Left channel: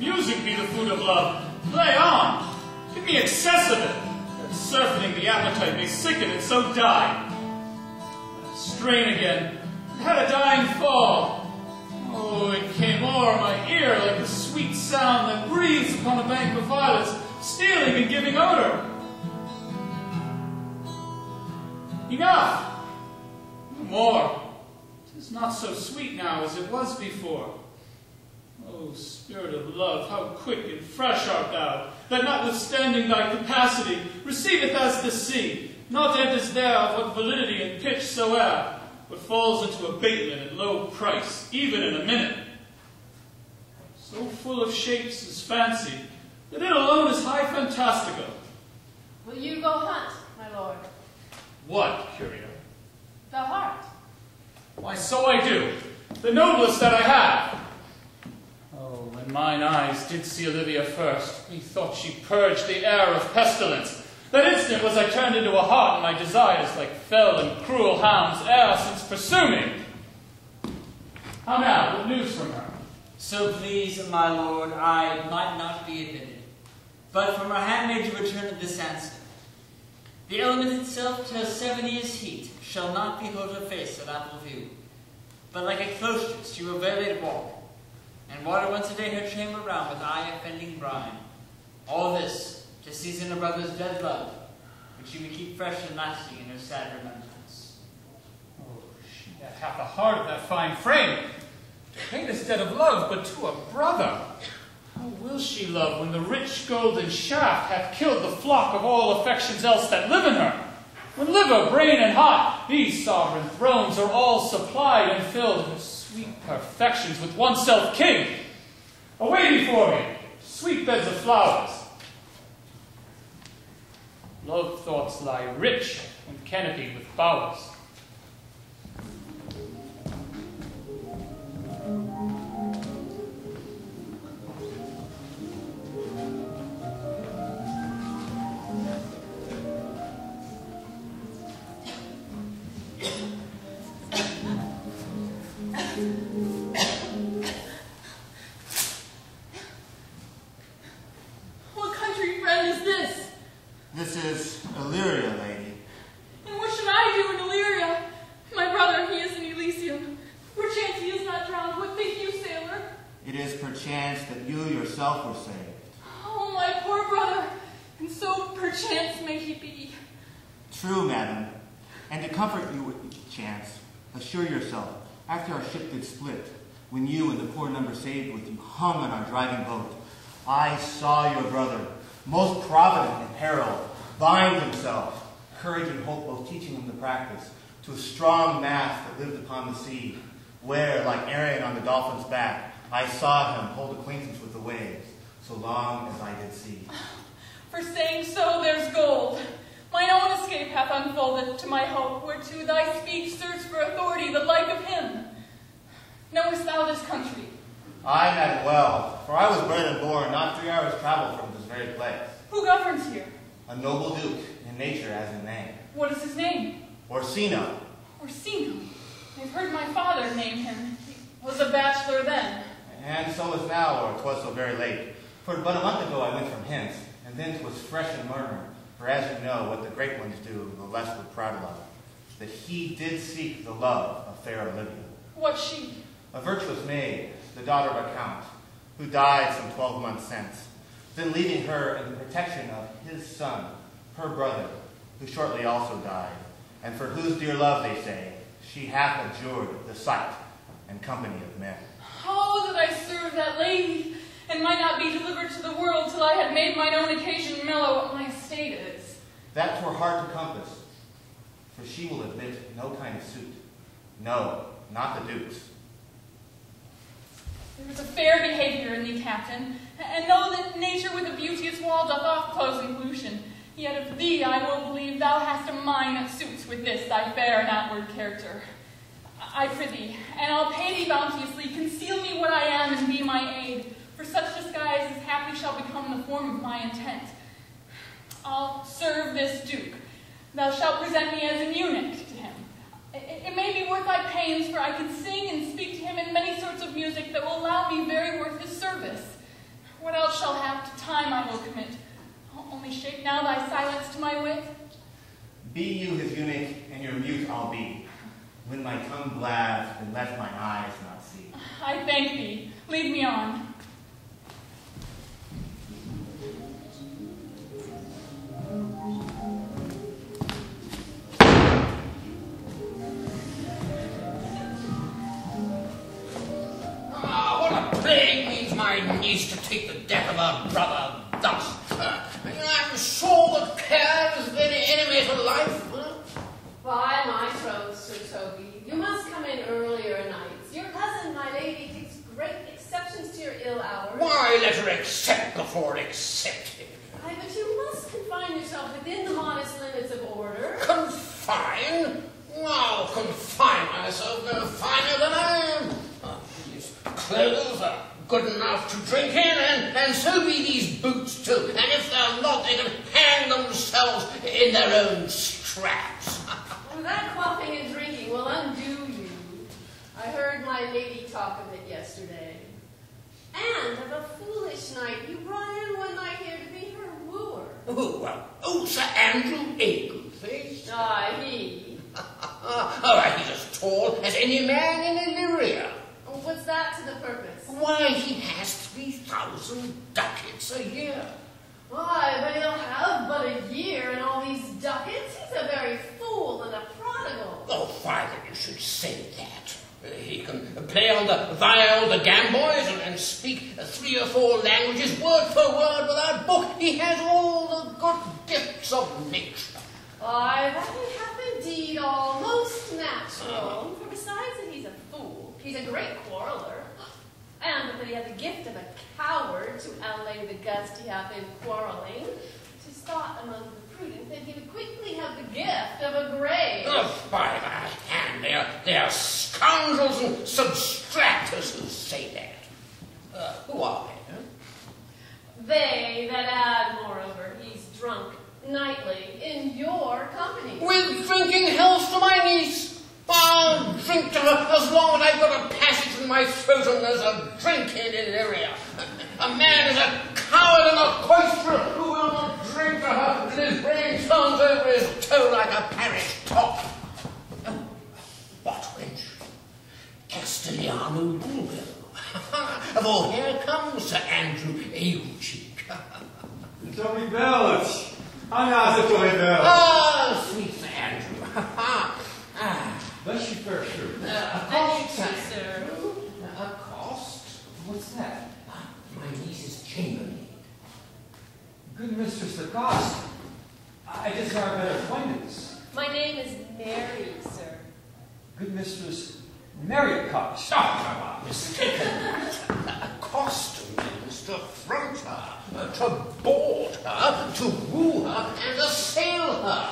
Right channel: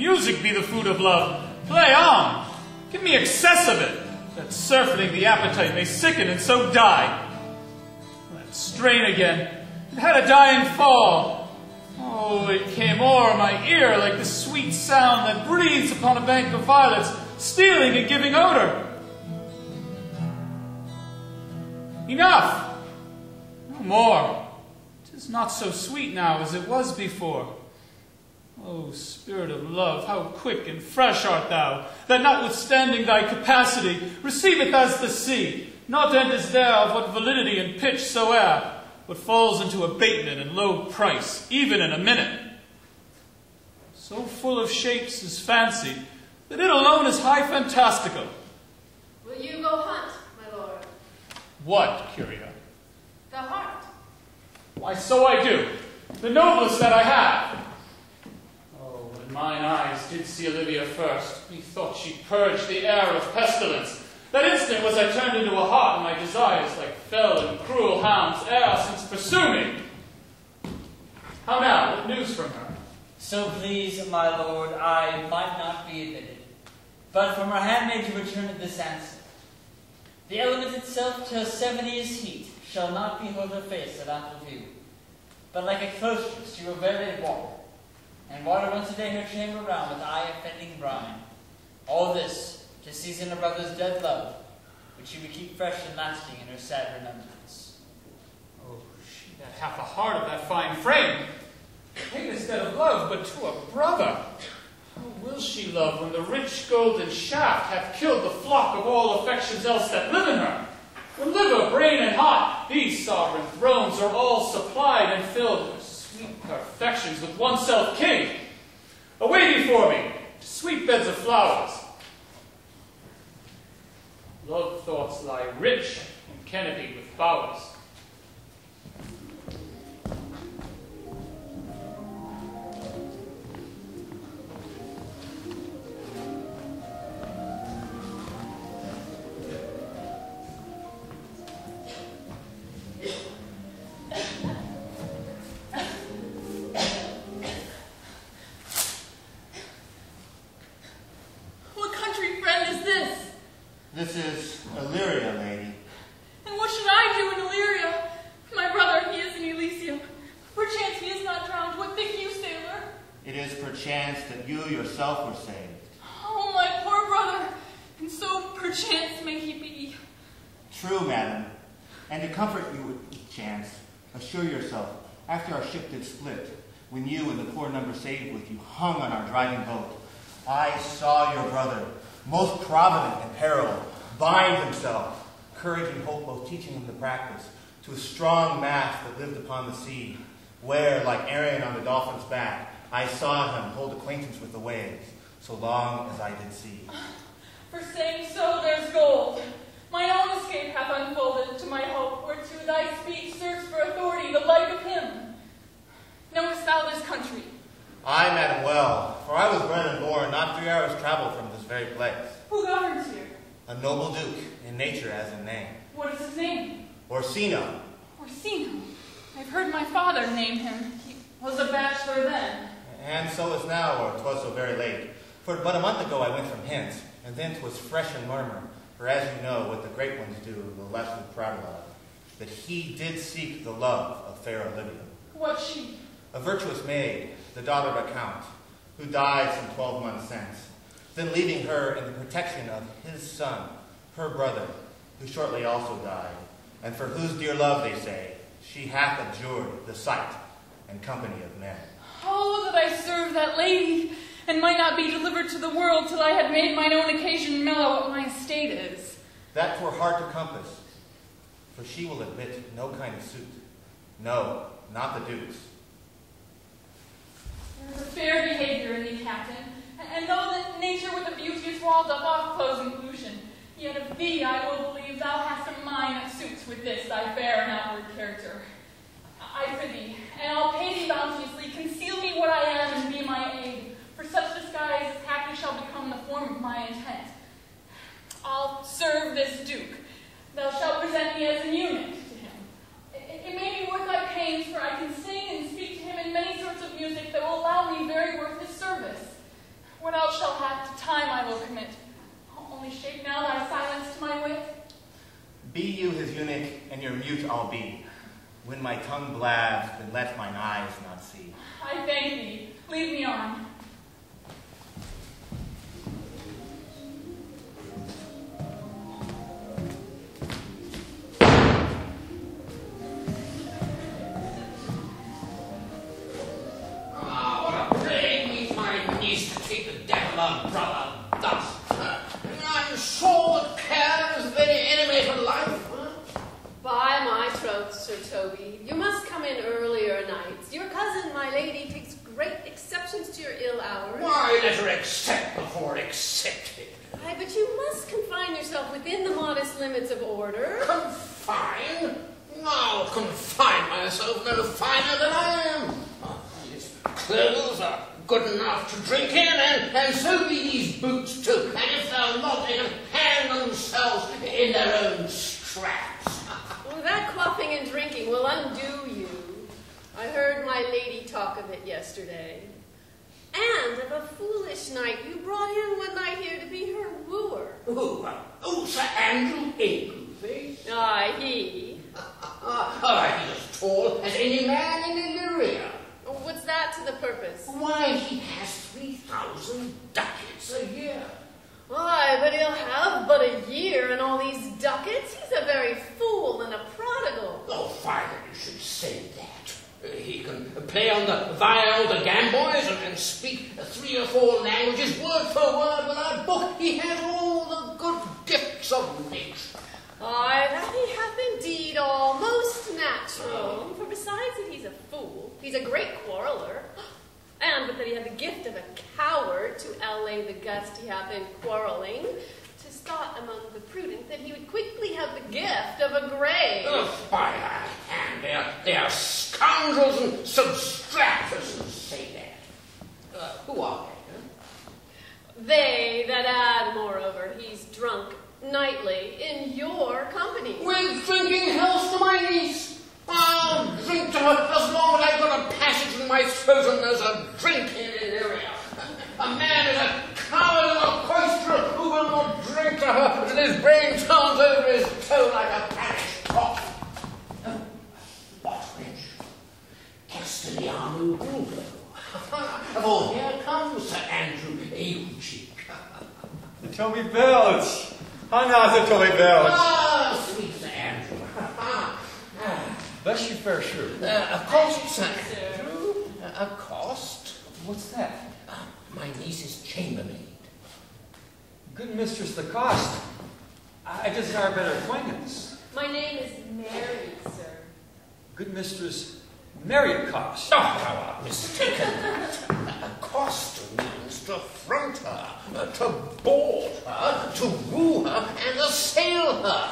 Music be the food of love. Play on. Give me excess of it, that surfeiting the appetite may sicken and so die. That strain again, it had a dying fall. Oh, it came o'er my ear like the sweet sound that breathes upon a bank of violets, stealing and giving odor. Enough! No more. 'Tis not so sweet now as it was before. O spirit of love, how quick and fresh art thou, that notwithstanding thy capacity, receiveth as the sea, not enters there of what validity and pitch soe'er, but falls into abatement and low price, even in a minute. So full of shapes is fancy, that it alone is high fantastical. Will you go hunt, my lord? What, Curio? The heart. Why, so I do, the noblest that I have. Oh, when mine eyes did see Olivia first, methought she purged the air of pestilence. That instant was I turned into a hart, and my desires, like fell and cruel hounds, ere since pursue me. How now, what news from her? So please, my lord, I might not be admitted, but from her handmaid to return at this answer. The element itself to 7 years' heat shall not behold her face at ample view, but like a cloistress she will verily walk, and water once a day her chamber round with eye-offending brine. All this to season a brother's dead love, which she would keep fresh and lasting in her sad remembrance. Oh, she that hath the heart of that fine frame, paid instead of love, but to a brother. How will she love when the rich golden shaft hath killed the flock of all affections else that live in her? When liver, brain, and heart, these sovereign thrones are all supplied and filled with sweet perfections with one self king. Away before me, to sweet beds of flowers. Love thoughts lie rich and canopied with bowers. What country friend is this? This is Illyria, lady. And what should I do in Illyria? My brother, he is in Elysium. Perchance he is not drowned. What think you, sailor? It is perchance that you yourself were saved. Oh, my poor brother. And so perchance may he be. True, madam. And to comfort you with chance, assure yourself, after our ship did split, when you and the poor number saved with you hung on our driving boat, I saw your brother, most provident in peril, bind himself, courage and hope both teaching him to practice, to a strong mast that lived upon the sea, where, like Arion on the dolphin's back, I saw him hold acquaintance with the waves, so long as I did see. For saying so, there's gold. Mine own escape hath unfolded to my hope, whereto thy speech serves for authority the like of him. Knowest thou this country? Aye, madam, well, for I was bred and born not 3 hours' travel from this very place. Who governs here? A noble duke, in nature as in name. What is his name? Orsino. Orsino. I've heard my father name him. He was a bachelor then. And so is now, or 'twas so very late. For but a month ago I went from hence, and then 'twas fresh and murmur. For as you know, what the great ones do, the less would prattle of, that he did seek the love of fair Olivia. What she? A virtuous maid, the daughter of a count, who died some 12 months since, then leaving her in the protection of his son, her brother, who shortly also died, and for whose dear love, they say, she hath abjured the sight and company of men. Oh, that I served that lady, and might not be delivered to the world till I had made mine own occasion mellow what my estate is. That 'twere hard to compass, for she will admit no kind of suit. No, not the duke's. There is a fair behavior in thee, captain, and though that nature with a beauteous wall doth oft close inclusion, yet of thee I will believe thou hast a mind that suits with this thy fair and outward character. I prithee, and I'll pay thee bounteously, conceal me what I am and be my aid, for such disguise as haply shall become the form of my intent. I'll serve this duke. Thou shalt present me as an eunuch to him. It may be worth thy pains, for I can sing and speak to him in many sorts of music that will allow me very worth his service. What else shall have to time I will commit? Only shape now thy silence to my wit. Be you his eunuch, and your mute I'll be. When my tongue blabs, then let mine eyes not see. I thank thee. Lead me on. What a plague means my niece to treat the death of her brother thus. I'm sure that care is the very enemy to life. By my troth, Sir Toby, you must come in earlier nights. Your cousin, my lady, takes great exceptions to your ill hours. Why, let her accept before accepted. Aye, but you must confine yourself within the modest limits of order. Confine? I'll confine myself no finer than I am. These clothes are good enough to drink in, and so be these boots too. And if they're not, they can hang themselves in their own straps. Well, that quaffing and drinking will undo you. I heard my lady talk of it yesterday. And of a foolish knight you brought in one night here to be her wooer. Oh, Sir Andrew Egglesby. Aye, he. He's as tall as any man in Illyria. What's that to the purpose? Why, he has 3,000 ducats a year. Aye, but he'll have but a year and all these ducats. He's a very fool and a prodigal. Oh, father, you should say that. He can play on the viol, the gamboys, and speak 3 or 4 languages, word for word, without book. He has all the good gifts of nature. Aye, that he hath indeed all most natural. For besides that he's a fool, he's a great quarreller. And but that he hath the gift of a coward to allay the gust he hath in quarrelling, to thought among the prudent that he would quickly have the gift of a grave. Oh, by thy hand, they are scoundrels and substractors who say that. Who are they? They that add, moreover, he's drunk nightly in your company. With drinking health to my niece. I'll drink to her as long as I've got a passage in my throat and there's a drink in Illyria. A man is a coward and a cloisterer who will not drink to her till his brain turns over his toe like a parish cock. Oh, what wench? Castellano Bulgo. For here comes Sir Andrew Ailcheek. Toby Belch. How now, Sir Toby Belch? Ah, sweet Sir Andrew. Bless you, fair shoe. A cost, Sir Sir. Andrew. A cost? What's that? My niece's chambermaid. Good Mistress the cost. I desire better acquaintance. My name is Mary, sir. Good Mistress Mary Cost. Oh, I was mistaken. A cost means to front her, to board her, to woo her, and assail her.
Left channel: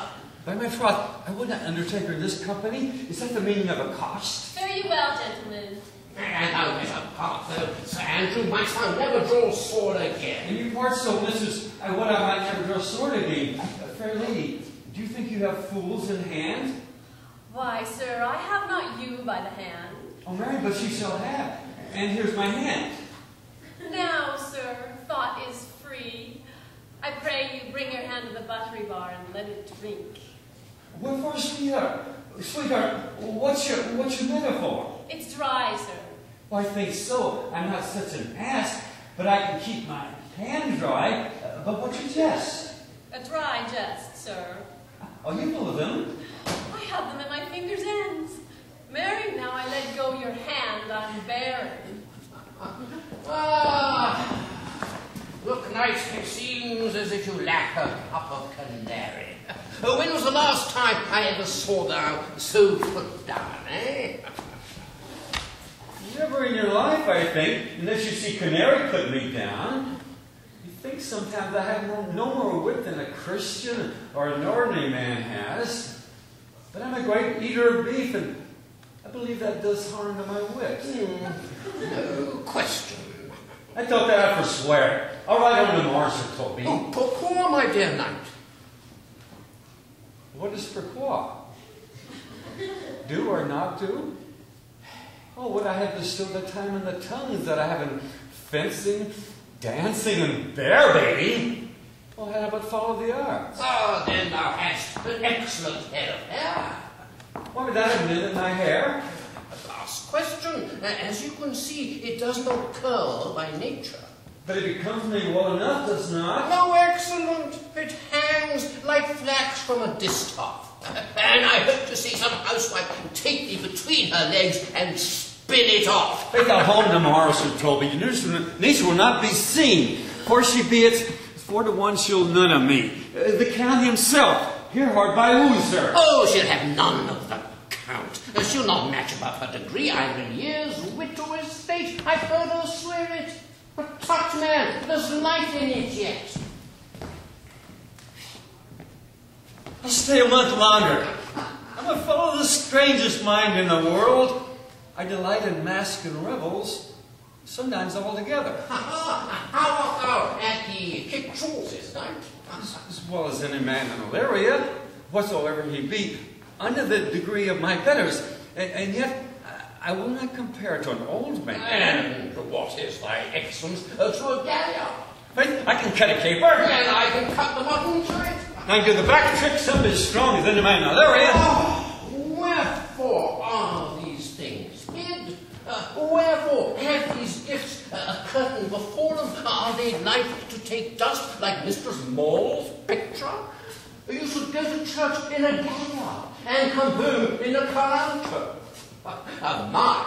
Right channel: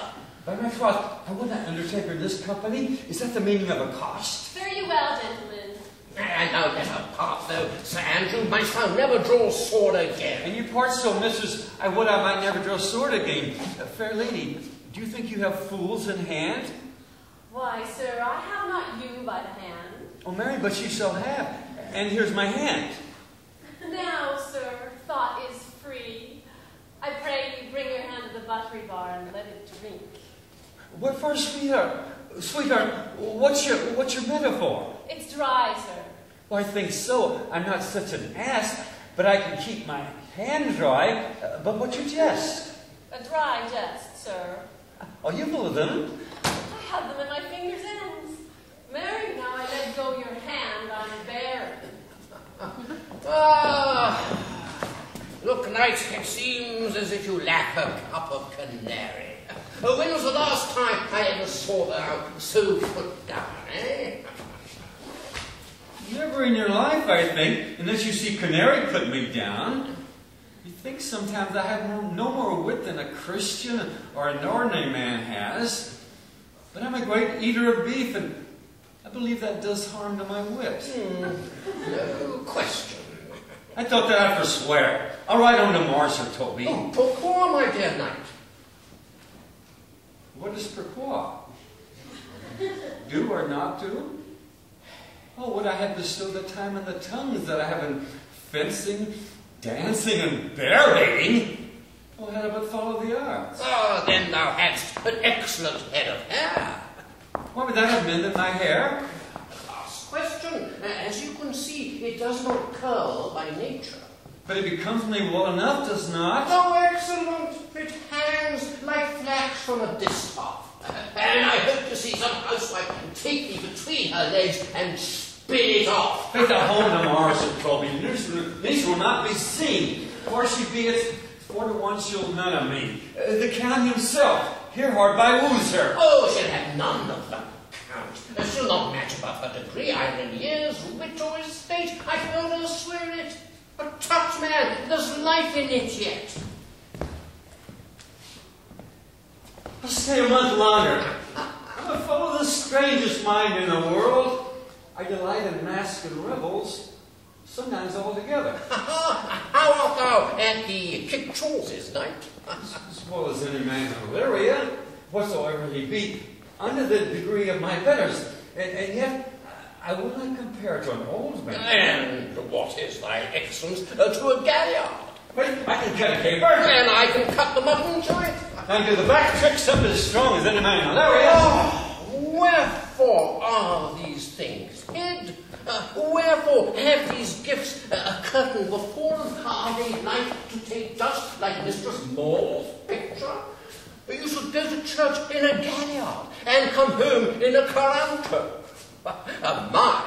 By my troth, I would not undertake her this company. Is that the meaning of a cost? Fare you well, gentlemen. And thou never part, though, Sir Andrew, my son, never draw sword again. And you part so, mistress, I would I might never draw sword again. Fair lady, do you think you have fools in hand? Why, sir, I have not you by the hand. Oh, Mary, but you shall have. And here's my hand. Now, sir, thought is free. I pray you bring your hand to the buttery bar and let it drink. What for, sweetheart? Sweetheart, what's your metaphor? It's dry, sir. Well, I think so. I'm not such an ass, but I can keep my hand dry. But what's your jest? A dry jest, sir. Oh, you full of them? I have them at my fingers' ends. Mary, now I let go your hand, I'm barren. Look, knight, it seems as if you lack a cup of canary. When was the last time I ever saw thou so put down, eh? Never in your life, I think, unless you see canary put me down. You think sometimes I have no more wit than a Christian or an ordinary man has. But I'm a great eater of beef, and I believe that does harm to my wit. No question. I thought that I'd forswear. I'll ride on to Mars, Sir Toby. Oh, pourquoi, my dear knight? What is pourquoi? Do or not do? Oh, would I had bestowed the time on the tongues that I have in fencing, Dancing and bear baiting? Well, how about follow the arts? Oh, then thou hadst an excellent head of hair. Why would that have mended my hair? Last question. As you can see, it does not curl by nature. But it becomes me well enough, does not? Oh, excellent. It hangs like flax from a distaff. And I hope to see some housewife take thee between her legs and spin it off. Take that home to Morrison, Toby. Niece will not be seen. For she be it, 4 to 1 she'll none of me. The Count himself, here hard by woos her. Oh, she'll have none of the Count. She'll not match above her degree, either in years, wit, or estate. I've heard her swear it. But tut, man, there's life in it yet. I'll stay a month longer. I'm a fellow of the strangest mind in the world. I delight in masks and revels, sometimes all together. How art thou at the Kick Charles's night? As well as any man in Illyria, whatsoever he be, under the degree of my betters. And yet, I will not compare to an old man. And what is thy excellence to a galliard? I can cut a caper. And I can cut the mutton to it. I can do the back trick something as strong as any man in Illyria. Wherefore are these things hid? Wherefore have these gifts a curtain before them? Are they like to take dust like Mistress Maule's picture? You should go to church in a galliard and come home in a caranto. Mine,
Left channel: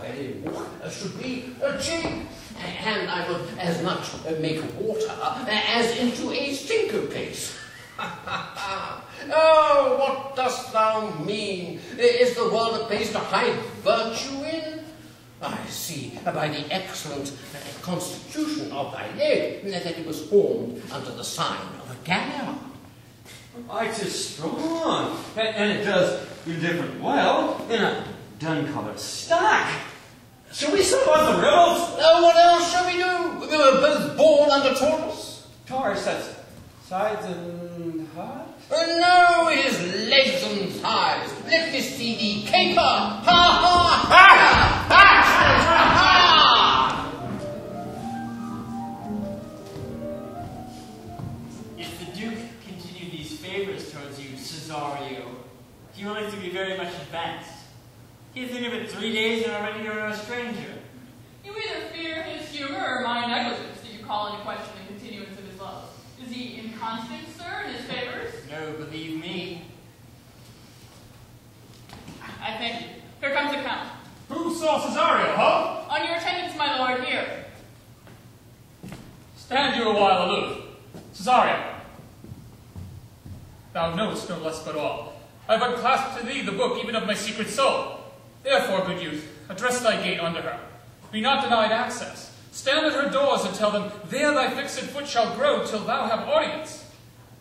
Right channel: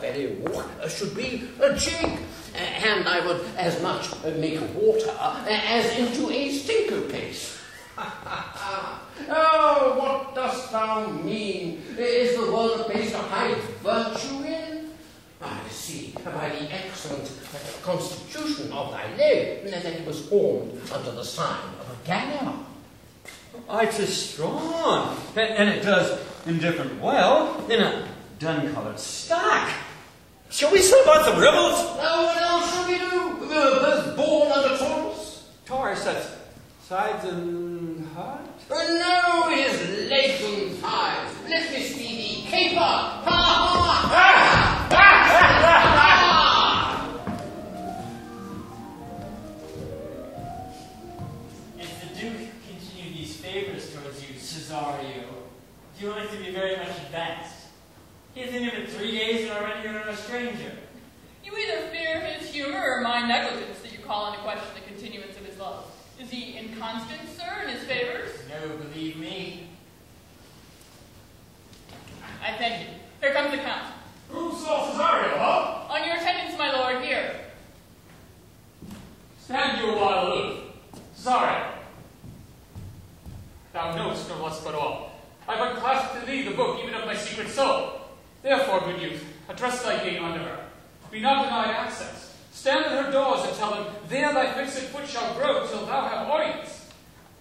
very walk, should be a jig, and I would as much make water as into a stinker-pace. Oh, what dost thou mean? Is the world a place to hide virtue in? I see by the excellent constitution of thy leg that it was formed under the sign of a galliard. It is strong, and it does indifferent well in a dun-colored stock. Shall we slip on some rebels? Oh, what else shall we do? We were both born under Taurus. Taurus, that's sides and heart? No, it is legs and thighs. Let this be the caper. Ha ha ha! Ha ha ha! If the Duke continued these favors towards you, Cesario, he will like to be very much advanced. He has been here but 3 days and already you're no stranger. You either fear his humor or my negligence that you call into question the continuance of his love. Is he inconstant, sir, in his favors? No, believe me. I thank you. Here comes the Count. Who saw Cesario, huh? On your attendance, my lord, here. Stand you a while aloof. Cesario, thou knowest no less but all. I but clasp to thee the book even of my secret soul. Therefore, good youth, address thy gate unto her. Be not denied access. Stand at her doors and tell them, there thy fixed foot shall grow till thou have audience.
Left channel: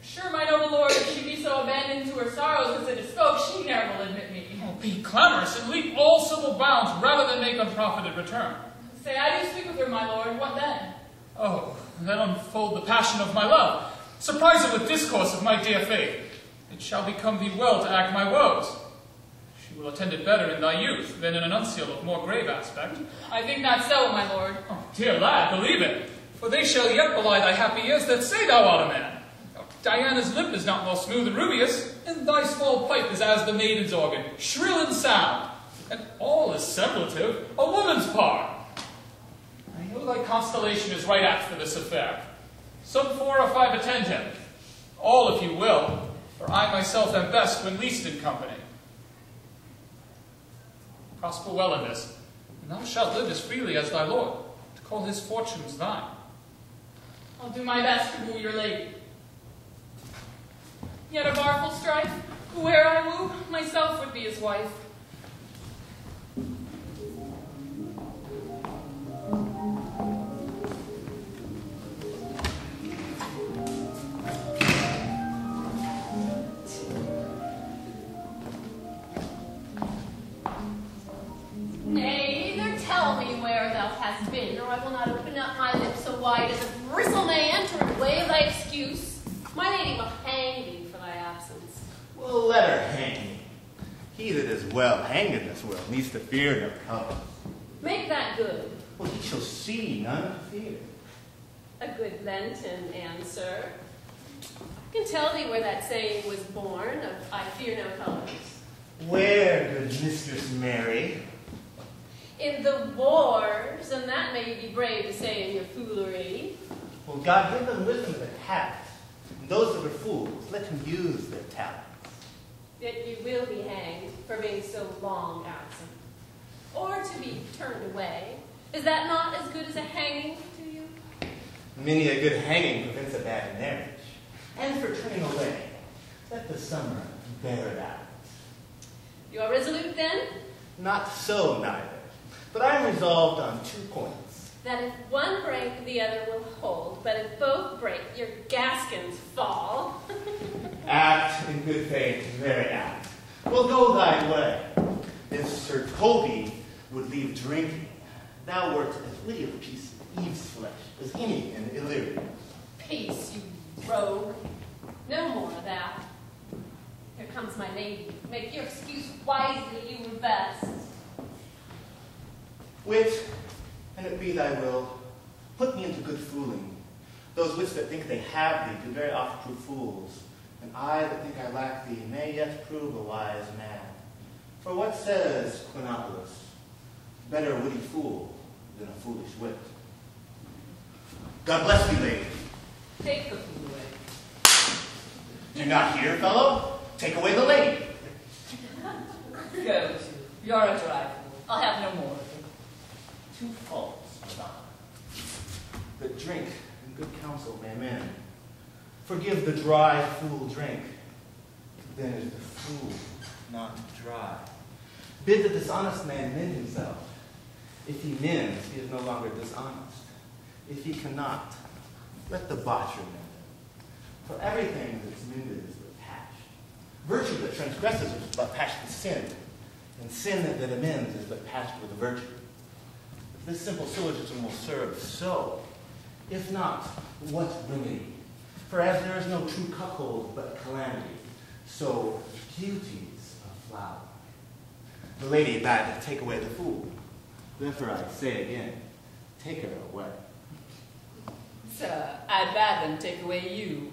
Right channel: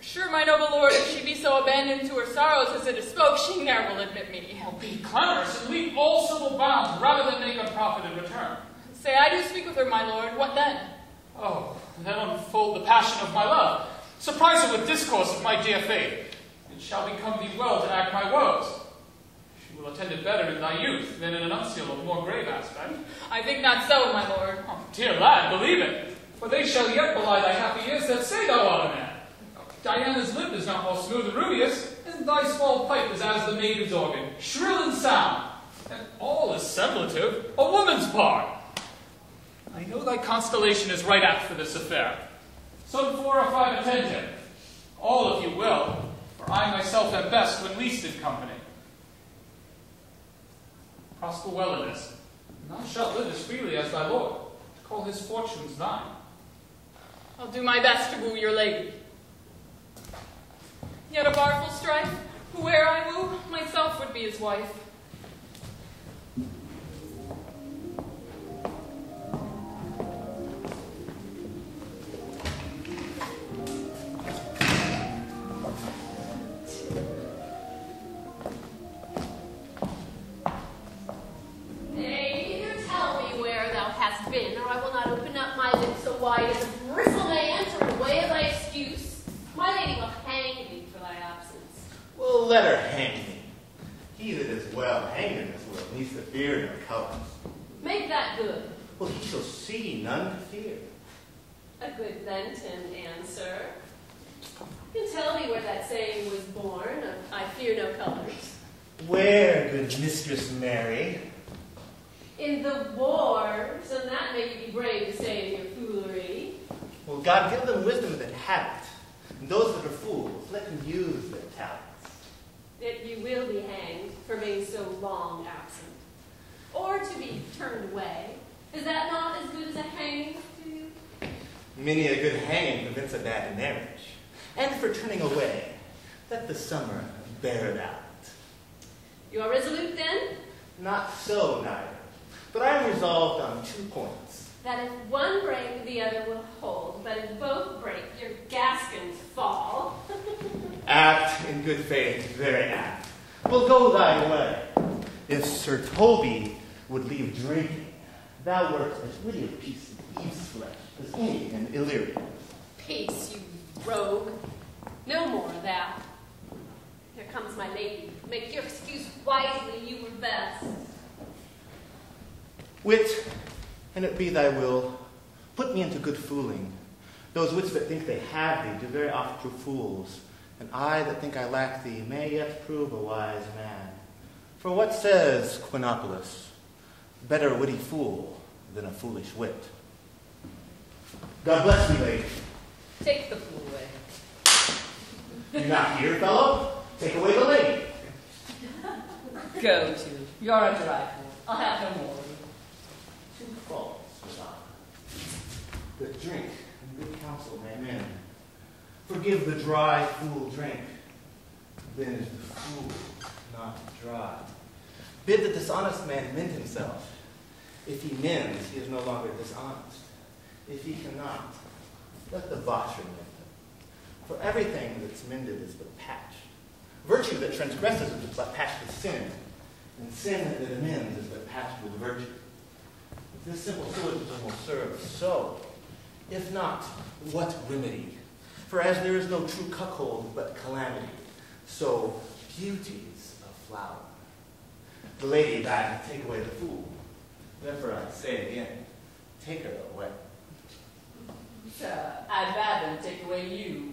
Sure, my noble lord, if she be so abandoned to her sorrows as it is spoke, she ne'er will admit me. Oh, be clamorous and leap all civil bounds rather than make unprofited return. Say, I do speak with her, my lord. What then? Oh, then unfold the passion of my love. Surprise it with discourse of my dear faith. It shall become thee well to act my woes. She will attend it better in thy youth than in a nuncio of more grave aspect. I think not so, my lord. Oh, dear lad, believe it, for they shall yet belie thy happy years that say thou art a man. Diana's lip is not more smooth and rubious, and thy small pipe is as the maiden's organ, shrill and sound. And all is semblative, a woman's part. I know thy constellation is right apt for this affair. Some 4 or 5 attend him. All, if you will, for I myself am best when least in company. Prosper well in this, and thou shalt live as freely as thy lord, to call his fortunes thine. I'll do my best to woo your lady. Yet a barful strife, whoe'er I woo, myself would be his wife. Nay, either tell me where thou hast been, or I will not open up my lips so wide as a bristle may enter in the way of thy excuse. My lady will hang thee for thy absence. Well, let her hang me. He that is well hanged in this world needs to fear no cover. Make that good. Well, he shall see none to fear. meant in answer. You can tell me where that saying was born of I fear no colors. Where, good Mistress Mary? In the wars, and that may you be brave to say in your foolery. Well, God give them wisdom that have it, and those that are fools, let him use their talents. Yet you will be hanged for being so long absent, or to be turned away. Is that not as good as a hanging to you? Many a good hanging prevents a bad marriage. And for turning away, let the summer bear it out. You are resolute then? Not so, neither. But I am resolved on 2 points. That if one break, the other will hold, but if both break, your gaskins fall. Apt, in good faith, very apt. Well, go thy way. If Sir Toby would leave drinking, thou wert as witty a piece of Eve's flesh as any in Illyria. Peace, you rogue. No more of that. Here comes my lady. Make your excuse wisely, you were best. Wit, and it be thy will, put me into good fooling. Those wits that think they have thee do very oft prove fools, and I that think I lack thee may yet prove a wise man. For what says Quinopolis? Better a witty fool than a foolish wit. God bless thee, lady. Take the fool away. Do not hear, fellow? Take away the lady. Go to. You're a dry fool. I'll have no more of you. 2 faults, Madonna. That drink and good counsel may mend. Forgive the dry fool drink. Then is the fool not dry. Bid the dishonest man mend himself. If he mends, he is no longer dishonest. If he cannot, let the botcher mend him. For everything that's mended is but patch. Virtue that transgresses is but patched with sin, and sin that amends is but patched with virtue. If this simple syllogism will serve, so, if not, what remedy? For as there is no true cuckold but calamity, so beauties of flower. The lady bade take away the fool. Therefore I say again, take her away. Sir, I'd rather take away you.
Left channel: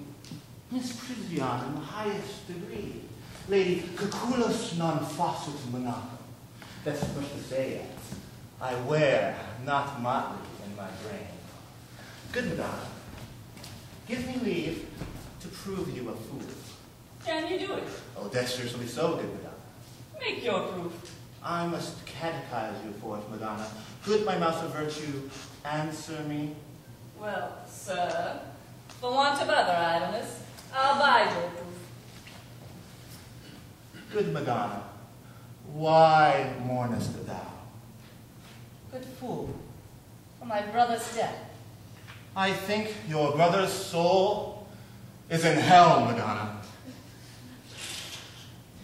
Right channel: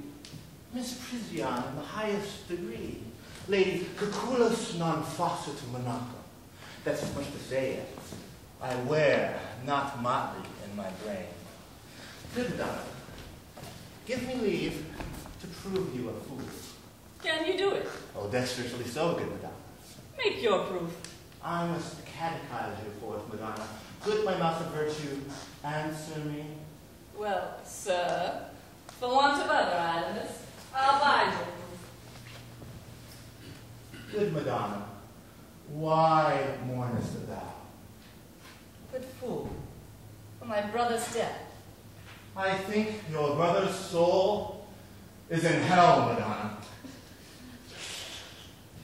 Miss Prision in the highest degree. Lady cucullus non faucit monaco. That's much to say yet. I wear not motley in my brain. Good Madonna, give me leave to prove you a fool. Can you do it? Oh, that's certainly so, good Madonna. Make your proof. I must catechize you forth, Madonna. Good my mouth of virtue, answer me. Well, sir, for want of other analysts, I'll buy your proof. Good Madonna, why mournest thou? But fool, for my brother's death. I think your brother's soul is in hell, Madonna.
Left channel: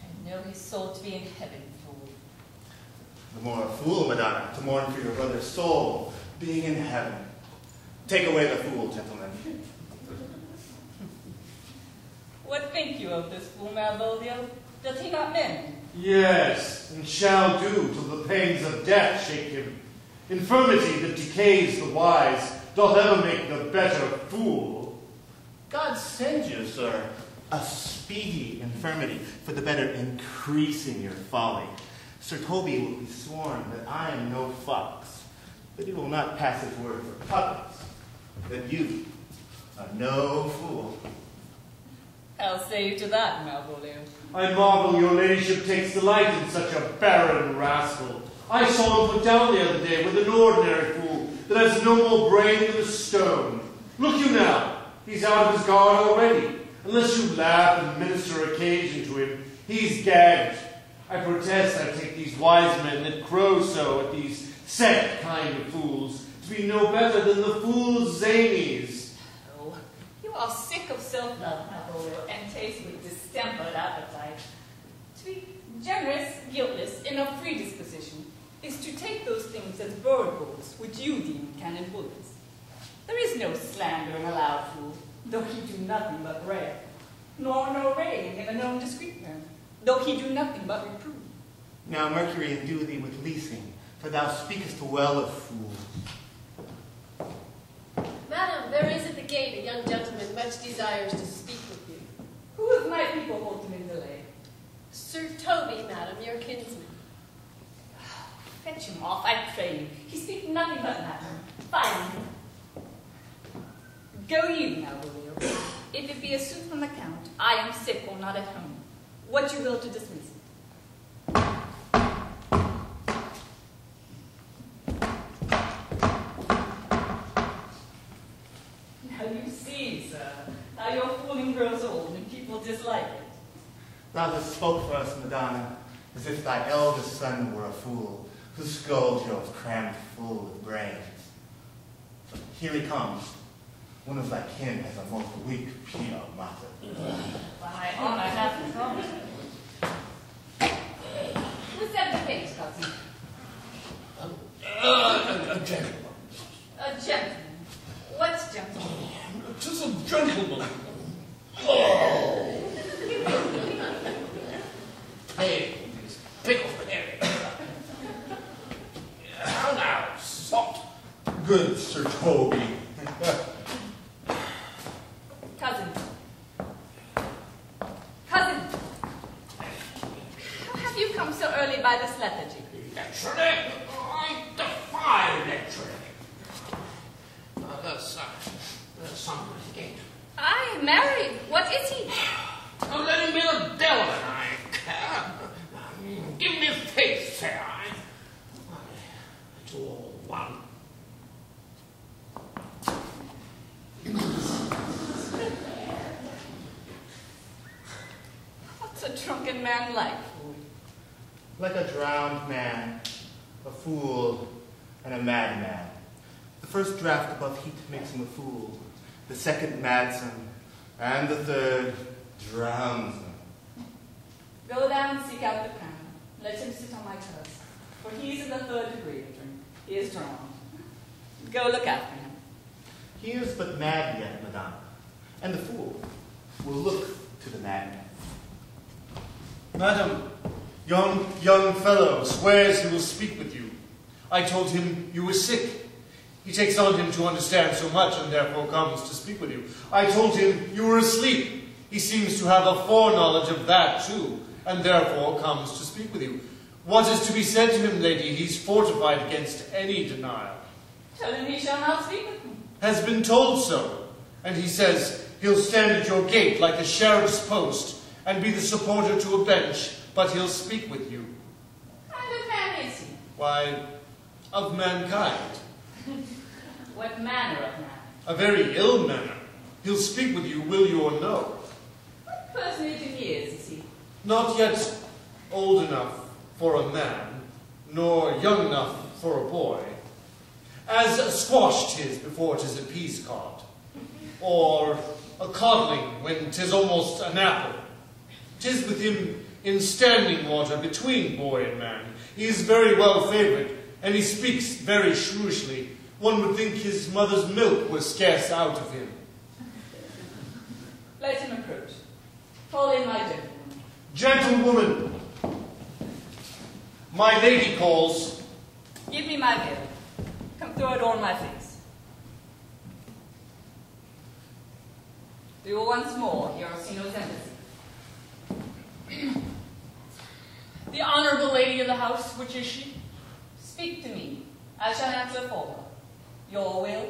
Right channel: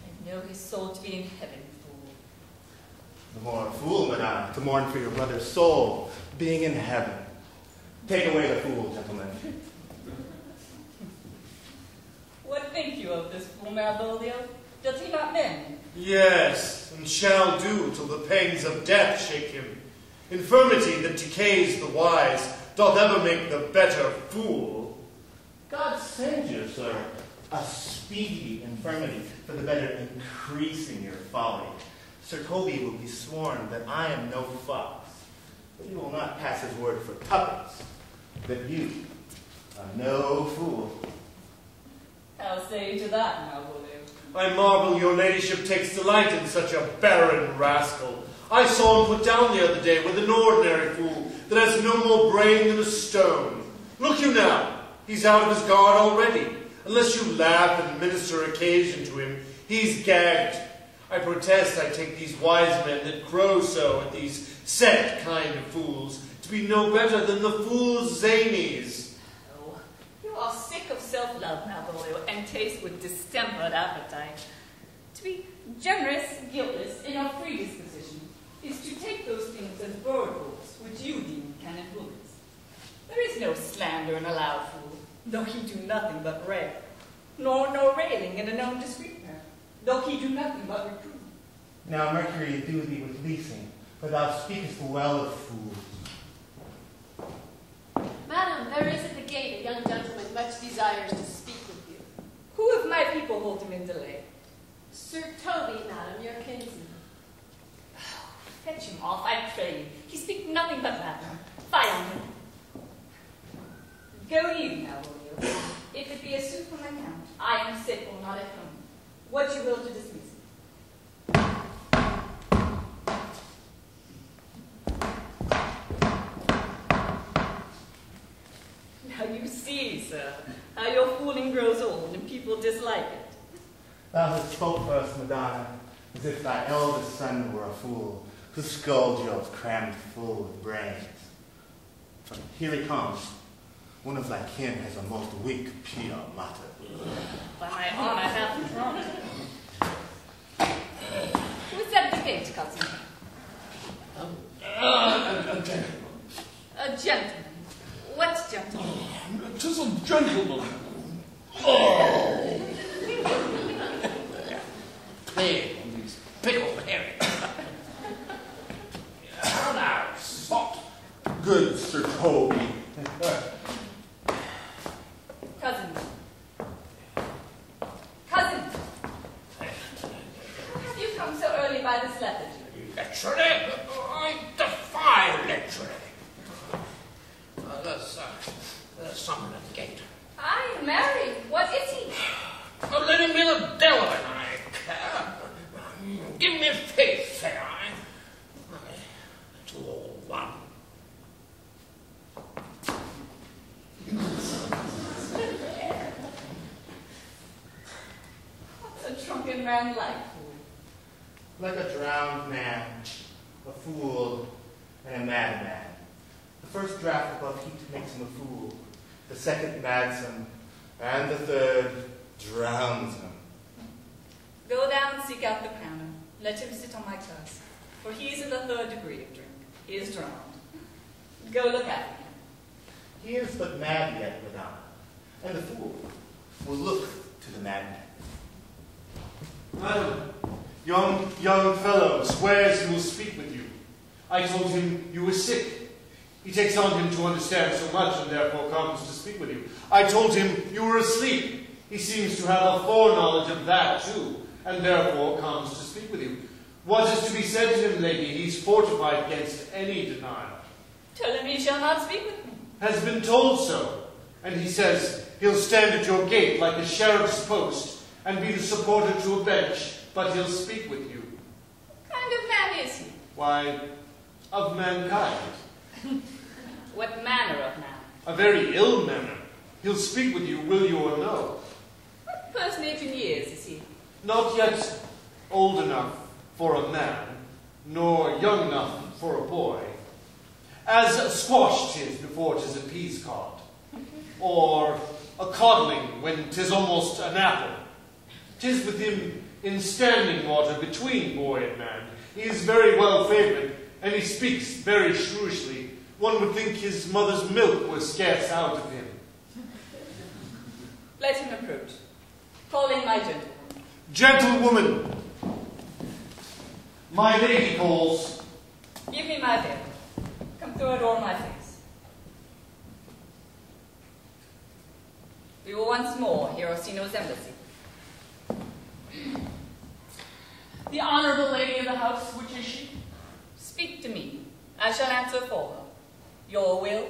I know his soul to be in heaven, fool. The more a fool, Madonna, to mourn for your brother's soul being in heaven. Take away the fool, gentlemen. What think you of this fool, Malvolio? Does he not mend? Yes, and shall do till the pangs of death shake him. Infirmity that decays the wise doth ever make the better fool. God send you, sir, a speedy infirmity for the better increasing your folly. Sir Toby will be sworn that I am no fox, but he will not pass his word for puppets, that you are no fool. I'll say to that, Malvolio. I marvel your ladyship takes delight in such a barren rascal. I saw him put down the other day with an ordinary fool that has no more brain than a stone. Look you now, he's out of his guard already. Unless you laugh and minister occasion to him, he's gagged. I protest I take these wise men that crow so at these set kind of fools to be no better than the fool's zanies. Oh, you are sick of self-love, Malvolio, and taste with distempered appetite. To be generous, guiltless, in a free disposition, is to take those things as burbles which you deem cannon bullets. There is no slander in a loud fool, though he do nothing but rare, nor no railing in a known discreet man, though he do nothing but reprove. Now Mercury do thee with leasing, for thou speakest well of fools. Madam, there is at the gate, a young gentleman much desires to speak with you. Who of my people hold him in delay? Sir Toby, madam, your kinsman. Fetch him off, I pray you. He speaks nothing but Latin. Fie on him. Go you now, William. If it be a suit from the Count, I am sick or not at home. What you will to dismiss him. Now you see, sir, how your fooling grows old and people dislike it. Thou hast spoke for us, Madonna, as if thy eldest son were a fool, whose skull was crammed full of brains. But here he comes. One of thy kin has a most weak pia mater. By my honor, I have not. Who's at the gate, cousin? A gentleman. A gentleman. What gentleman? 'Tis a gentleman. Plague on these pickled herrings. How now, sot? Good Sir Toby. Cousin. Cousin. How have you come so early by this lethargy? Lechery? I defy lechery. There's someone at the gate. I am married. What is he? Oh, let him be the devil and I care. Give me faith, say I. It's all one. What's a drunken man like? Like a drowned man, a fool, and a madman. The first draught above heat makes him a fool. The second mads him, and the third drowns him. Go down and seek out the canon. Let him sit on my purse, for he is in the 3rd degree of drink. He is drowned. Go look after him. He is but mad yet, Madonna, and the fool will look to the madman. Madam, young fellow swears he will speak with you. I told him you were sick. He takes on him to understand so much and therefore comes to speak with you. I told him you were asleep. He seems to have a foreknowledge of that too, and therefore comes to speak with you. What is to be said to him, lady? He's fortified against any denial. Tell him he shall not speak with me. Has been told so, and he says he'll stand at your gate like a sheriff's post and be the supporter to a bench, but he'll speak with you. What kind of man is he? Why, of mankind. What manner of man? A very ill manner. He'll speak with you, will you or no. What personage in years is he? Not yet old enough for a man, nor young enough for a boy. As a squash 'tis before 'tis a peas cod, or a codling when 'tis almost an apple. 'Tis with him in standing water between boy and man. He is very well favoured, and he speaks very shrewishly. One would think his mother's milk was scarce out of him. Let him approach. Call in my gentleman. Gentlewoman, my lady calls. Give me my veil. Come throw it o'er my face. Do you once more hear Orsino's embassy? The honorable lady of the house, which is she? Speak to me. I shall answer for her. Your will?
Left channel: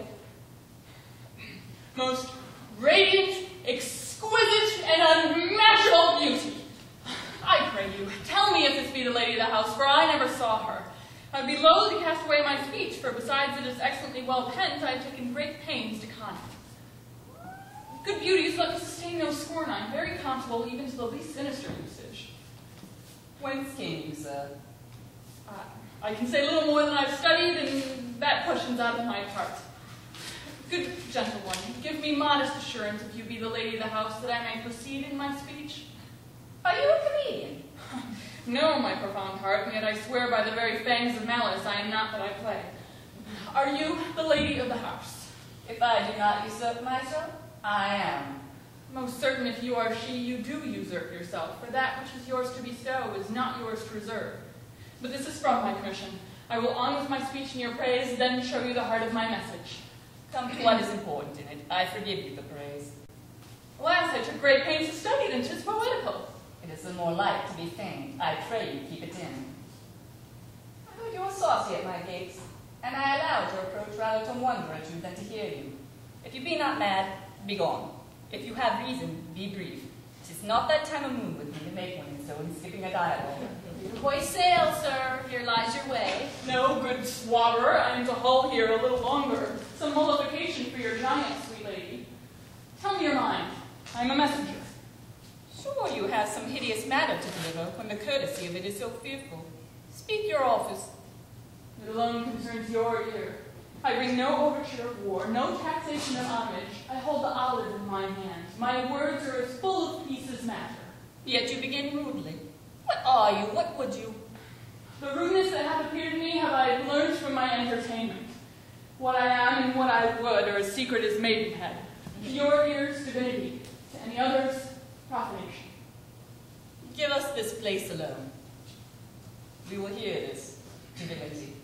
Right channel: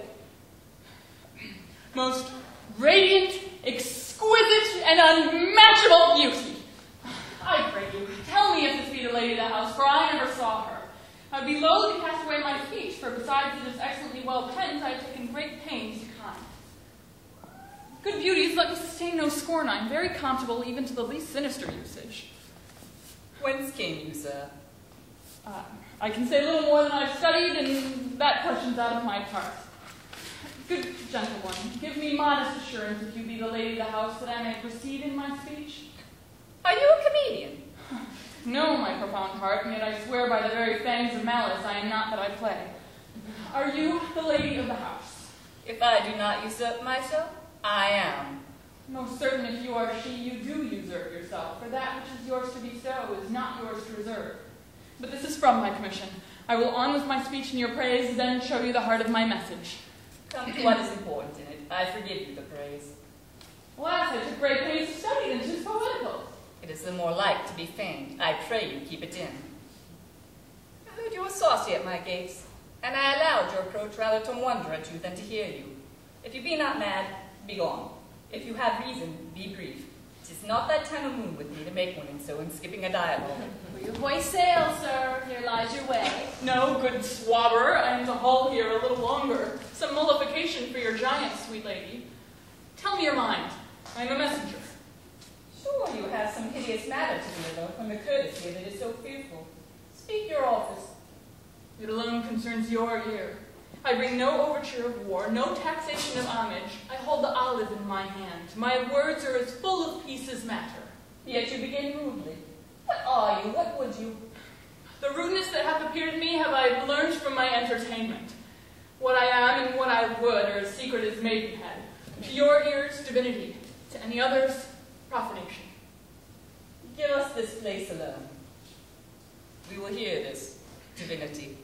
Most radiant, exquisite, and unmatchable beauty. I pray you, tell me if this be the lady of the house, for I never saw her. I would be loath to cast away my speech, for besides it is excellently well penned, I have taken great pains to con it. Good beauties, let me sustain no scorn. I am very comfortable even to the least sinister usage. Whence came you, sir? I can say little more than I've studied, and that question's out of my part. Good gentlewoman, give me modest assurance if you be the lady of the house, that I may proceed in my speech. Are you a comedian? No, my profound heart, and yet I swear by the very fangs of malice I am not that I play. Are you the lady of the house? If I do not usurp myself, I am. Most certain if you are she, you do usurp yourself, for that which is yours to bestow is not yours to reserve. But this is from my commission. I will on with my speech in your praise, then show you the heart of my message. Come to what is important in it. I forgive you the praise. Alas, I took great pains to study it, and 'tis poetical. It is the more like to be feigned. I pray you keep it in. I heard you were saucy at my gates, and I allowed your approach rather to wonder at you than to hear you. If you be not mad, be gone. If you have reason, be brief. 'Tis not that time of moon with me to make one in so in skipping a dialogue. Hoist sail, sir. Here lies your way. No, good swabber, I am to hull here a little longer. Some mollification for your giant, sweet lady. Tell me your mind. I am a messenger. Sure you have some hideous matter to deliver, when the courtesy of it is so fearful. Speak your office. It alone concerns your ear. I bring no overture of war, no taxation of homage. I hold the olive in my hand. My words are as full of peace as matter. Yet you begin rudely. What are you? What would you? The rudeness that hath appeared to me have I learned from my entertainment. What I am and what I would are as secret as maidenhead. To your ears, divinity. To any others, profanation. Give us this place alone. We will hear this divinity.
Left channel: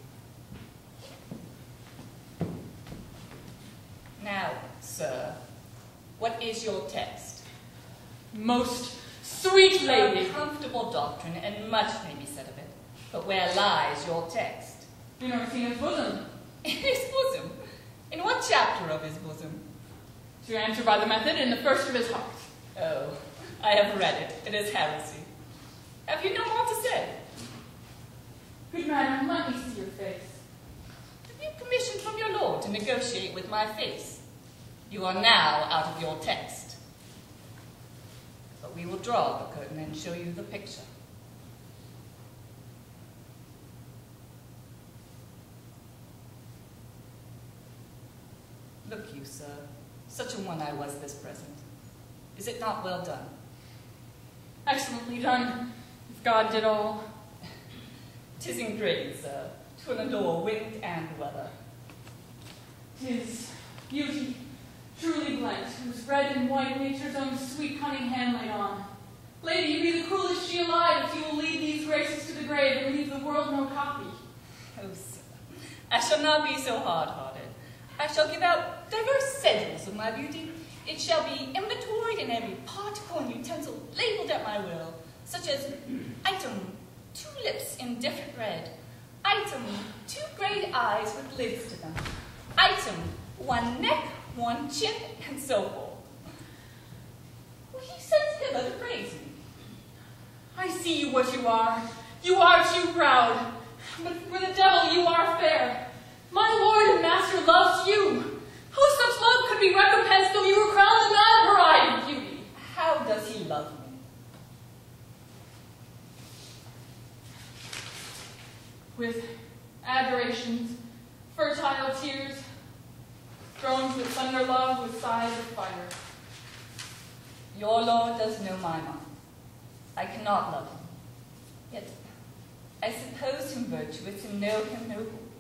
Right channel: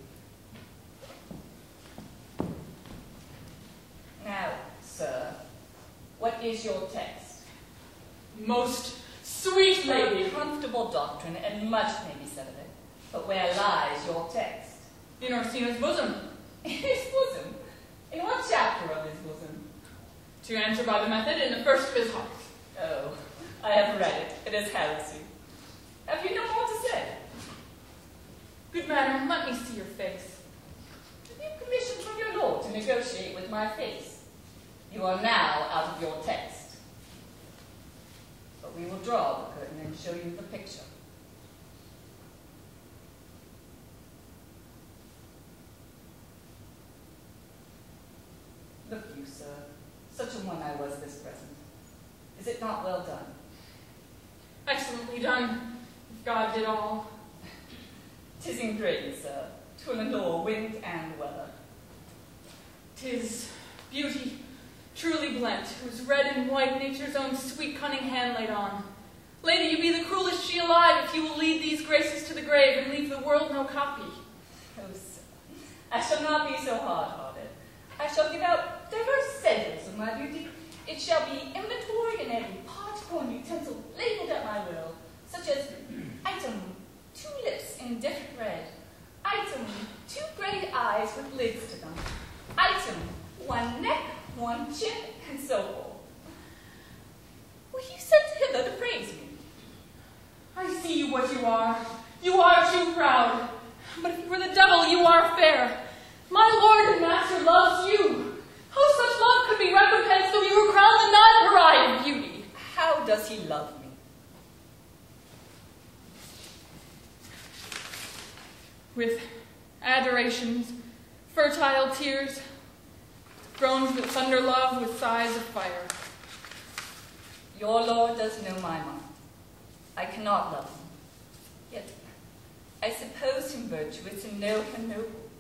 Now, sir, what is your text? Most sweet lady. A comfortable doctrine, and much may be said of it. But where lies your text? In Orsino's bosom. In his bosom? In what chapter of his bosom? To answer by the method, in the first of his heart. Oh, I have read it. It is heresy. Have you no more to say? Good madam, let me see your face. Have you permission from your lord to negotiate with my face? You are now out of your text. But we will draw the curtain and show you the picture. Look you, sir, such a one I was this present. Is it not well done? Excellently done, if God did all. 'Tis engraved, sir, to an allure wind and weather. 'Tis beauty, truly blent, whose red and white nature's own sweet cunning hand laid on. Lady, you be the cruelest she alive if you will lead these graces to the grave and leave the world no copy. Oh, sir, I shall not be so hard-hearted. I shall give out diverse samples of my beauty. It shall be inventoried in every particle and utensil labeled at my will, such as item, 2 lips in different red, item, 2 great eyes with lids to them, item, 1 neck, 1 chin, and so forth. Were you sent hither to praise me? I see you what you are. You are too proud. But for the devil, you are fair. My lord and master loves you. How such love could be recompensed though you were crowned with not her eye of beauty? How does he love me? With adorations, fertile tears, groans that thunder love with sighs of fire. Your Lord does know my mind. I cannot love him. Yet I suppose him virtuous and know him noble,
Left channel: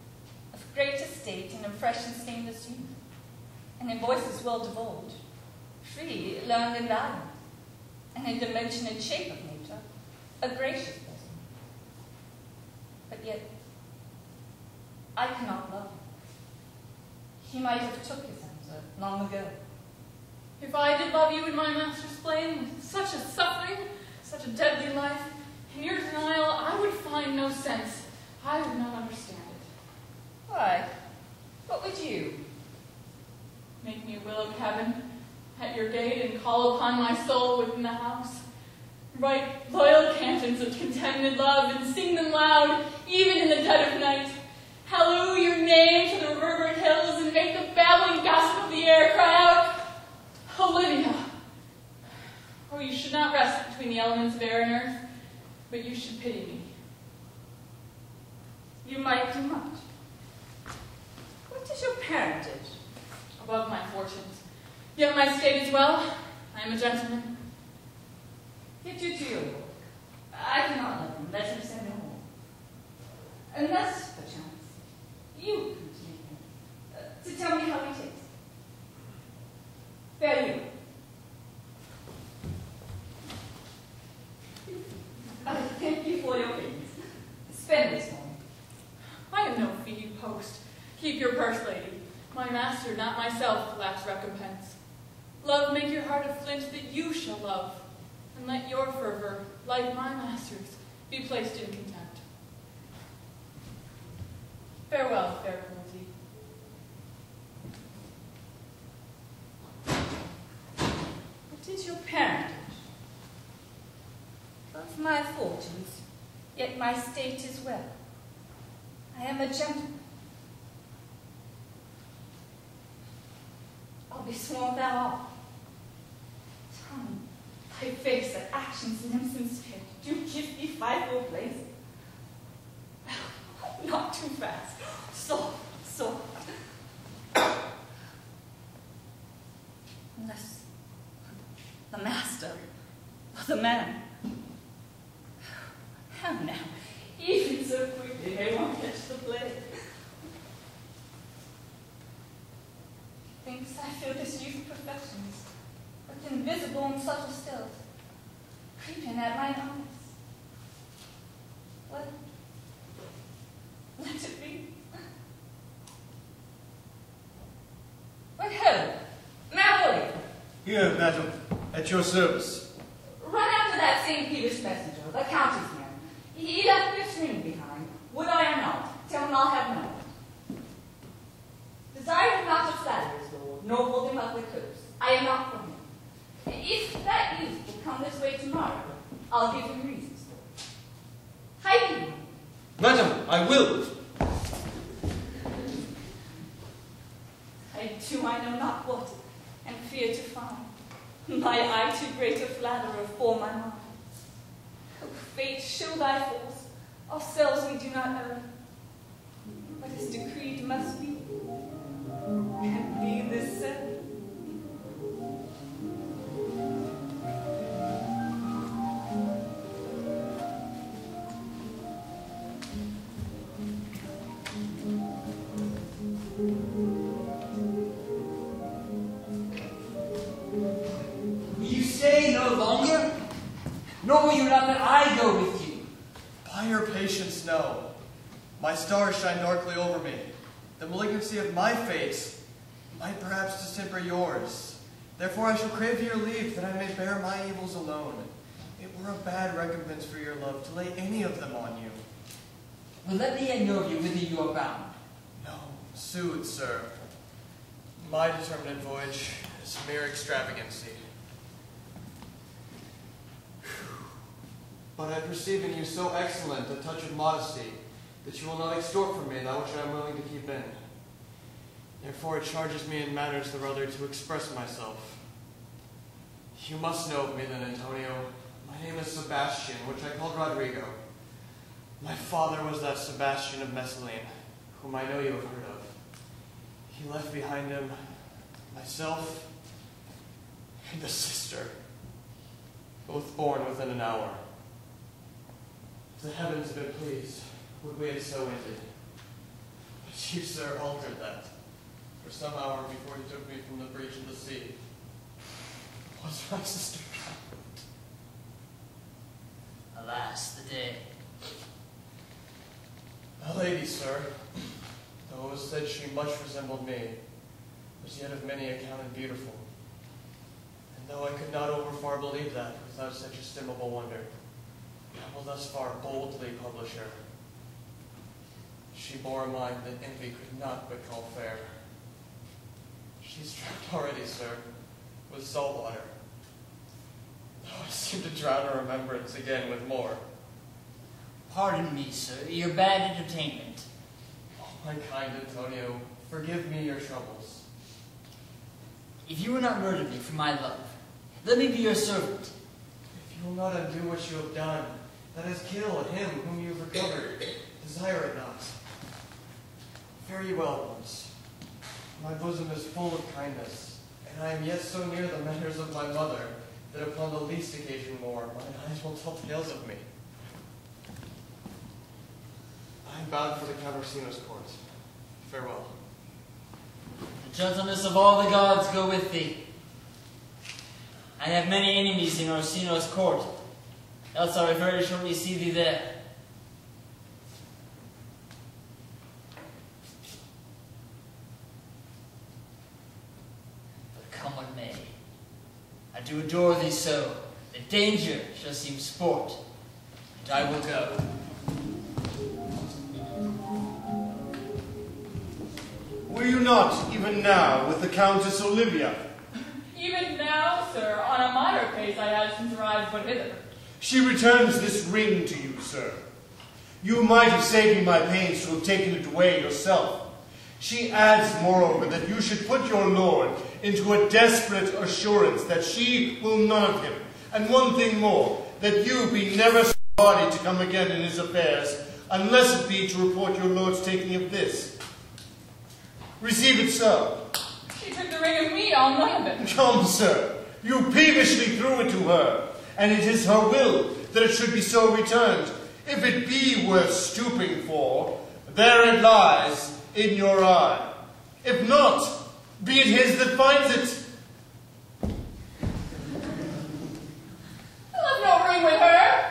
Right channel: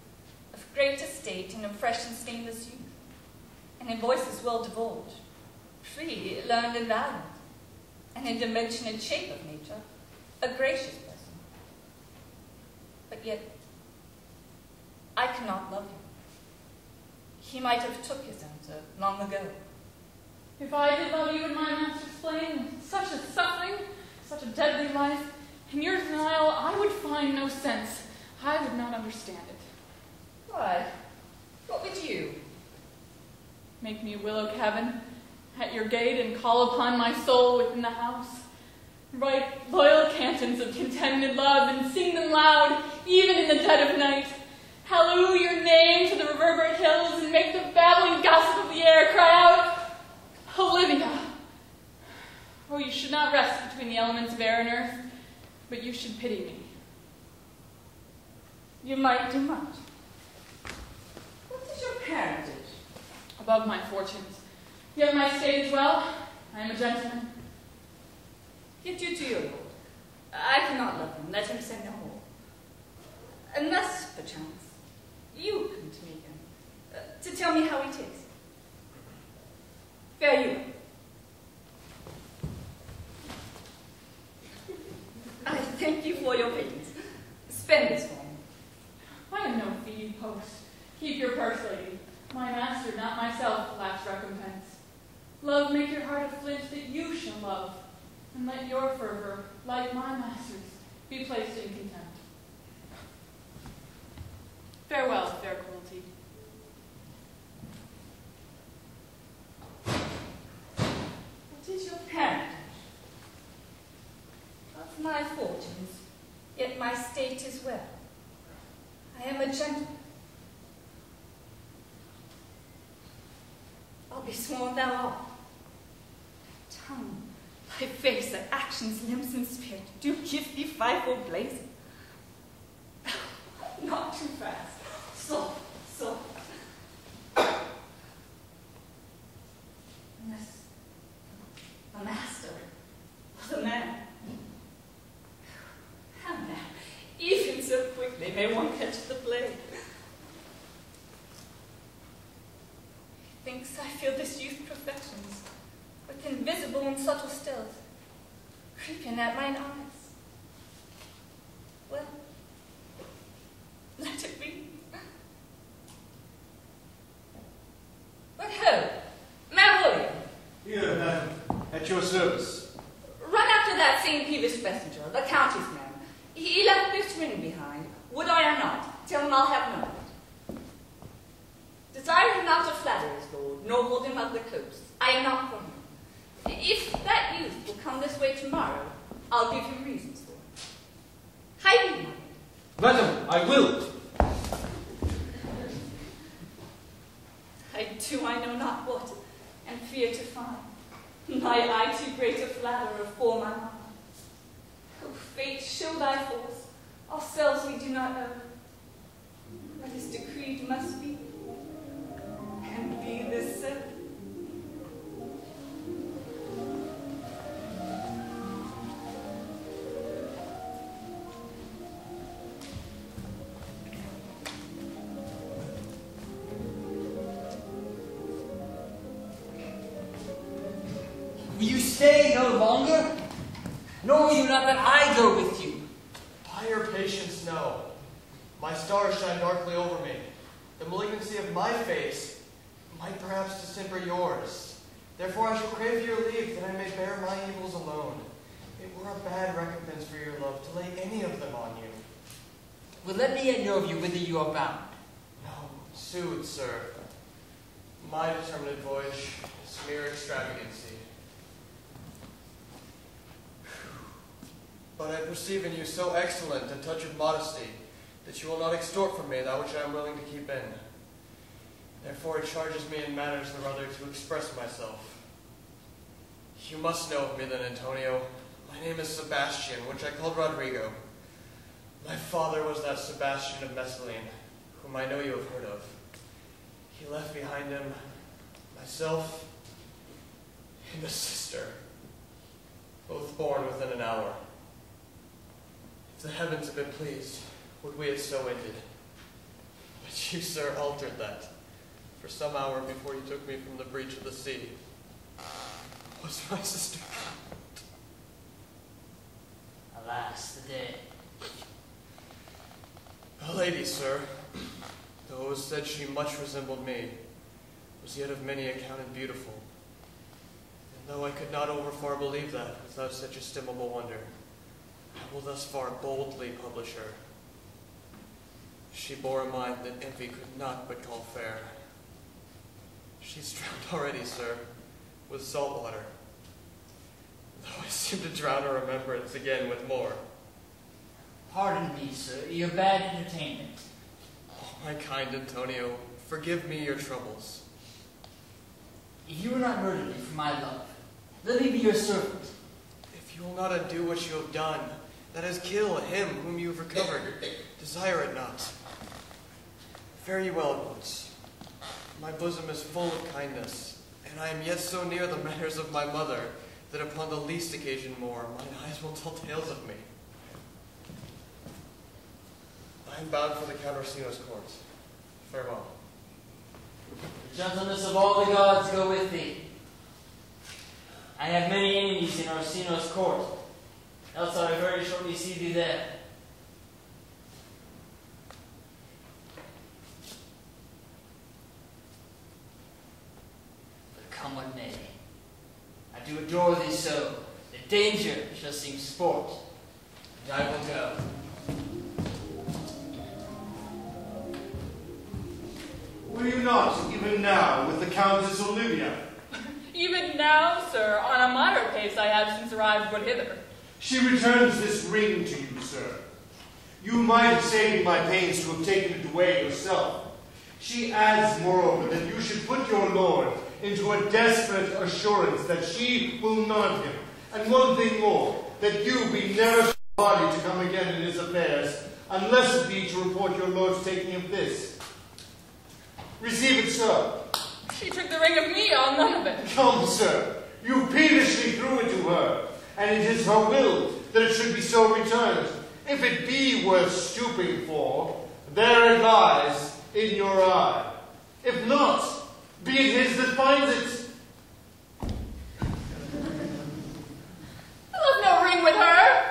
of great estate and of fresh and stainless youth, and in voices well divulged, free, learned, and valiant, and in dimension and shape of nature, a gracious person. But yet I cannot love him. He might have took his answer long ago. If I did love you in my master's flame, such a suffering, such a deadly life, in your denial I would find no sense. I would not understand it. Why, what would you? Make me willow cabin at your gate and call upon my soul within the house. Write loyal cantons of contemned love and sing them loud, even in the dead of night. Halloo your name to the reverberant hills and make the babbling gossip of the air cry out, Olivia. Oh, you should not rest between the elements of air and earth, but you should pity me. You might do much. What is your parentage? Above my fortunes. Yet my state is well. I am a gentleman. Get you to your lord. I cannot love him. Let him say no more. Unless, perchance, you can take him to tell me how it is. Fare you. I thank you for your pains. Spend this one. I am no feeding post. Keep your purse, lady. My master, not my will make your heart a flint that you shall love, and let your fervor, like my master's, be placed in contempt. Farewell, fair cruelty. What is your parentage? Of my fortunes, yet my state is well. I am a gentleman. I'll be sworn thou art. Tongue, thy face, thy actions, limbs, and spirit do give thee fivefold blazing. Not too fast. Soft. Unless the master or the man. How now? Even so quickly may one catch the plague. Thinks I feel this youth's perfections, with invisible and subtle stealth, creeping at mine eyes. Well, let it be. But ho, Mayor William. Here, madam, at your service. Run after that St. Peter's messenger, the countess man. He left this ring behind. Would I or not? Tell him I'll have none. Desire him not to flatter his lord, nor hold him up the coast. I am not for him. If that youth will come this way tomorrow, I'll give him reasons for it. Hide him. Madam, I will. I do I know not what, and fear to find. My eye too great a flatterer for my mind. Oh, fate, show thy force. Ourselves we do not know. What is decreed must be. And be this so. Will you stay no longer? Nor will you not let I go with you? By your patience, no. My stars shine darkly over me. The malignancy of my fate might perhaps distemper yours. Therefore I shall crave your leave that I may bear my evils alone. It were a bad recompense for your love to lay any of them on you. Well, let me yet know of you whither you are bound. No, sooth, sir. My determinate voyage is mere extravagancy. But I perceive in you so excellent a touch of modesty that you will not extort from me that which I am willing to keep in. Therefore it charges me in manners the rather to express myself. You must know of me then, Antonio. My name is Sebastian, which I called Rodrigo. My father was that Sebastian of Messalene, whom I know you have heard of. He left behind him myself and a sister, both born within an hour. If the heavens had been pleased, would we had so ended. But you, sir, altered that. For some hour before you took me from the breach of the sea, was my sister. Alas, the day. A lady, sir, though it was said she much resembled me, was yet of many accounted beautiful. And though I could not over far believe that without such estimable wonder, I will thus far boldly publish her. She bore a mind that envy could not but call fair. She's drowned already, sir, with salt water, though I seem to drown her remembrance again with more. Pardon me, sir, your bad entertainment. Oh, my kind Antonio, forgive me your troubles. If you will not murder me for my love, let me be your servant. If you will not undo what you have done, that is, kill him whom you have recovered, desire it not. Fare you well at once. My bosom is full of kindness, and I am yet so near the manners of my mother that upon the least occasion more, mine eyes will tell tales of me. I am bound for the Count Orsino's court. Farewell. The gentleness of all the gods go with thee. I have many enemies in Orsino's court, else I will very shortly see thee there. But come what may, do adore thee so, that danger shall seem sport, and I will go. Were you not, even now, with the Countess Olivia? Even now, sir, on a moderate pace I have since arrived but hither. She returns this ring to you, sir. You might have saved me my pains to have taken it away yourself. She adds, moreover, that you should put your lord into a desperate assurance that she will none of him, and one thing more, that you be never so hardy to come again in his affairs, unless it be to report your lord's taking of this. Receive it so. She took the ring of me, I'll none of it. Come, sir, you peevishly threw it to her, and it is her will that it should be so returned. If it be worth stooping for, there it lies in your eye. If not, be it his that finds it. I left no ring with her.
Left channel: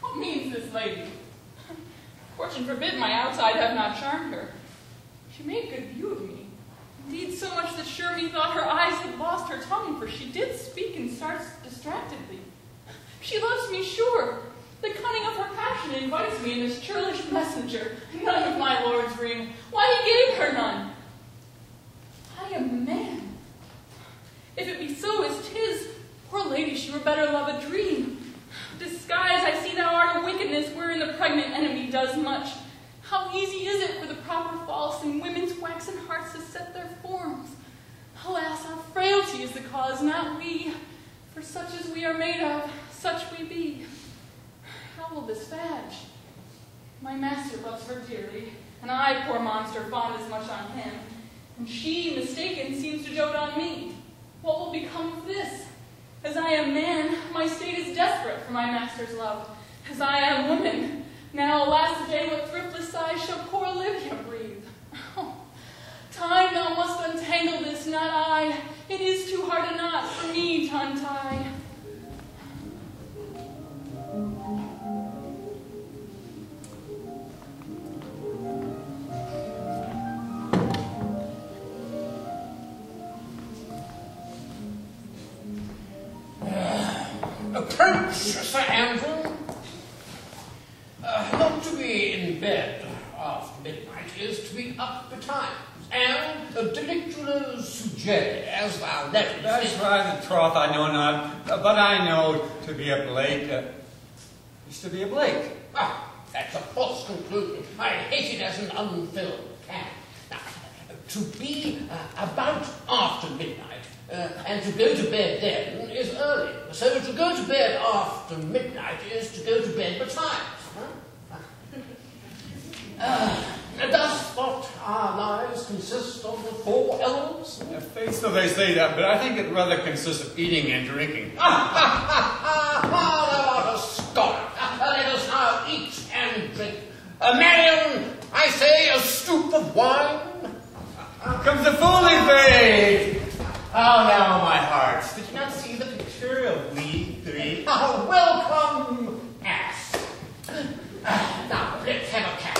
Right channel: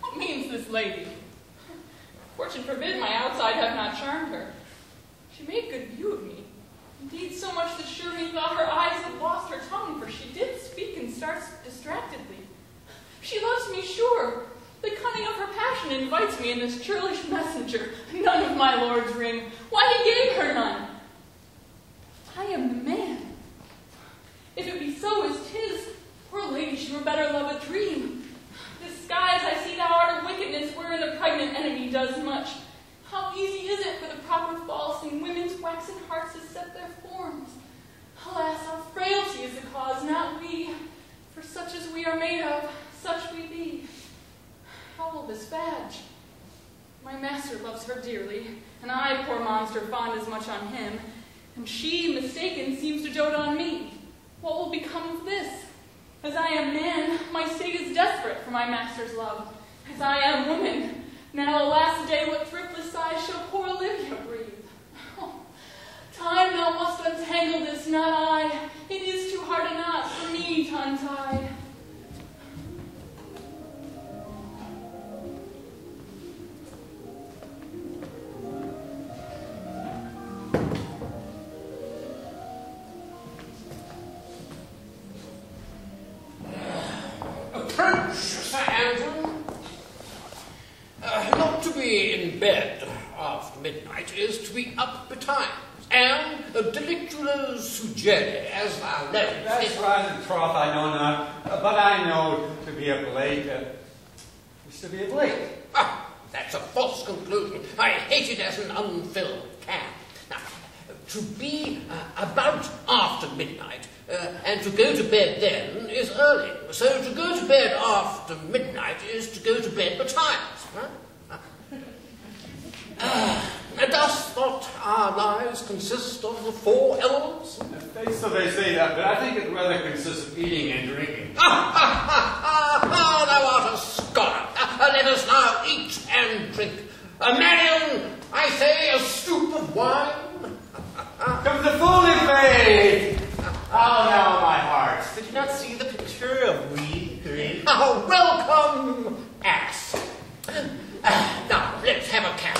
What means this lady? Fortune forbid my outside have not charmed her. She made good view of me. Indeed, so much that sure me thought her eyes had lost her tongue, for she did speak and starts distractedly. She loves me, sure. The cunning of her passion invites me in this churlish messenger. None of my lord's ring. Why he gave her none? I am a man. If it be so as 'tis, poor lady, she were better love a dream. Disguise, I see thou art a wickedness wherein the pregnant enemy does much. How easy is it for the proper false in women's waxen hearts to set their forms? Alas, our frailty is the cause, not we. For such as we are made of, such we be. How will this fadge? My master loves her dearly, and I, poor monster, fond as much on him, and she, mistaken, seems to dote on me. What will become of this? As I am man, my state is desperate for my master's love. As I am woman, now, alas, day what thriftless sighs shall poor Olivia breathe? Oh, time, thou must untangle this, not I. It is too hard a knot for me to untie. Approach, Sir Andrew. Not to be in bed after midnight is to be up betimes, and delictually suggest as our letters. That's right, the troth I know not, but I know to be a Blake is to be a Blake. Ah, that's a false conclusion. I hate it as an unfilled can. Now, to be about after midnight, and to go to bed then is early. So to go to bed after midnight is to go to bed betimes. Does not our lives consist of the 4 elements? Face of they say that, but I think it rather consists of eating and drinking. Thou art a scholar. Let us now eat and drink. Marion, I say, a stoup of wine. Comes the fooling fade! Oh, now, my hearts, did you not see the picture of we 3? Oh, welcome, ass. Now, let's have a couch.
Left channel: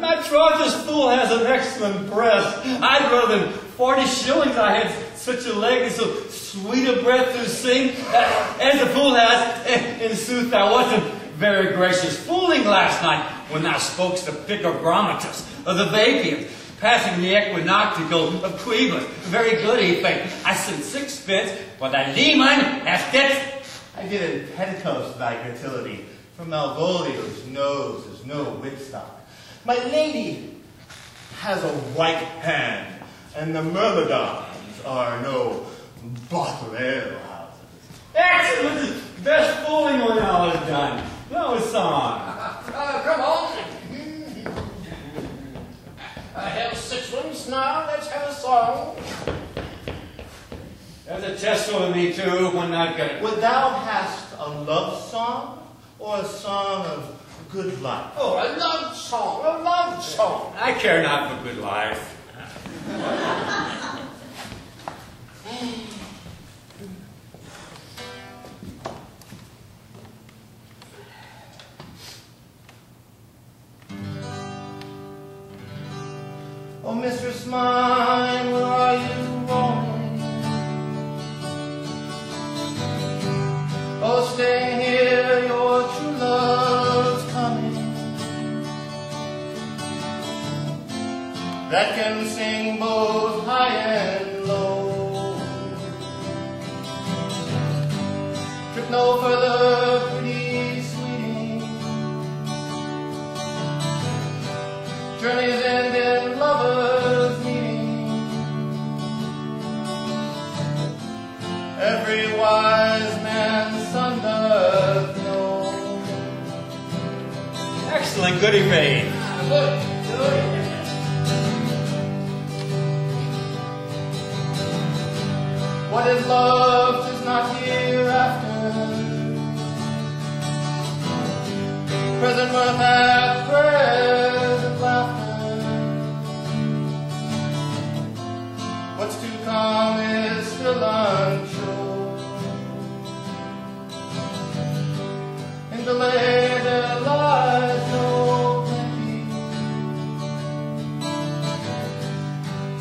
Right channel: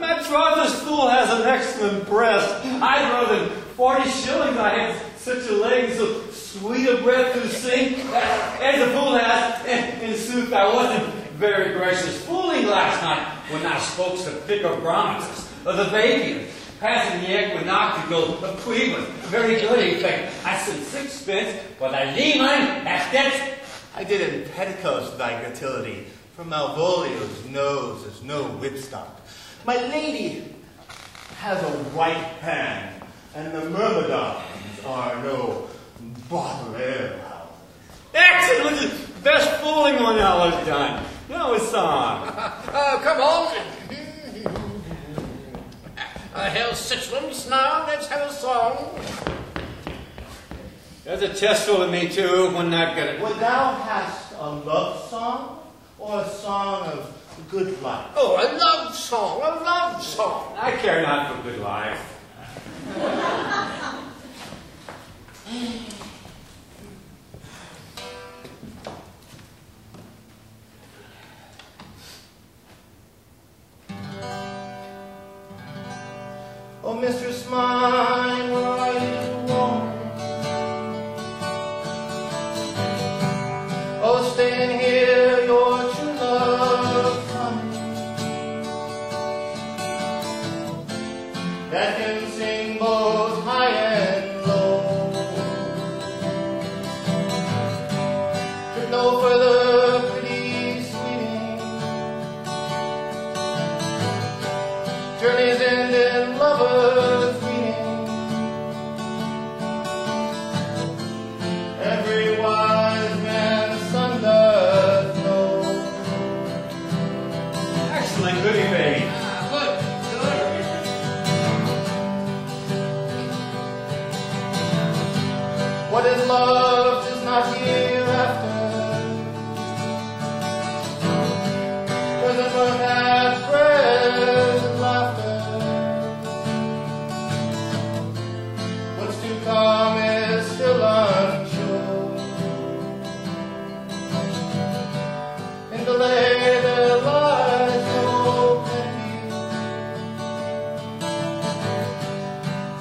My troth, this fool has an excellent breast. I'd rather than 40 shillings I had such a leg and so sweet a breath to sing as the fool has. In sooth, thou wasn't very gracious fooling last night when thou spokest the picogrammatus of the vapium, passing the equinoctial of Quibus. Very good, he think. I sent 6 but the demon has debts. I did in petticoats thy fertility, for Malvolio's nose is no whipstock. My lady has a white hand, and the myrmidons are no bottle ale houses. Excellent! Best fooling one I have done. Now a song. Come on. Hell, citizens, now let's have a song. There's a test over me too, one not good. Would thou hast a love song, or a song of good life? Oh, a love song, a love song. I care not for good life. Oh, mistress mine, are you lonely? staying here, your true love's coming. That can sing both high and low. Trip no further, pretty sweeting. Journeys end in lovers meeting. Every wise man's son doth know. Excellent, goody babe. Good. What is love 'tis not hereafter. Present mirth and present laughter. What's to come is still unsure. In delay there lies no pity.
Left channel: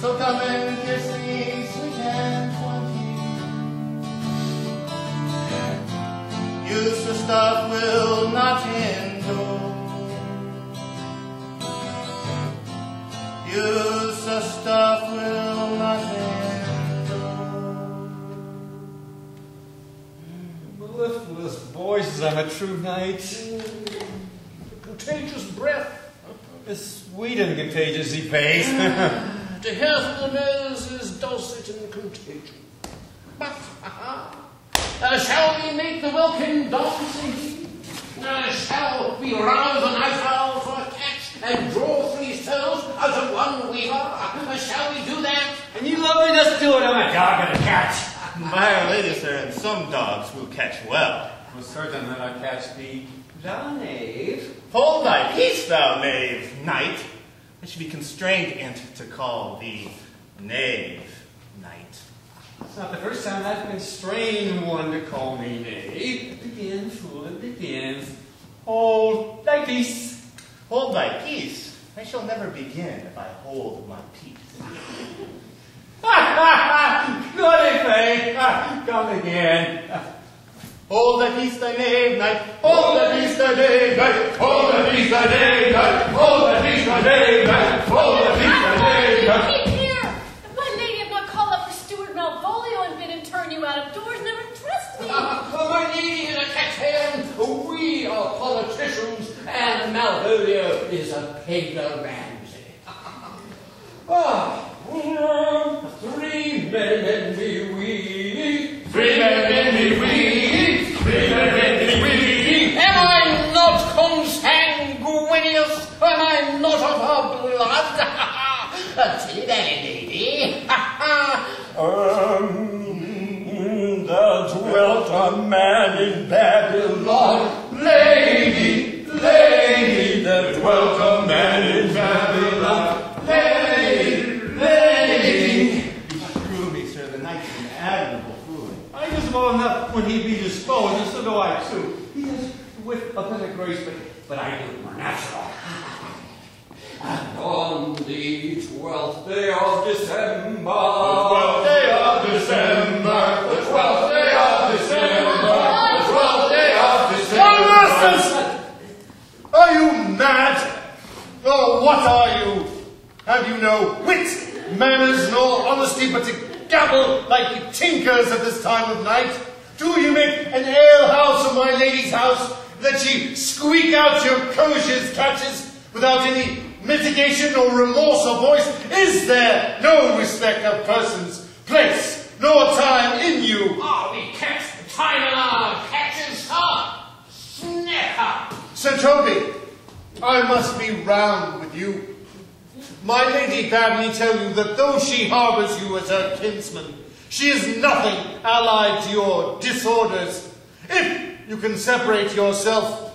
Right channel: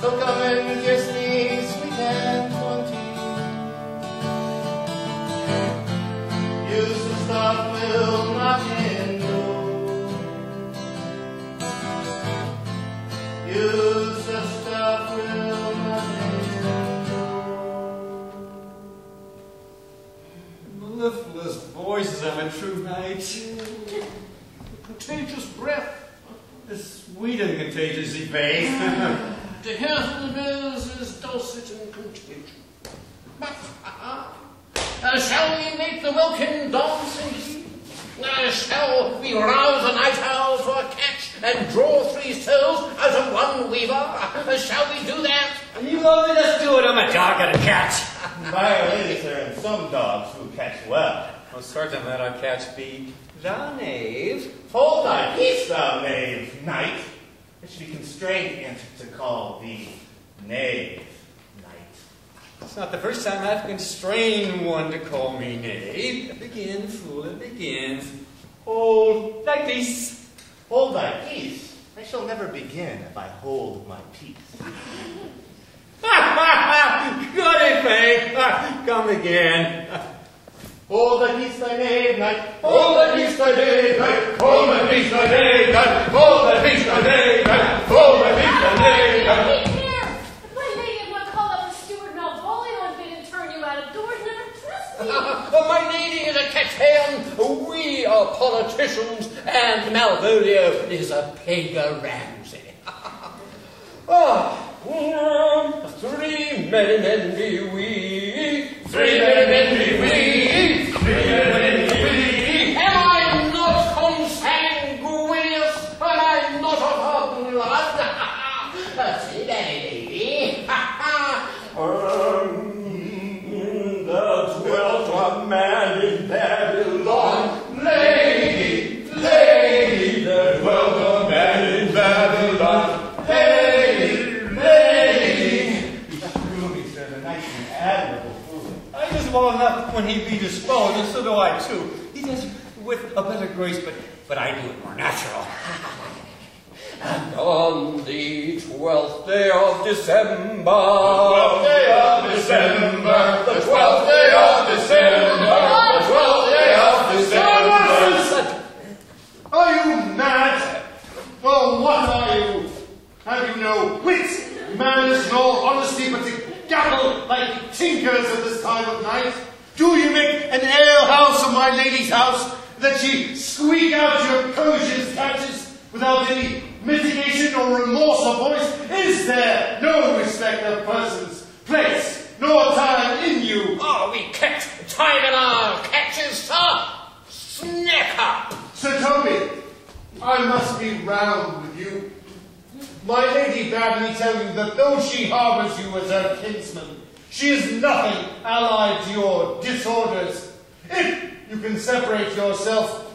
So come and kiss me, sweet and 20. Use of stuff will not endure. Use of stuff will not endure. Mellifluous voices, I'm a true knight. Contagious breath. A sweet and contagious face. To hear whom is dulcet and contagious. Shall we make the welkin dance indeed? Shall we rouse the night owl for a catch and draw 3 souls out of 1 weaver? Shall we do that? And you love me, let's do it. I'm a dog and a cat. By our ladies, there are some dogs who catch well. I'm certain that I catch thou knave. Hold thy peace, thou knave, knight. It should be constrained and to call thee knave, knight. It's not the first time I've constrained one to call me knave. It begins, fool, it begins. Hold thy peace. Hold thy peace. I shall never begin if I hold my peace. Goody babe. Come again. Hold thy peace, thy knave, knight. Hold thy peace, thy knave, knight. Hold thy peace, thy knave, knight. Hold thy peace, thy knave, knight. Hold thy peace, thy knave, knight. Keep here! If my lady had not called up for Steward Malvolio and bid him turn you out of doors, never trust me. My lady is a catch-hand, we are politicians, and Malvolio is a pagan Ramsay. 3 men envy we. 3 men envy we. 3 men envy we. Am I not consanguineous? Am I not of her blood? Silly lady. There dwelt a man in Babylon. Lady, lady, there dwelt a man in Babylon. Lady, lady. Truly, sir, the knight's an admirable fooling. I use him all enough when he be disposed, and so do I too. He does it with a better grace, but I do it more natural. And on the 12th day of December, The 12th day of December, the 12th day of December, the 12th day of December. Are you mad? Well, what are you? Have you no wit, manners, nor honesty, but to gabble like tinkers at this time of night? Do you make an alehouse of my lady's house, that ye squeak out your coziest catches without any mitigation or remorse of voice? Is there no respect of persons, place, nor time in you? Oh, we kept time in our catches, sir. Snick up. Sir Toby, I must be round with you. My lady bade me tell you that though she harbours you as her kinsman, she is nothing allied to your disorders. If you can separate yourself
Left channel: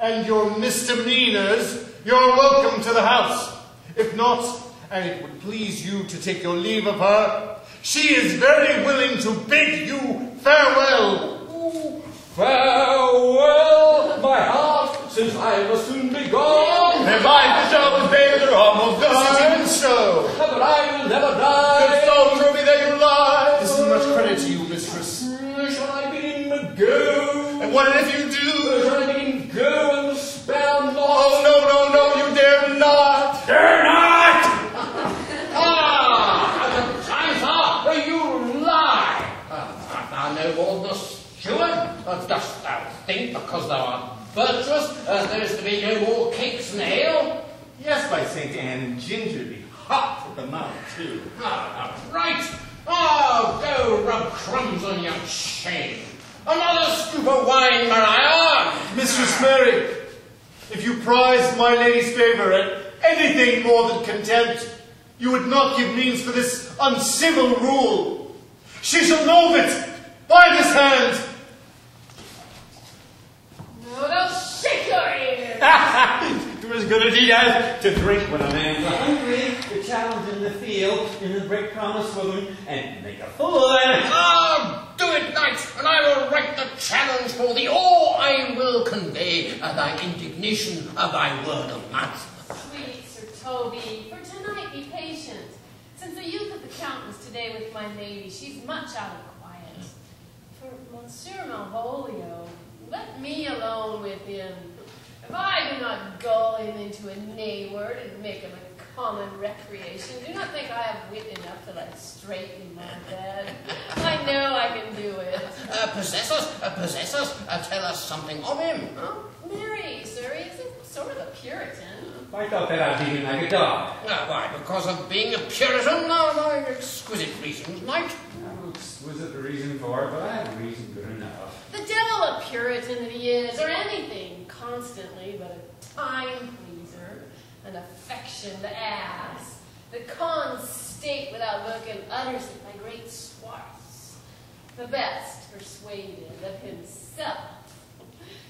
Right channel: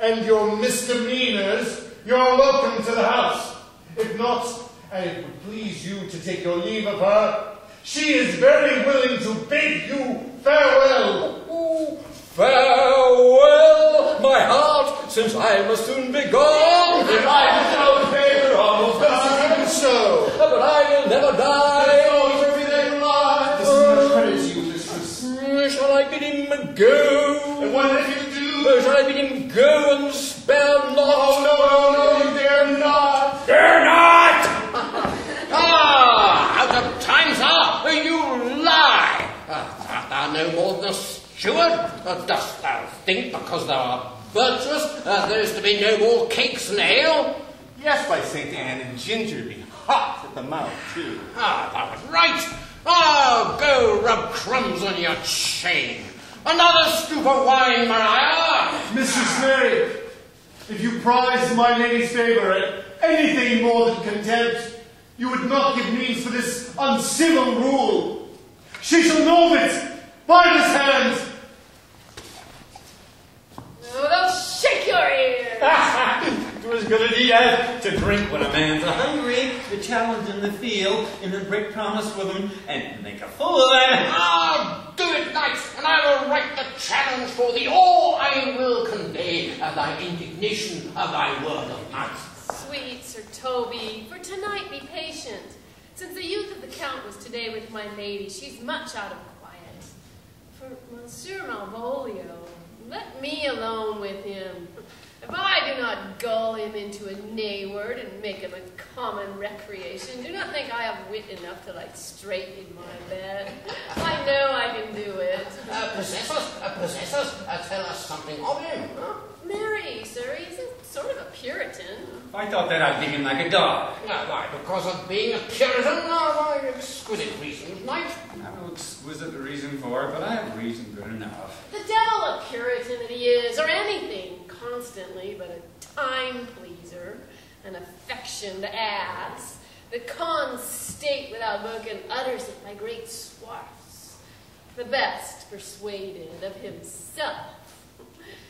and your misdemeanors, you're welcome to the house. If not, and it would please you to take your leave of her, she is very willing to bid you farewell. Ooh, farewell, my heart, since I must soon be gone. If I bestow the favor of God, even so. But I will never die. The stones remain alive. This is much credit to you, mistress. Shall I bid him go? And Whatever you do, Shall I begin go and spare not? oh, no, you dare not. Dare not! The times are, you lie. Art thou no more than a steward? Dost thou think, because thou art virtuous, there is to be no more cakes and ale? Yes, by St. Anne, and ginger be hot at the mouth, too. Thou art right. Go rub crumbs on your chain. Another scoop of wine, Maria. Mistress Mary, if you prize my lady's favour and anything more than contempt, you would not give means for this uncivil rule. She shall know of it by this hand. No, they'll shake your ears. It was good idea to drink when a man's hungry, to challenge in the field, and then break promise with him, and make a fool of it. Do it, knight, and I will write the challenge for thee, or I will convey thy indignation of thy word of mouth. Sweet Sir Toby, for tonight be patient. Since the youth of the Count was today with my lady, she's much out of quiet. For Monsieur Malvolio, let me alone with him. If I do not gull him into a nay word and make him a common recreation, do not think I have wit enough to lie straight in my bed. I know I can do it. Possess us, tell us something of him. Huh? Marry, sir, he's a sort of a Puritan. I thought that I'd beat him like a dog. Why, because of being a Puritan? No, exquisite reasons, knight. No exquisite reason for it, but I have a reason good enough. The devil a Puritan that he is, or anything constantly but a time pleaser, an affectioned ass, that cons state without book and utters it by great swaths, the best persuaded of himself.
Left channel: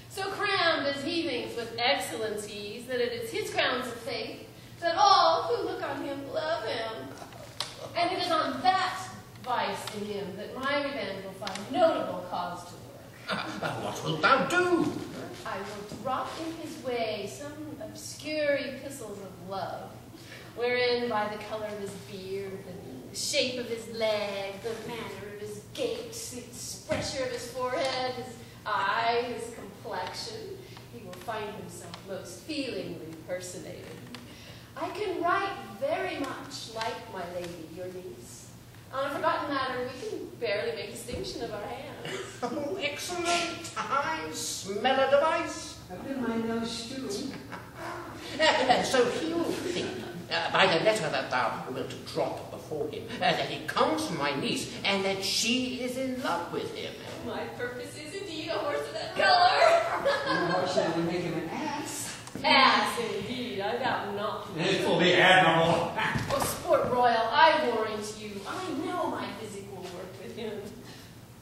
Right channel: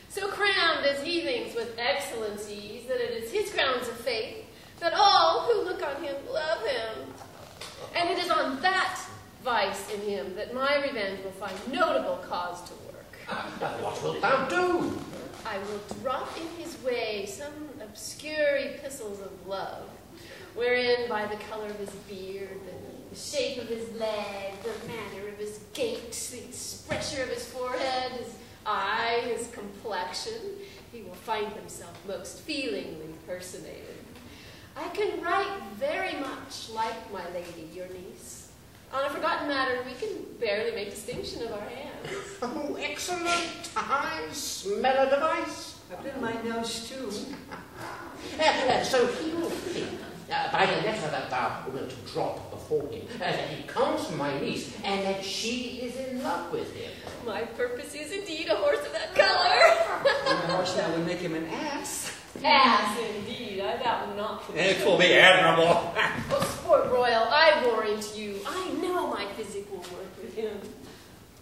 So crammed as he thinks with excellencies that it is his grounds of faith that all who look on him love him. And it is on that vice in him that my revenge will find notable cause to work. What wilt thou do? I will drop in his way some obscure epistles of love, wherein by the color of his beard, the shape of his leg, the manner of his gait, the expression of his forehead, his eye, his complexion, he will find himself most feelingly personated. I can write very much like my lady, your niece. On a forgotten matter, we can barely make distinction of our hands. Oh, excellent! I smell a device. I've been my nose too. So he will think, by the letter that thou wilt drop before him, that he comes from my niece, and that she is in love with him. My purpose is indeed a horse of that color. Of course, that would make him an ass. Ass, indeed, I doubt not. It will be admirable. Oh, sport royal, I warrant you, I know my physic will work with him.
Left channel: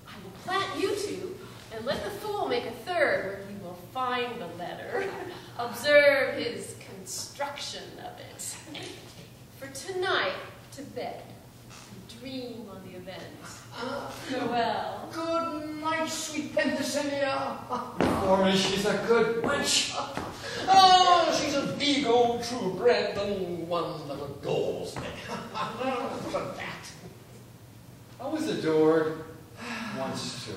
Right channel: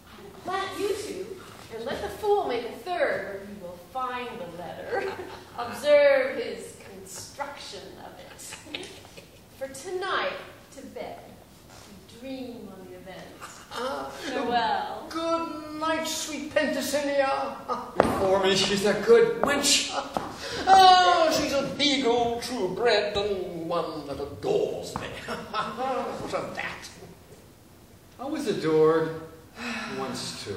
I will plant you two, and let the fool make a third, where he will find the letter. Observe his construction of it. For tonight, to bed, dream on the events. Farewell. Good night, sweet Penthesilea. For me, she's a good wench. She's a big old true bred and one that adores me. What of that? I was adored once too.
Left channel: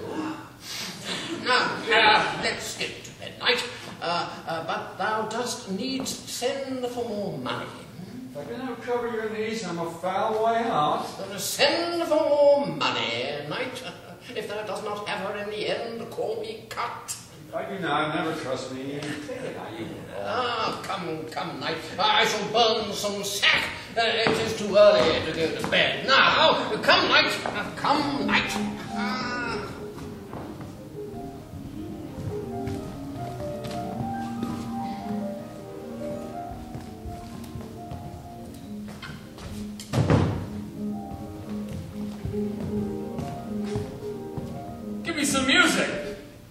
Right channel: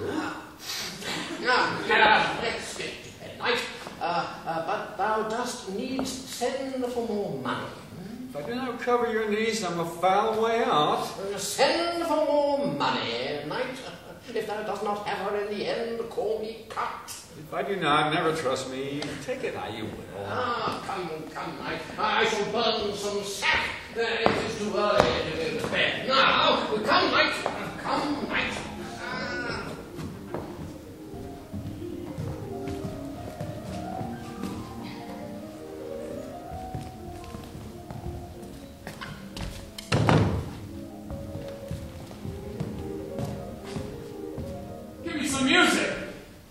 Now, let's get to bed, knight. But thou dost needs send for more money. If I do not cover your knees, I'm a foul way out. Send for more money, knight. If thou dost not have her in the end, call me cut. If I do not, never trust me. Take it how you will. Come, knight. I shall burn some sack. It is too early to go to bed. Now, come, knight. Come, knight. Some music.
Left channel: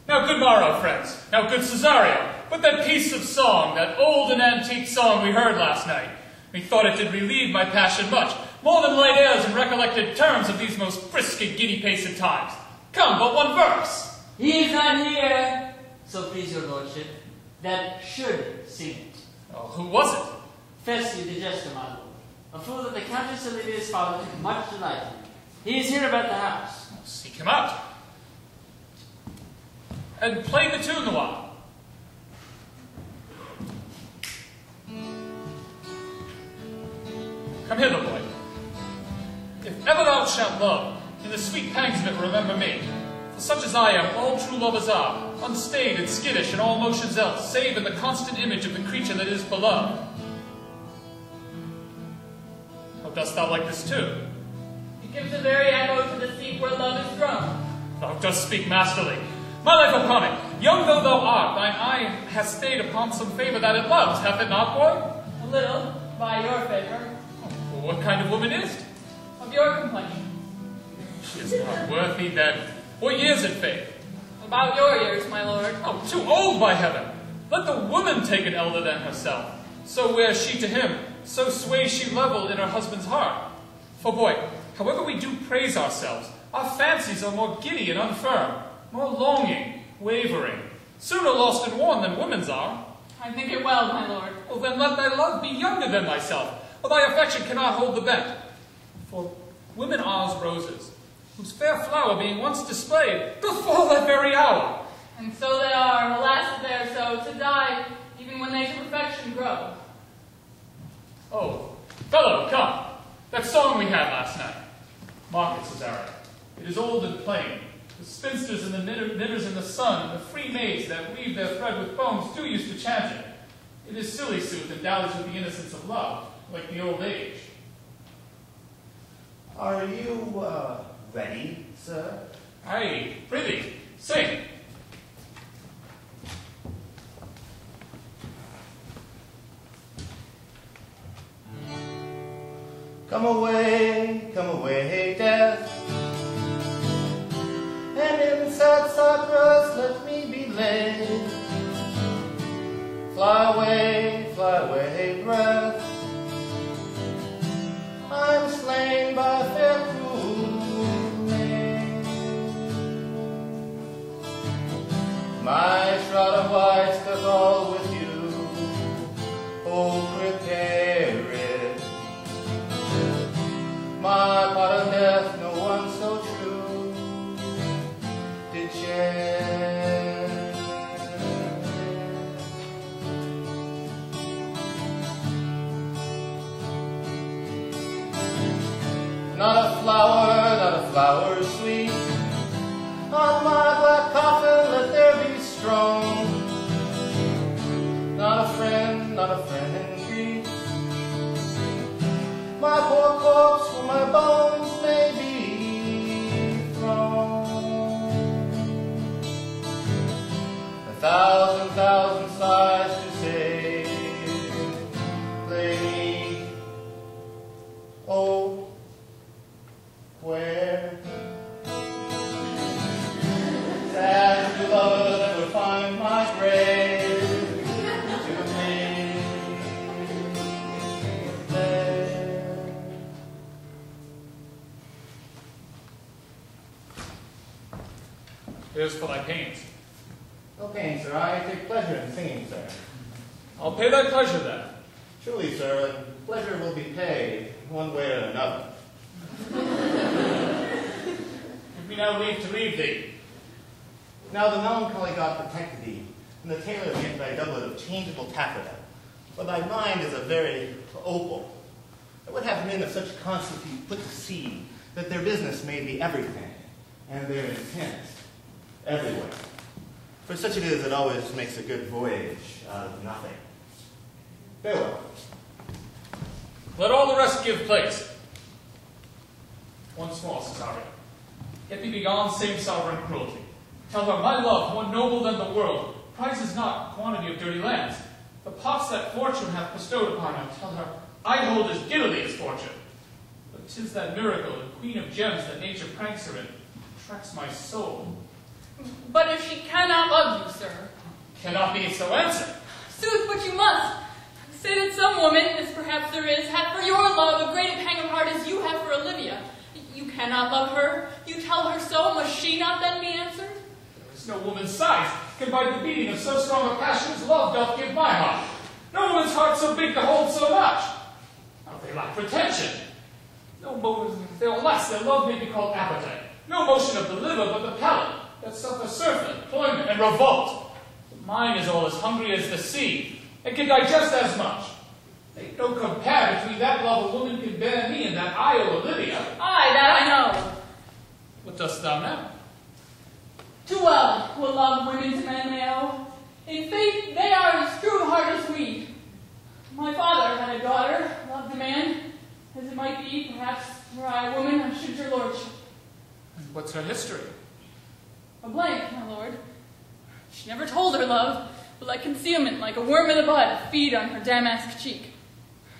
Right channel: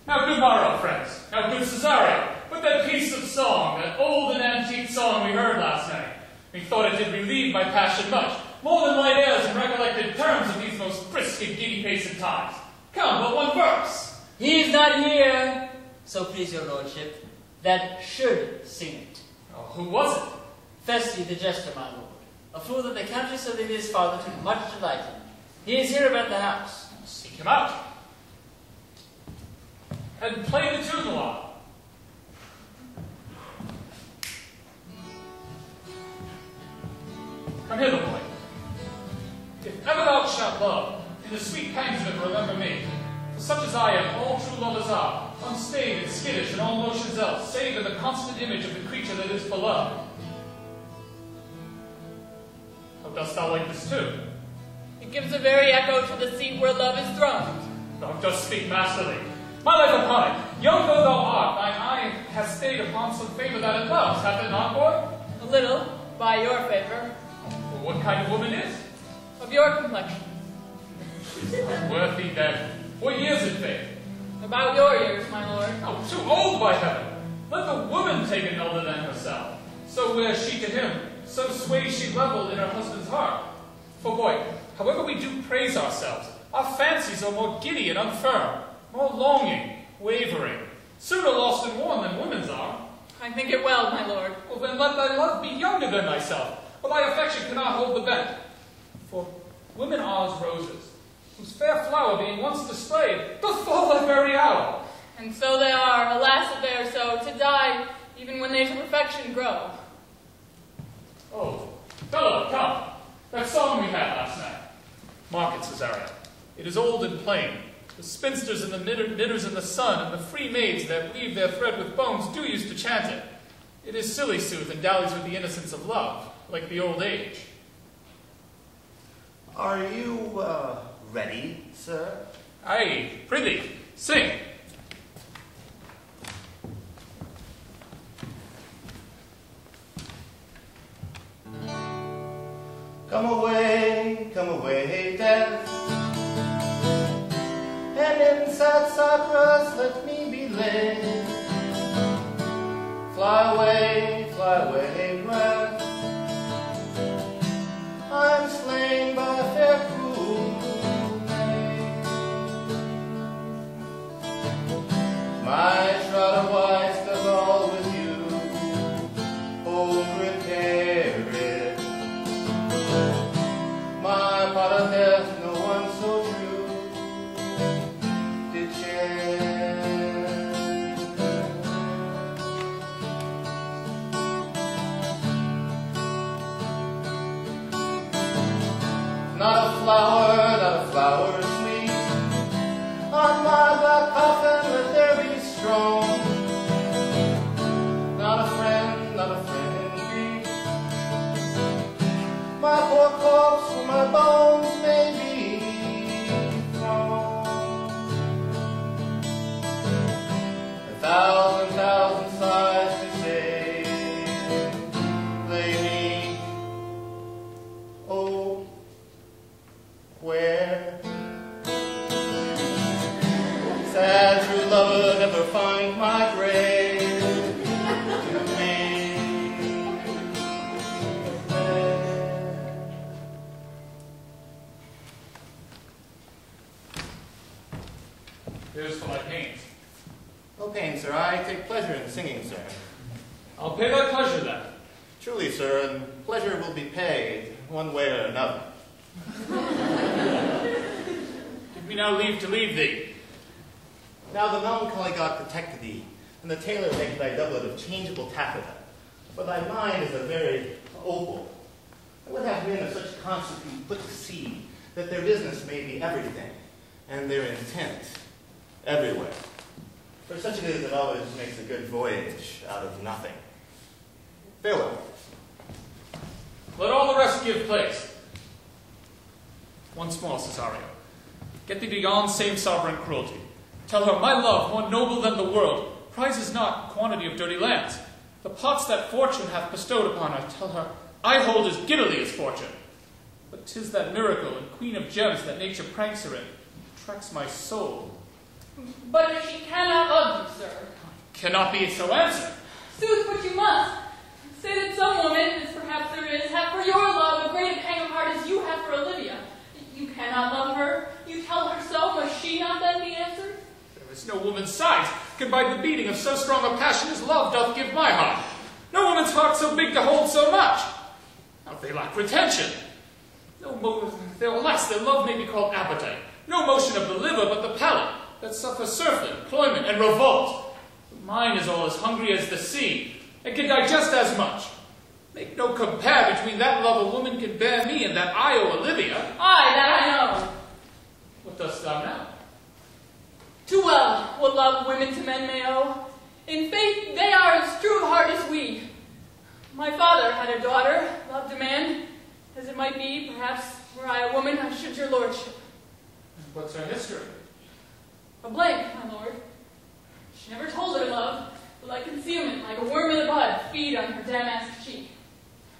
Now, good morrow, friends. Now, good Cesario, put that piece of song, that old and antique song we heard last night. Methought it did relieve my passion much, more than light airs and recollected terms of these most brisk and giddy-paced times. Come, but one verse. He is not here, so please your lordship, that should sing it. Oh, who was it? Festy the jester, my lord, a fool that the Countess Olivia's father took much delight in. He is here about the house. Seek him out. and play the tune a while. Come hither, boy. If ever thou shalt love, in the sweet pangs of it remember me. For such as I am, all true lovers are, unstained and skittish in all motions else, save in the constant image of the creature that is beloved. How dost thou like this tune? It gives a very echo to the seat where love is throned. Thou dost speak masterly. My life upon it, young though thou art, thine eye has stayed upon some favor that it loves, hath it not, boy? A little, by your favor. Well, what kind of woman is it? Of your complexion. She is not worthy, then. What years it, faith? About your years, my lord. Oh, too old, by heaven! Let the woman take an elder than herself. So wears she to him, so sways she level in her husband's heart. For, boy, however we do praise ourselves, our fancies are more giddy and unfirm, more longing, wavering, sooner lost and worn than women's are. I think it well, my lord. Well, then let thy love be younger than thyself, or thy affection cannot hold the bent. For women are as roses, whose fair flower being once displayed, doth fall that very hour. And so they are, alas that they are so, to die, even when they to perfection grow. Oh, fellow, come. That song we had last night. Mark it, Cesario. It is old and plain. The spinsters and the knitters in the sun, and the free maids that weave their thread with bones, do use to chant it. It is silly sooth, and dallies with the innocence of love, like the old age. Are you, ready, sir? Aye, prithee, sing. Come away, death, and in sad sacras let me be laid. Fly away, breath, I'm slain by fair cruel maid. My shroud of white still all with you, home repair it. My part of death, no one so true did share. Not a flower sweet, on my black coffin let there be strong. Not a friend in grief, my poor corpse for my bones may be found. A thousand sighs to say, lay me, oh, where? Sad true lover, never find my grave to me. Here's for thy pains. No pain, sir. I take pleasure in singing, sir. I'll pay thy pleasure then. Truly, sir, and pleasure will be paid one way or another. Give me now leave to leave thee. Now the melancholy god protected thee, and the tailor made thy doublet of changeable taffeta. For thy mind is a very opal. I would have men of such constancy put to sea, that their business may be everything, and their intent everywhere. For such it is that always makes a good voyage out of nothing. Farewell. Let all the rest give place. Once more, Cesario. Get thee beyond same sovereign cruelty. Tell her, my love, more noble than the world, prizes not quantity of dirty lands. The pots that fortune hath bestowed upon her, tell her, I hold as giddily its fortune. But 'tis that miracle and queen of gems that nature pranks her in, attracts my soul. But if she cannot love you, sir. Cannot be so answered. Sooth, but you must. Say that some woman, as perhaps there is, hath for your love a great a pang of heart as you have for Olivia. You cannot love her. You tell her so. Must she not then be answered? There is no woman's sighs can bide the beating of so strong a passion as love doth give my heart. No woman's heart so big to hold so much. Now they lack retention. No motive, their less, their love may be called appetite. No motion of the liver, but the palate. that suffer surfeit, employment, and revolt. Mine is all as hungry as the sea, and can digest as much. Make no compare between that love a woman can bear me and that I owe Olivia. Aye, that I know. What dost thou know? Too well what love women to men may owe. In faith, they are as true of heart as we. My father had a daughter, loved a man, as it might be, perhaps, were I a woman, I should your lordship. What's her history? A blank, my lord. She never told her love, but like concealment, like a worm in the bud, feed on her damask cheek.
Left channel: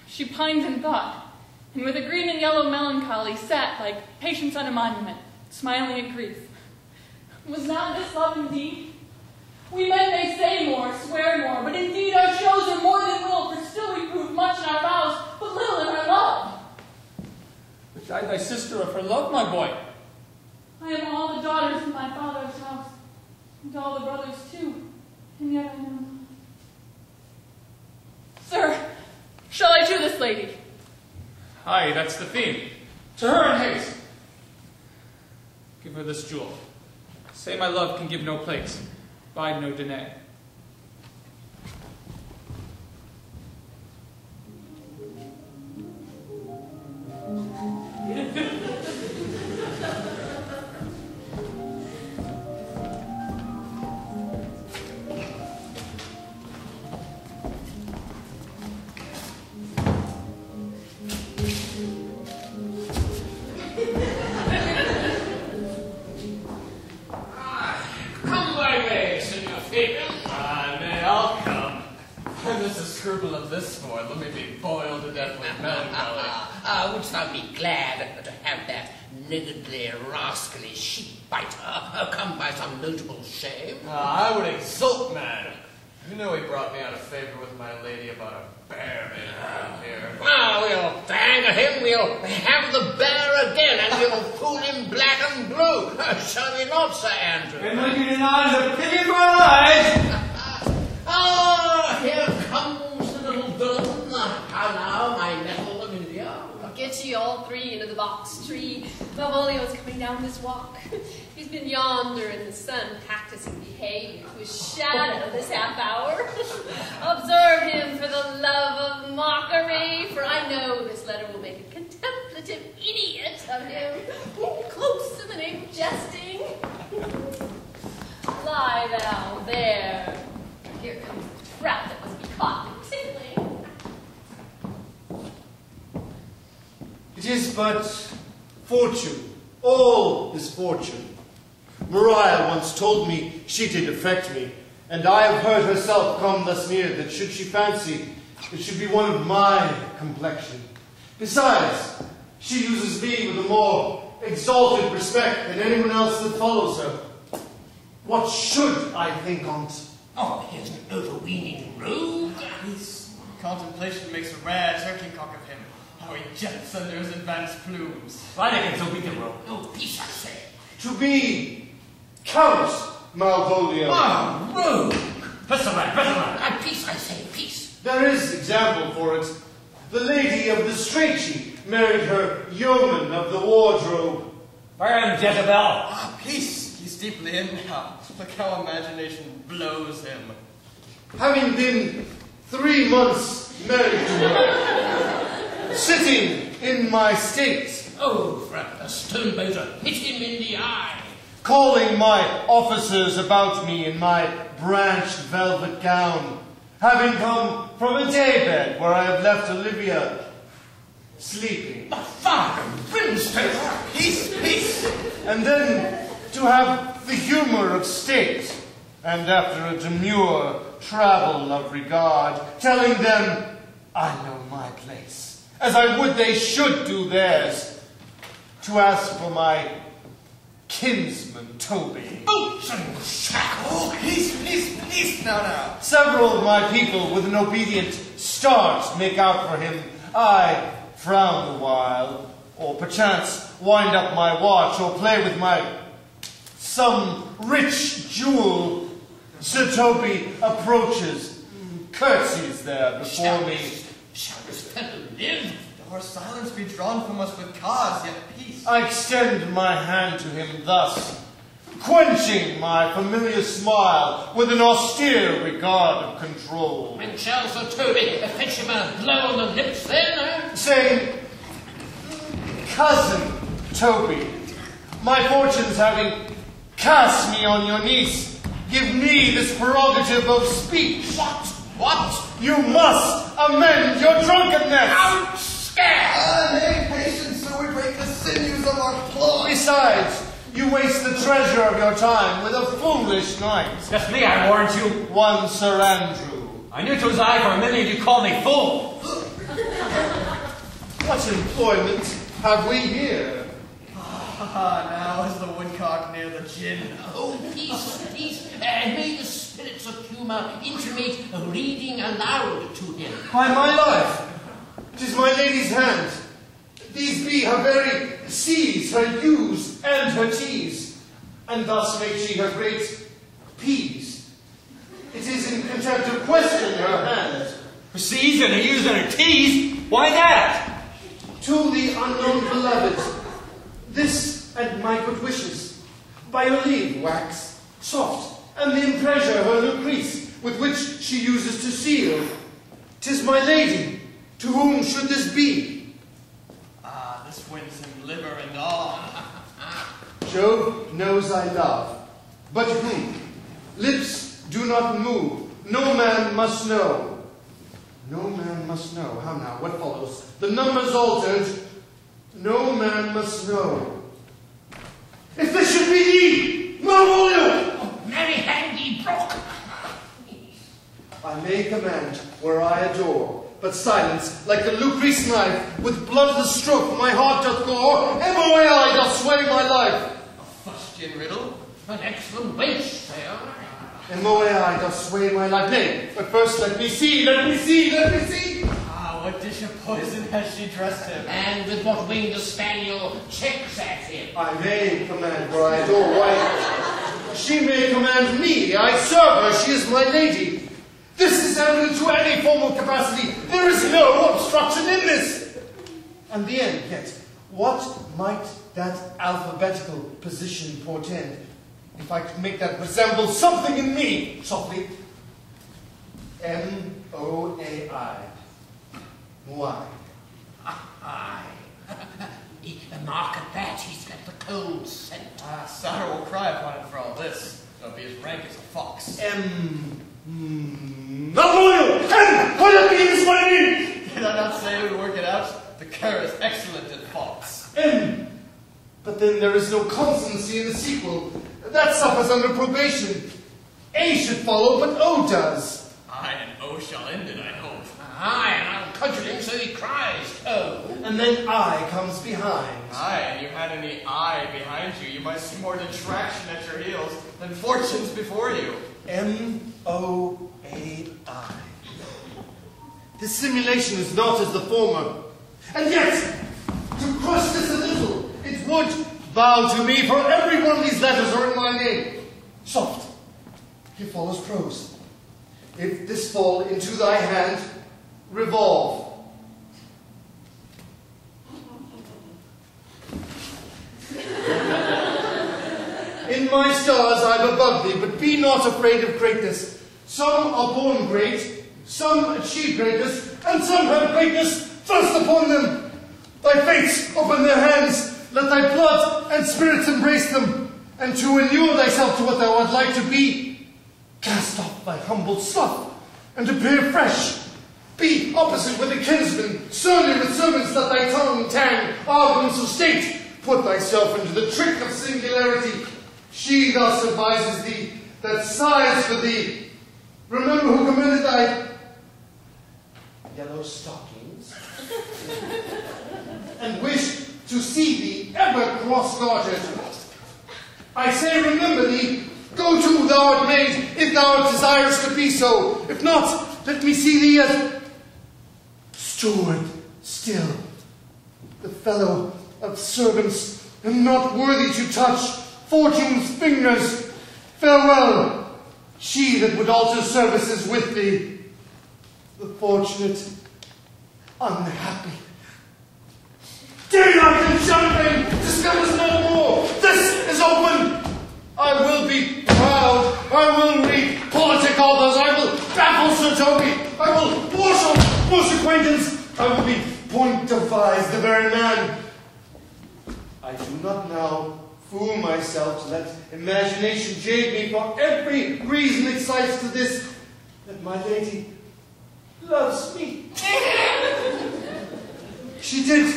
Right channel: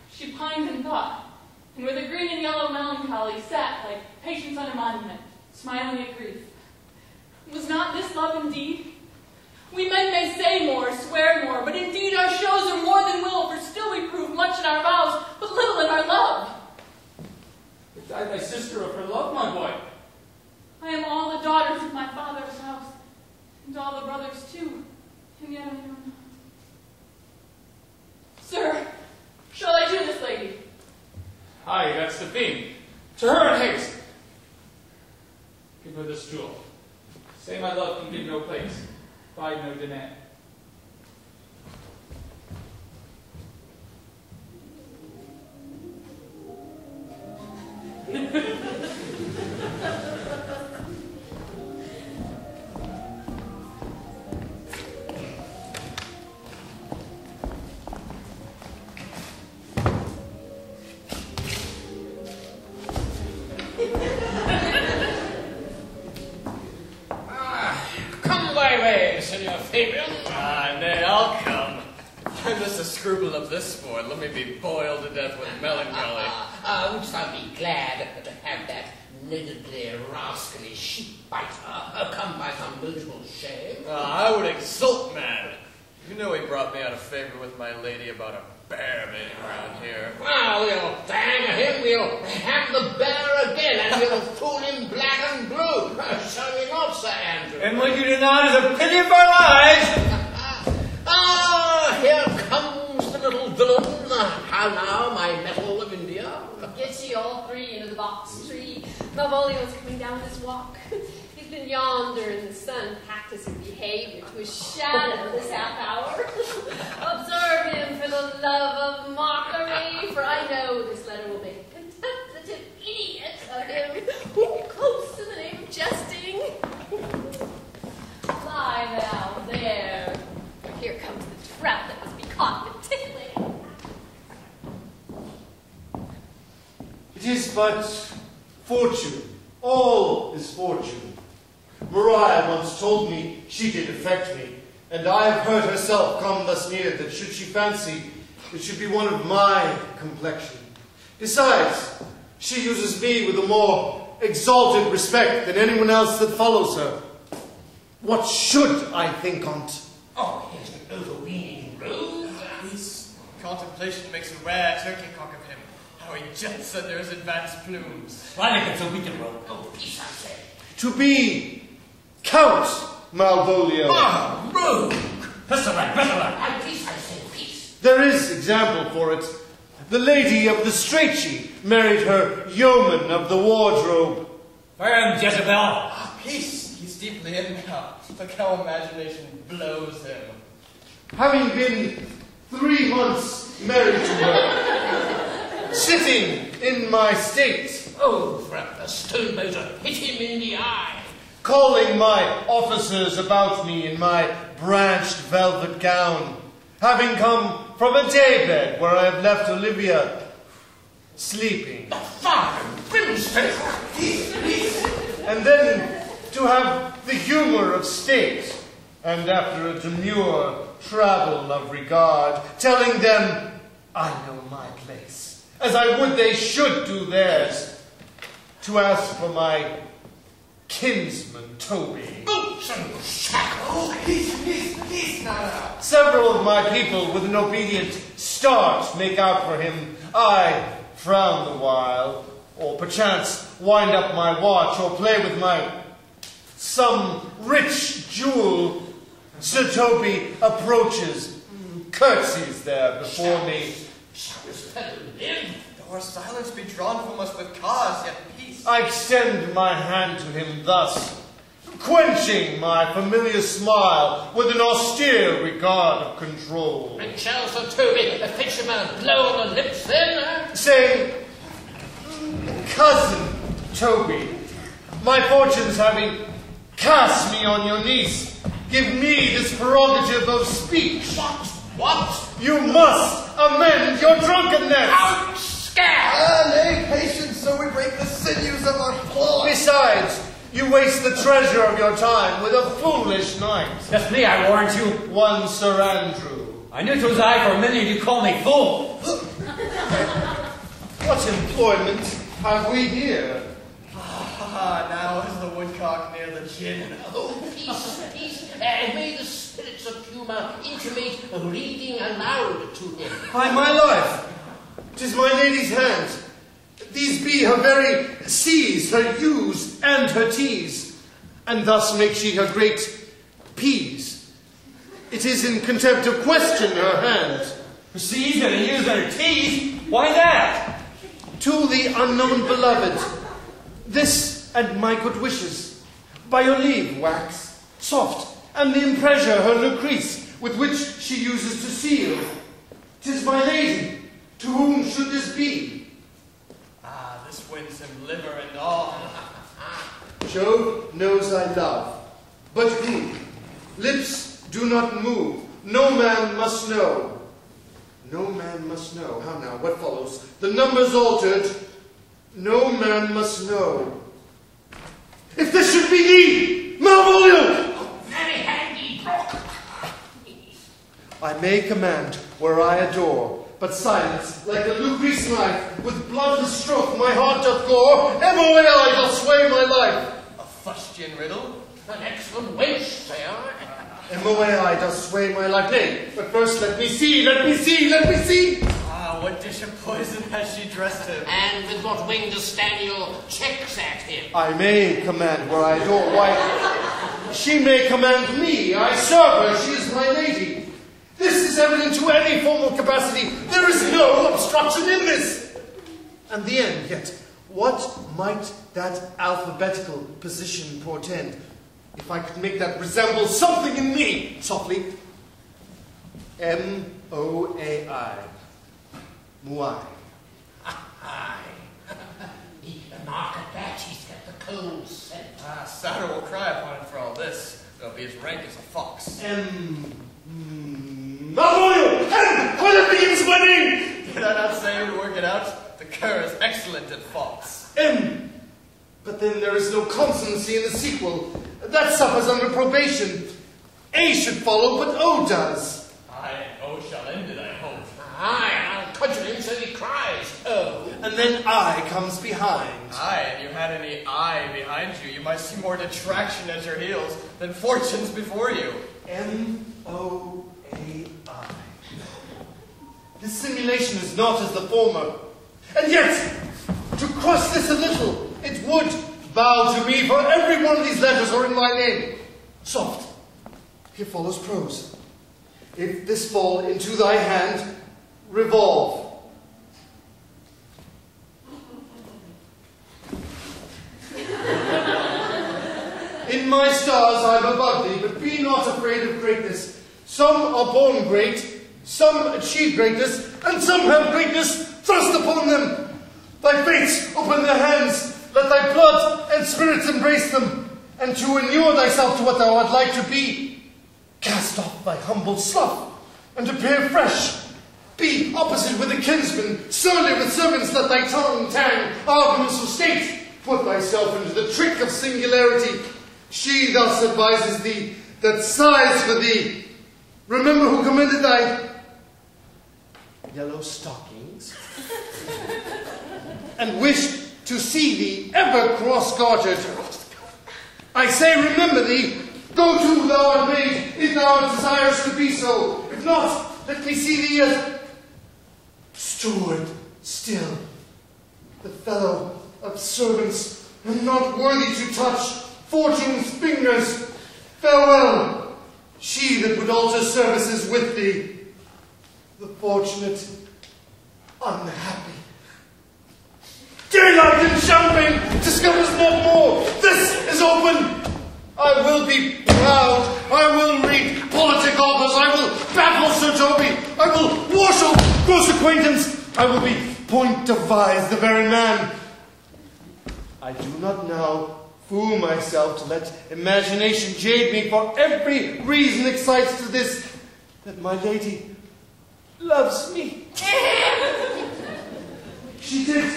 She pined in thought, and with a green and yellow melancholy sat like patience on a monument, smiling at grief. Was not this love indeed? We men may say more, swear more, but indeed our shows are more than will, for still we prove much in our vows, but little in our love. But died thy sister of her love, my boy? I am all the daughters of my father's house, and all the brothers too, and yet I know not. Sir, shall I to this lady? Aye, that's the theme. To her in haste. Give her this jewel. Say my love can give no place, bide no denay. Come thy way, Senor Fabian. Nay, I'll come. If there's a scruple of this sort, let me be boiled to death with melancholy. Wouldst thou be glad to have that niggardly, rascally sheep-biter come by some notable shame? I would exult, man. You know he brought me out of favor with my lady about a bear being around here. Now we'll bang him, we'll have the bear again, and we'll fool him black and blue. Shall we not, Sir Andrew? And what you deny is a pity of our lives. Here comes the little villain. How now, my metal of India? Get ye all three into the box tree. Malvolio's coming down this walk. He's been yonder in the sun practicing behavior to his shadow this half hour. Observe him for the love of mockery, for I know this letter will make a contemplative idiot of him. Close in the name of jesting. Lie thou there, for here comes the trap that must be caught and tickling. It is but fortune. All is fortune. Maria once told me she did affect me, and I have heard herself come thus near that should she fancy, it should be one of my complexion. Besides, she uses me with a more exalted respect than anyone else that follows her. What should I think on't? Oh, here's an overweening rogue. His contemplation makes a rare turkey cock of him. How he jets under his advanced plumes. Oh, peace, I say. To be Count Malvolio. Ah, rogue! Peace, I say, peace. There is example for it. The lady of the Strachey married her yeoman of the wardrobe. I am Jezebel. Peace! He's deeply in now. Look how imagination blows him. Having been 3 months married to her, sitting in my state, Oh, a stone-motor hit him in the eye. calling my officers about me in my branched velvet gown, having come from a daybed where I have left Olivia sleeping. The fire and brimstone! Peace, peace! And then to have the humor of state, and after a demure travel of regard, telling them I know my place, as I would they should do theirs, to ask for my kinsman Toby. Boots and shackles! Peace now. Several of my people with an obedient start make out for him. I frown the while, or perchance wind up my watch, or play with my some rich jewel. Sir Toby approaches, curtsies there before me. Shall this fellow live? Or silence be drawn from us with cause, yet peace. I extend my hand to him thus. quenching my familiar smile with an austere regard of control. And shall Sir Toby fetch him a blow on the lips then? Saying, Cousin Toby, my fortunes having cast me on your niece, give me this prerogative of speech. What? You must amend your drunkenness. Out, scare! Nay, patience, so we break the sinews of our claws. Besides, you waste the treasure of your time with a foolish knight. That's me, I warrant you. One Sir Andrew. I knew 'twas I for a minute you called me fool. What employment have we here? Ah, now is the woodcock near the gin. Oh, peace, peace, and may the spirits of humour intimate reading aloud to him. By my life, 'tis my lady's hand. These be her very C's, her U's, and her T's, and thus make she her great P's. It is in contempt of question her hand. Her C's and her U's and her T's? Why that? To the unknown beloved, this and my good wishes, by your leave, wax, soft, and the impressure her Lucrece, with which she uses to seal. 'Tis my lady, to whom should this be? Ah, this wins him liver and all. Jove knows I love, but who? Lips do not move, no man must know. No man must know. How now, what follows? The number's altered. No man must know. If this should be thee, Malvolio! Oh, very handy brook. I may command where I adore, but silence, like the Lucrece knife, with bloodless stroke my heart doth gore, ever way I doth sway my life. A fustian riddle? An excellent wish, say I. And I doth sway my life. Nay, but first let me see, let me see, let me see. Ah, what dish of poison has she dressed him? And with what wing does Stanley checks at him? I may command where I adore. Why, she may command me. I serve her. She is my lady. This is evident to any formal capacity. There is no obstruction in this. And the end, yet, what might that alphabetical position portend? If I could make that resemble something in me, softly. M-O-A-I. Muai. Aye. The mark at that, he's got the cold scent. Ah, Sarah will cry upon it for all this. He'll be as rank as a fox. Malvolio! M! What that begins my name! Did I not say I would work it out? The cur is excellent at fox. M. But then there is no consonancy in the sequel. That suffers under probation. A should follow, but O does. Aye, and O shall end it, I hope. Aye, and I'll cudgel him so he cries, oh. And then I comes behind. Aye, and you had any I behind you, you might see more detraction at your heels than fortunes before you. M-O-A-I. This simulation is not as the former. And yet, to crush this a little, it would bow to me, for every one of these letters are in my name. Soft. Here follows prose. If this fall into thy hand, revolve. In my stars I am above thee, but be not afraid of greatness. Some are born great, some achieve greatness, and some have greatness thrust upon them. Thy fates open their hands, let thy blood and spirits embrace them, and to inure thyself to what thou art like to be, cast off thy humble sloth, and appear fresh. Be opposite with a kinsman, surly with servants, let thy tongue tang arguments of state. Put thyself into the trick of singularity. She thus advises thee, that sighs for thee. Remember who commended thy yellow stockings, and wished to see thee ever cross-gartered. I say remember thee, go to thou art made, if thou art desirous to be so. If not, let me see thee as steward still, the fellow of servants, and not worthy to touch fortune's fingers. Farewell, she that would alter services with thee, the fortunate unhappy. Daylight and champagne discovers not more. This is open. I will be proud. I will read politic authors. I will baffle Sir Toby. I will wash off gross acquaintance. I will be point devise, the very man. I do not now fool myself to let imagination jade me, for every reason excites to this, that my lady loves me. She did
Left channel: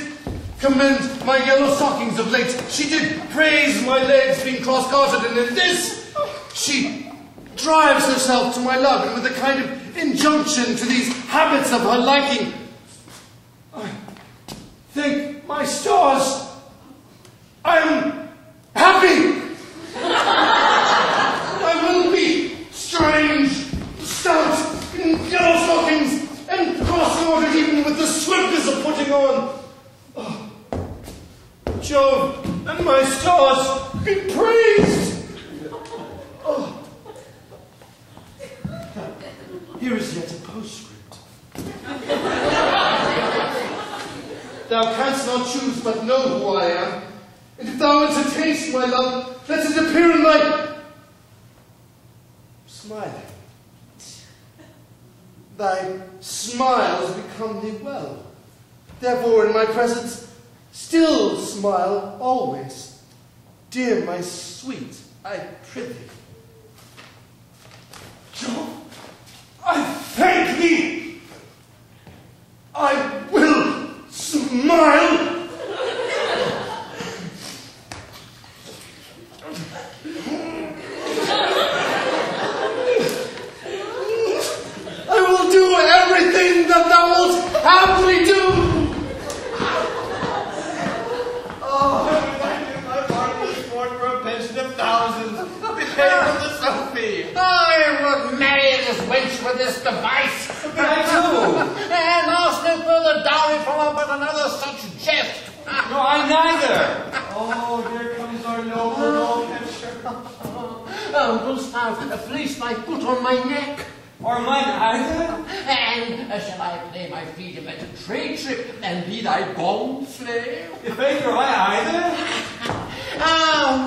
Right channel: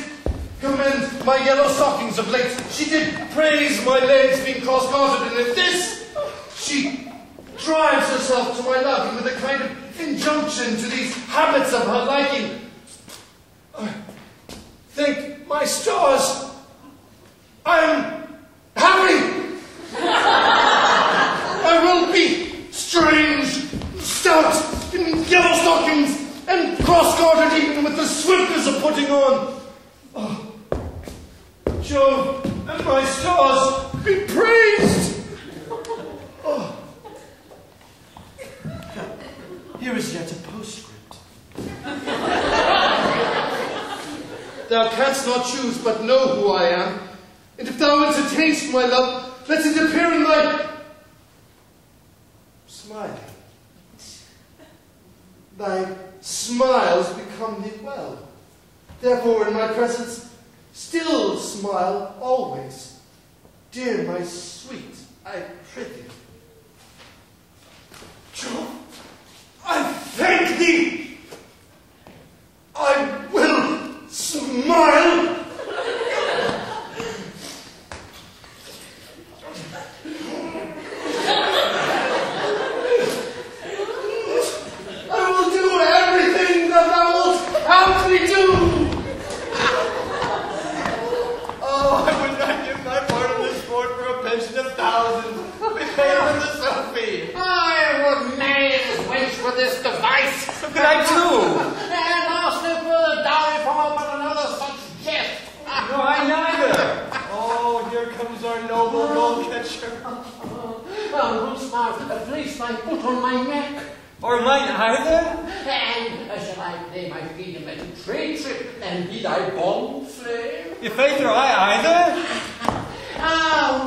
commend my yellow stockings of late. She did praise my legs being cross-gartered, and in this she drives herself to my love, and with a kind of injunction to these habits of her liking. Thank my stars, I am happy. I will be strange, stout, in yellow stockings, and cross-gartered even with the swiftness of putting on. Oh, Jove and my stars be praised. Oh. Here is yet a postscript. Thou canst not choose but know who I am, and if thou entertainst my love, let it appear in thy smile. Thy smiles become thee well. Therefore, in my presence, still smile always. Dear my sweet, I prithee. Jove, I thank thee. I will smile. I will do everything that thou wilt have me do. Oh, I would not give my part of this sport for a pension of thousands. Behave with the Sophie. I will marry this wench with this device. But I too. And ask no further dowry from her but another such jest. No, I neither. Oh, here comes our noble gold catcher. Wilt thou place thy foot on my neck? Or mine either? And shall I play my freedom at a trade trip and be thy bond slave? If either or I either?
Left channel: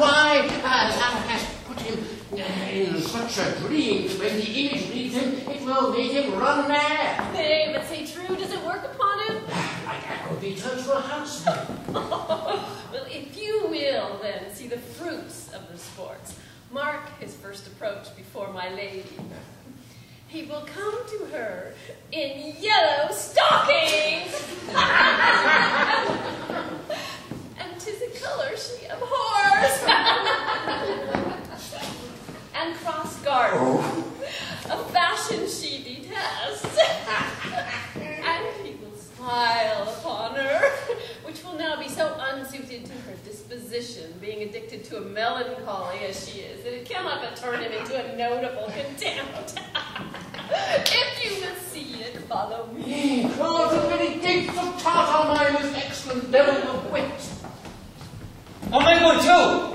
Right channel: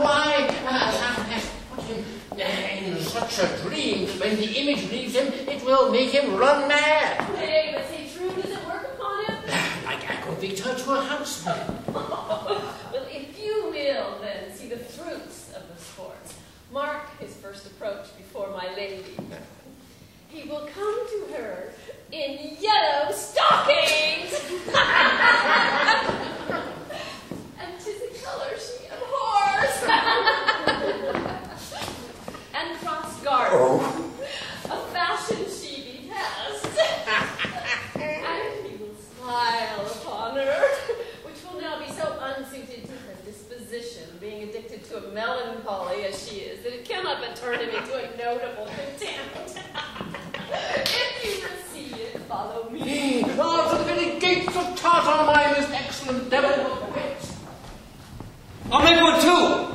Why, thou hast put him in such a dream that when the image leaves him, it will make him run mad. Nay, but say true, does it work upon him? Like Acrovita to a housemaid. Well, if you will, then, see the fruits of the sports, mark his first approach before my lady. He will come to her in yellow stockings. And 'tis a color she abhors. And cross-garter. Oh. A fashion she detests. And he will smile upon her, which will now be so unsuited to her disposition, being addicted to a melancholy as she is, that it cannot but turn him into a notable contempt. If you must see it, follow me. Oh, the very gates of Tartar by this excellent devil of wit. I'll make one too.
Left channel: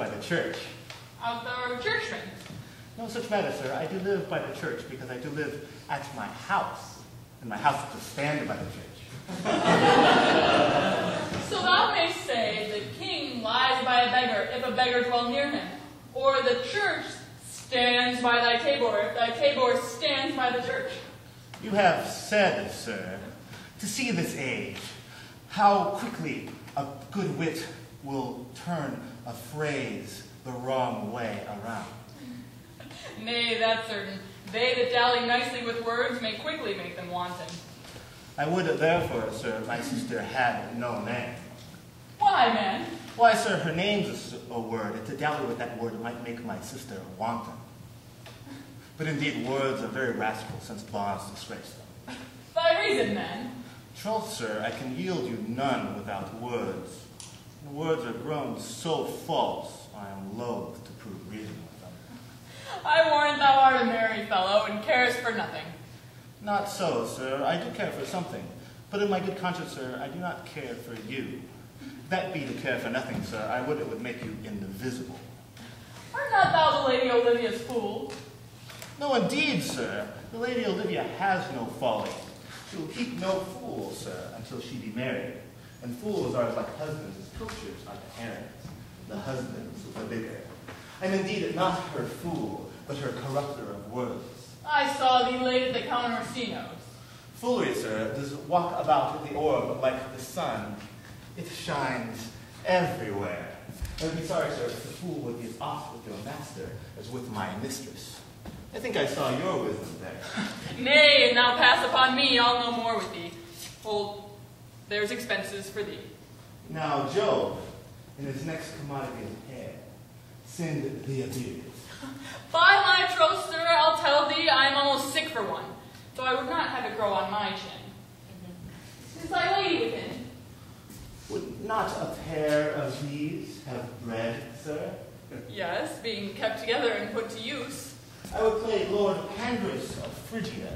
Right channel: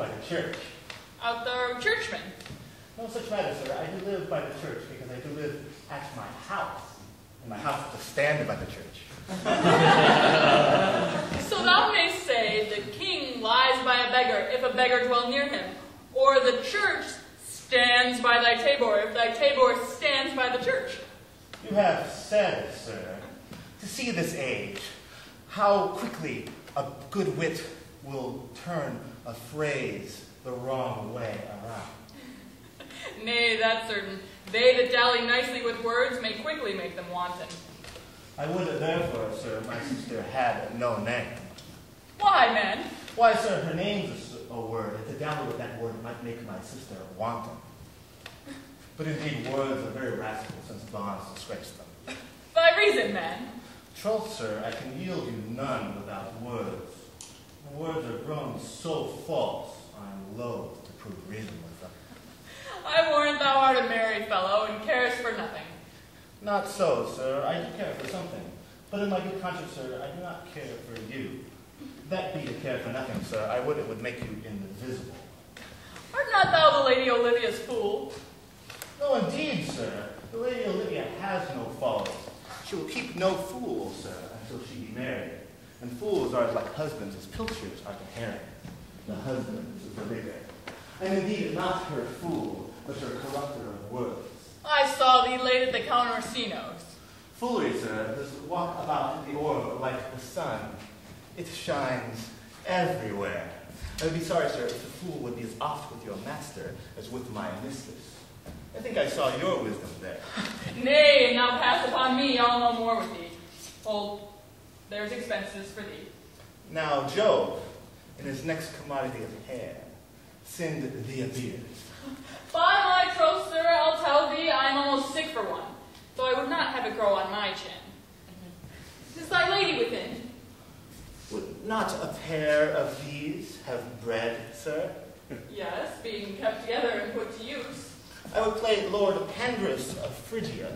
by the church. Of the churchman. No such matter, sir. I do live by the church because I do live at my house. And my house is to stand by the church. So thou mayst say, the king lies by a beggar, if a beggar dwell near him. Or the church stands by thy tabor, if thy tabor stands by the church. You have said, sir, to see this age, how quickly a good wit will turn a phrase the wrong way around. Nay, that's certain. They that dally nicely with words may quickly make them wanton. I would therefore, sir, my sister had no name. Why, man? Why, sir, her name's a word, and to dally with that word might make my sister wanton. But indeed, words are very rascal, since bonds disgrace them. Thy reason, man. Troth, sir, I can yield you none without words. The words are grown so false, I am loath to prove reason with them. I warrant thou art a merry fellow, and carest for nothing. Not so, sir. I do care for something. But in my good conscience, sir, I do not care for you. That be to care for nothing, sir, I would it would make you indivisible. Art not thou the Lady Olivia's fool? No, indeed, sir. The Lady Olivia has no folly. She will keep no fool, sir, until she be married. And fools are like husbands, as pilchers are the herrings. The husbands of the bigger. And indeed, not her fool, but her corrupter of words. I saw thee late at the Countersinos. Foolery, sir, does walk about in the orb like the sun. It shines everywhere. I would be sorry, sir, if the fool would be as oft with your master as with my mistress. I think I saw your wisdom there. Nay, and thou pass upon me, I'll no more with thee. Old, there's expenses for thee. Now, Jove, in his next commodity of hair, send thee a beard. By my troth, sir, I'll tell thee, I am almost sick for one, though I would not have it grow on my chin. Is thy lady within? Would not a pair of these have bread, sir? Yes, being kept together and put to use. I would play Lord Pandris of Phrygia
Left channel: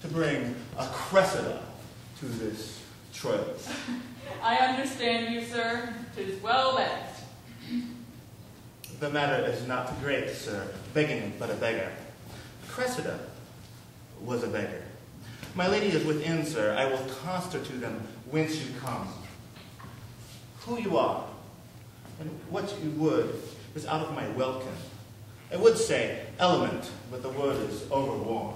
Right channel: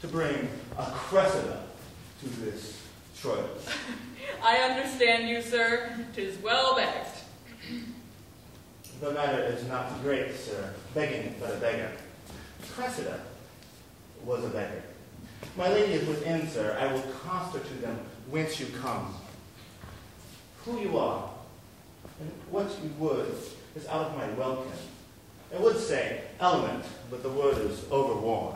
to bring a Cressida to this Troilus. I understand you, sir. 'Tis well begged. The matter is not great, sir, begging but a beggar. Cressida was a beggar. My lady is within, sir. I will constitute them whence you come. Who you are, and what you would is out of my welkin. I would say element, but the word is overworn.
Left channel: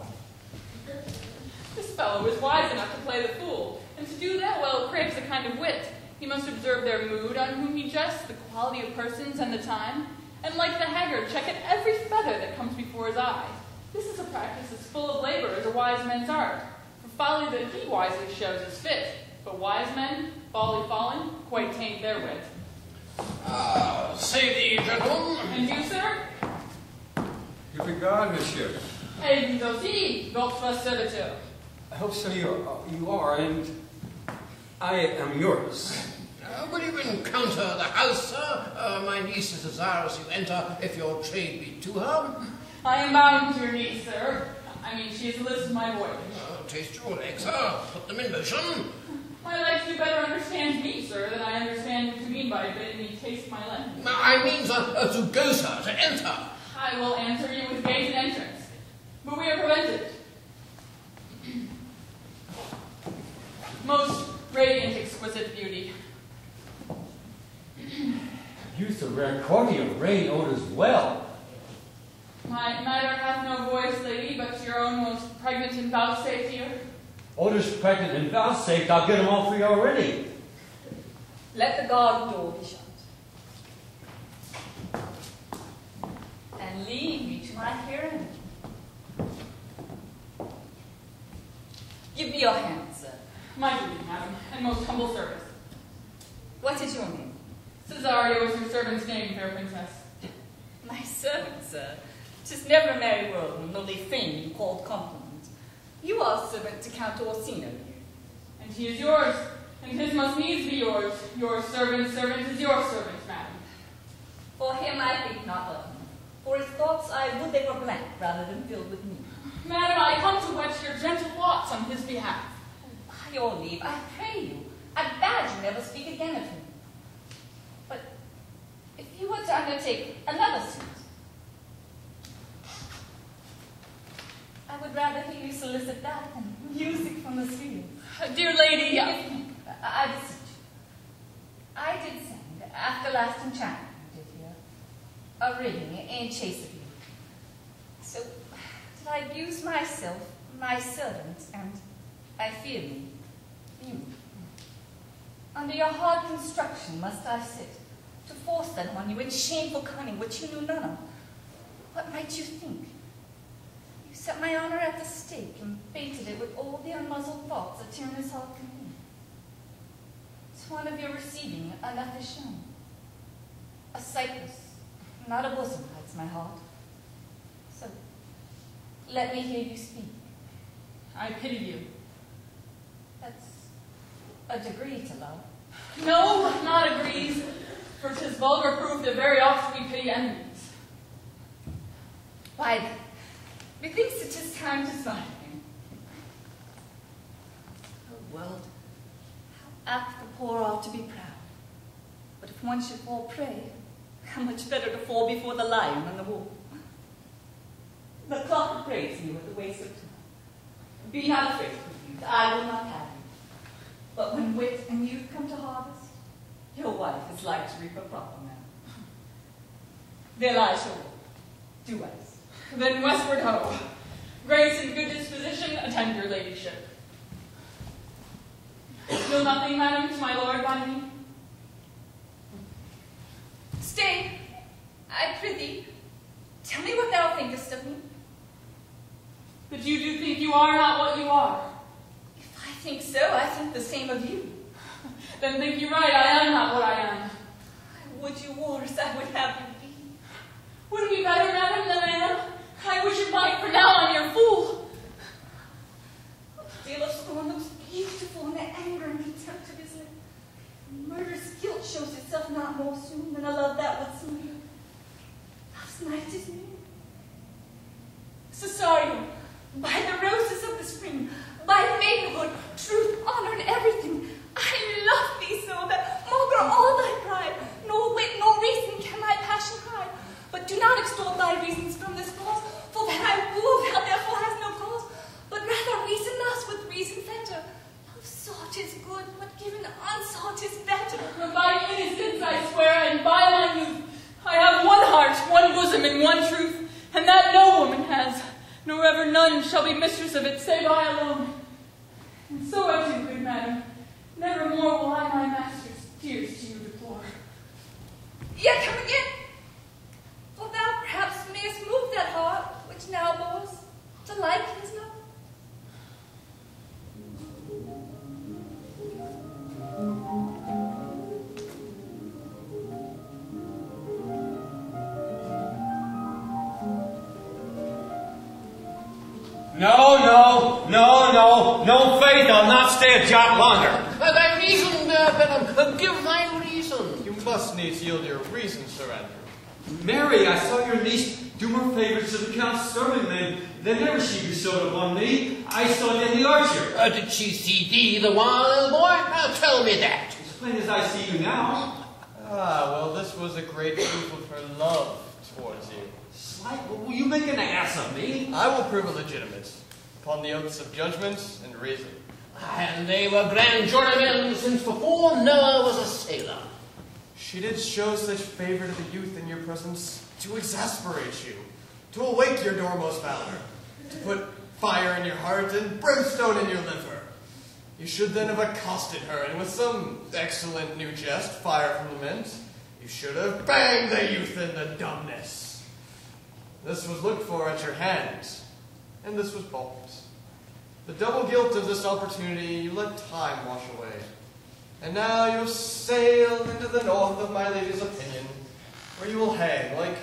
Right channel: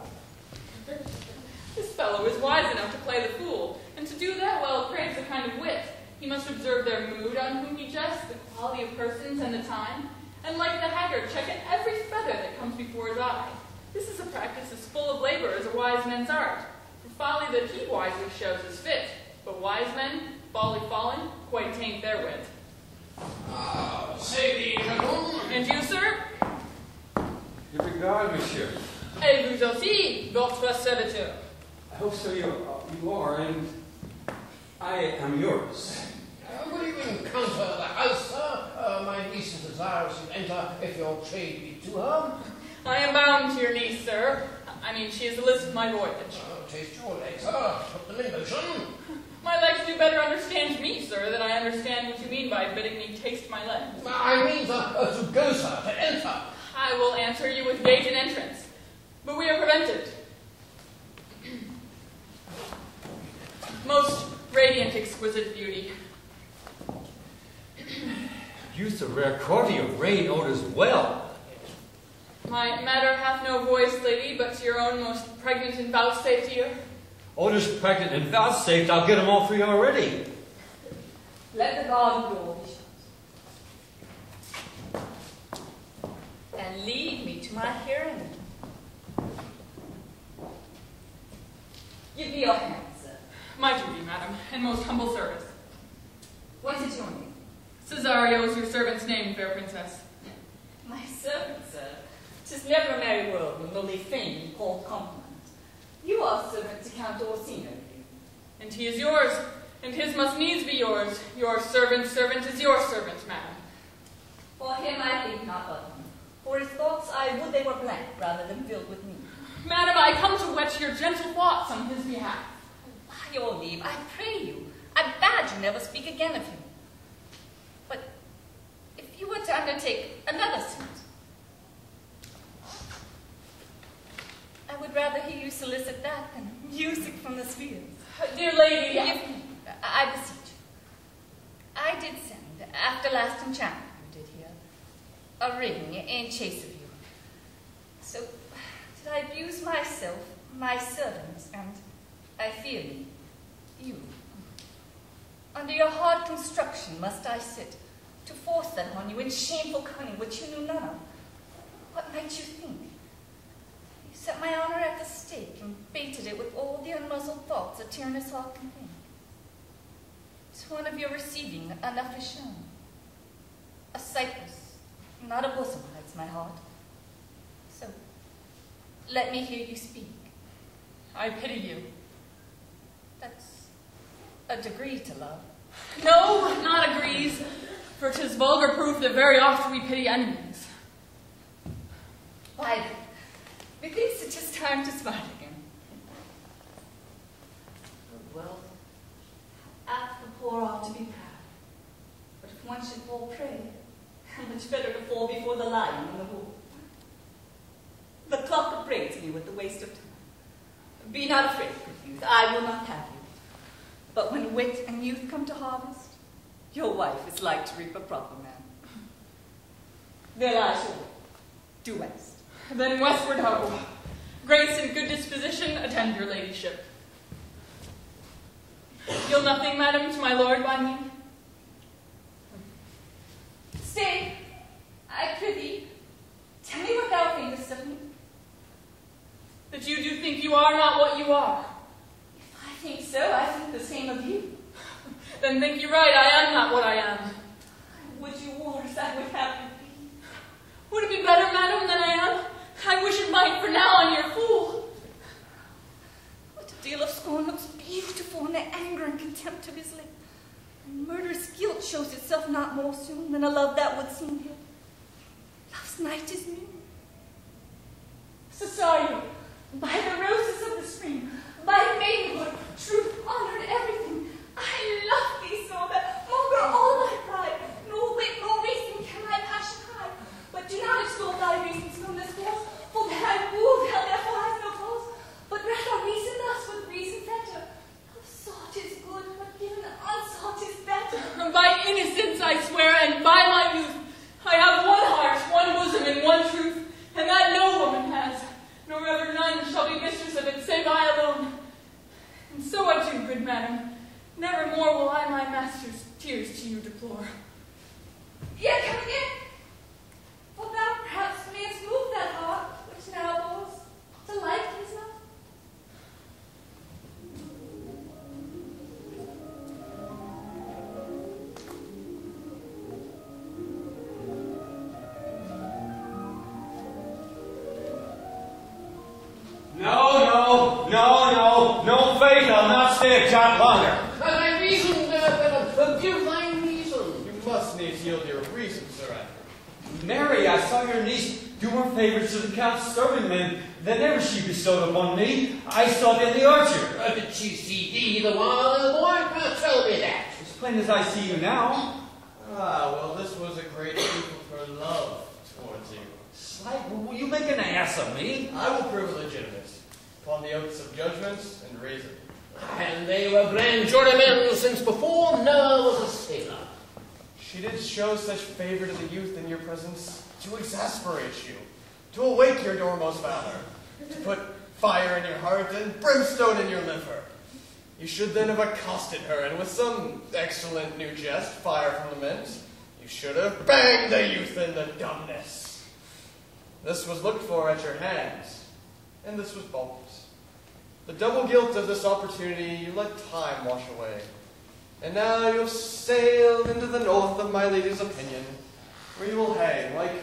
This fellow is wise enough to play the fool, and to do that well craves a kind of wit. He must observe their mood, on whom he jests, the quality of persons, and the time, and like the haggard, check at every feather that comes before his eye. This is a practice as full of labor as a wise man's art. For folly that he wisely shows is fit, but wise men, folly fallen, quite taint their wit. Say thee, gentlemen. And you, sir? Good regard, monsieur. Et vous aussi, votre serviteur. I hope so you are, and I am yours. Will you encounter the house, sir? My niece is desirous you enter, if your trade be to her. I am bound to your niece, sir. I mean, she is the list of my voyage. Taste your legs, sir. Put them in motion. My legs do better understand me, sir, than I understand what you mean by bidding me taste my legs. I mean, sir, to go, sir, to enter. I will answer you with gate and entrance, but we are prevented. Most radiant, exquisite beauty. Use of rare cordial, rain odors well. My matter hath no voice, lady, but to your own most pregnant and vouchsafed ear. Odors pregnant and vouchsafed, I'll get them all for you already. Let the garden door be shut. And lead me to my hearing. Give me your hand, sir. My duty, madam, and most humble service. What is your name? Cesario is your servant's name, fair princess. My servant, sir. 'Tis never a merry world when only fame called compliment. You are servant to Count Orsino. And he is yours, and his must needs be yours. Your servant's servant is your servant, madam. For him I think not of him. For his thoughts I would they were blank rather than filled with me. Madam, I come to whet your gentle thoughts on his behalf. By your leave, I pray you, I bade you never speak again of him. But if you you were to undertake another suit. I would rather hear you solicit that than music from the spheres. Dear lady, I beseech you. I did send, after last enchantment you did here, a ring in chase of you. So did I abuse myself, my servants, and I fear me, you. Under your hard construction must I sit, to force them on you in shameful cunning which you knew none of. What might you think? You set my honor at the stake and baited it with all the unmuzzled thoughts a tyrannous heart can think. To one of your receiving enough is shown. A cypress, not a bosom, hurts my heart. So, let me hear you speak. I pity you. That's a degree to love. No, not agrees, for 'tis vulgar proof that very oft we pity enemies. Why, methinks it is time to smile again. Oh, world, how apt the poor are to be proud. But if one should fall prey, how much better to fall before the lion than the wolf. The clock upbraids me with the waste of time. Be not afraid, youth, I will not have you. But when wit and youth come to harvest, your wife is like to reap a proper man. There lies your way, due west. Then westward ho. Grace and good disposition attend your ladyship. You'll nothing, madam, to my lord by me? Stay, I prithee, tell me what thou thinkest of me. That you do think you are not what you are. If I think so, I think the same of you. Then think you right, I am not what I am. Would you worse, I would have you be. Would it be better, madam, than I am? I wish it might, for now I'm your fool. What a deal of scorn looks beautiful in the anger and contempt of his lip. And murderous guilt shows itself not more soon than a love that would seem good. Love's night is new. Cesario, by the roses of the spring, by maidenhood, truth, honor, and everything, I love thee so that maugre all thy pride, nor wit nor reason can my passion hide. But do not extol thy reasons from this cause, for that I woo thou therefore hast no cause, but rather reason thus with reason fetter. Love sought is good, but given unsought is better. By innocence I swear, and by my youth, I have one heart, one bosom, and one truth, and that no woman has, nor ever none shall be mistress of it, save I alone. And so adieu, good madam. Never more will I my master's tears to you deplore. Yet come again, for thou perhaps mayest move that heart which now bores to like his love. No, faith, I'll not stay a jot longer. Thy reason, madam, give thy reason. You must needs yield your reason, Sir Andrew. Mary, I saw your niece do her favors to the Count's serving, then ever she bestowed upon me. I saw it in the archer. Did she see thee the while, boy? Tell me that. As plain as I see you now. Ah, well, this was a great proof of her love towards you. Slight, will you make an ass of me? I will prove it legitimate, upon the oaths of judgment and reason. And they were grand jurymen since before Noah was a sailor. She did show such favor to the youth in your presence to exasperate you, to awake your dormost valor, to put fire in your heart and brimstone in your liver. You should then have accosted her, and with some excellent new jest, fire from the mint, you should have banged the youth in the dumbness. This was looked for at your hands, and this was balked. The double guilt of this opportunity you let time wash away. And now you have sailed into the north of my lady's opinion, where you will hang like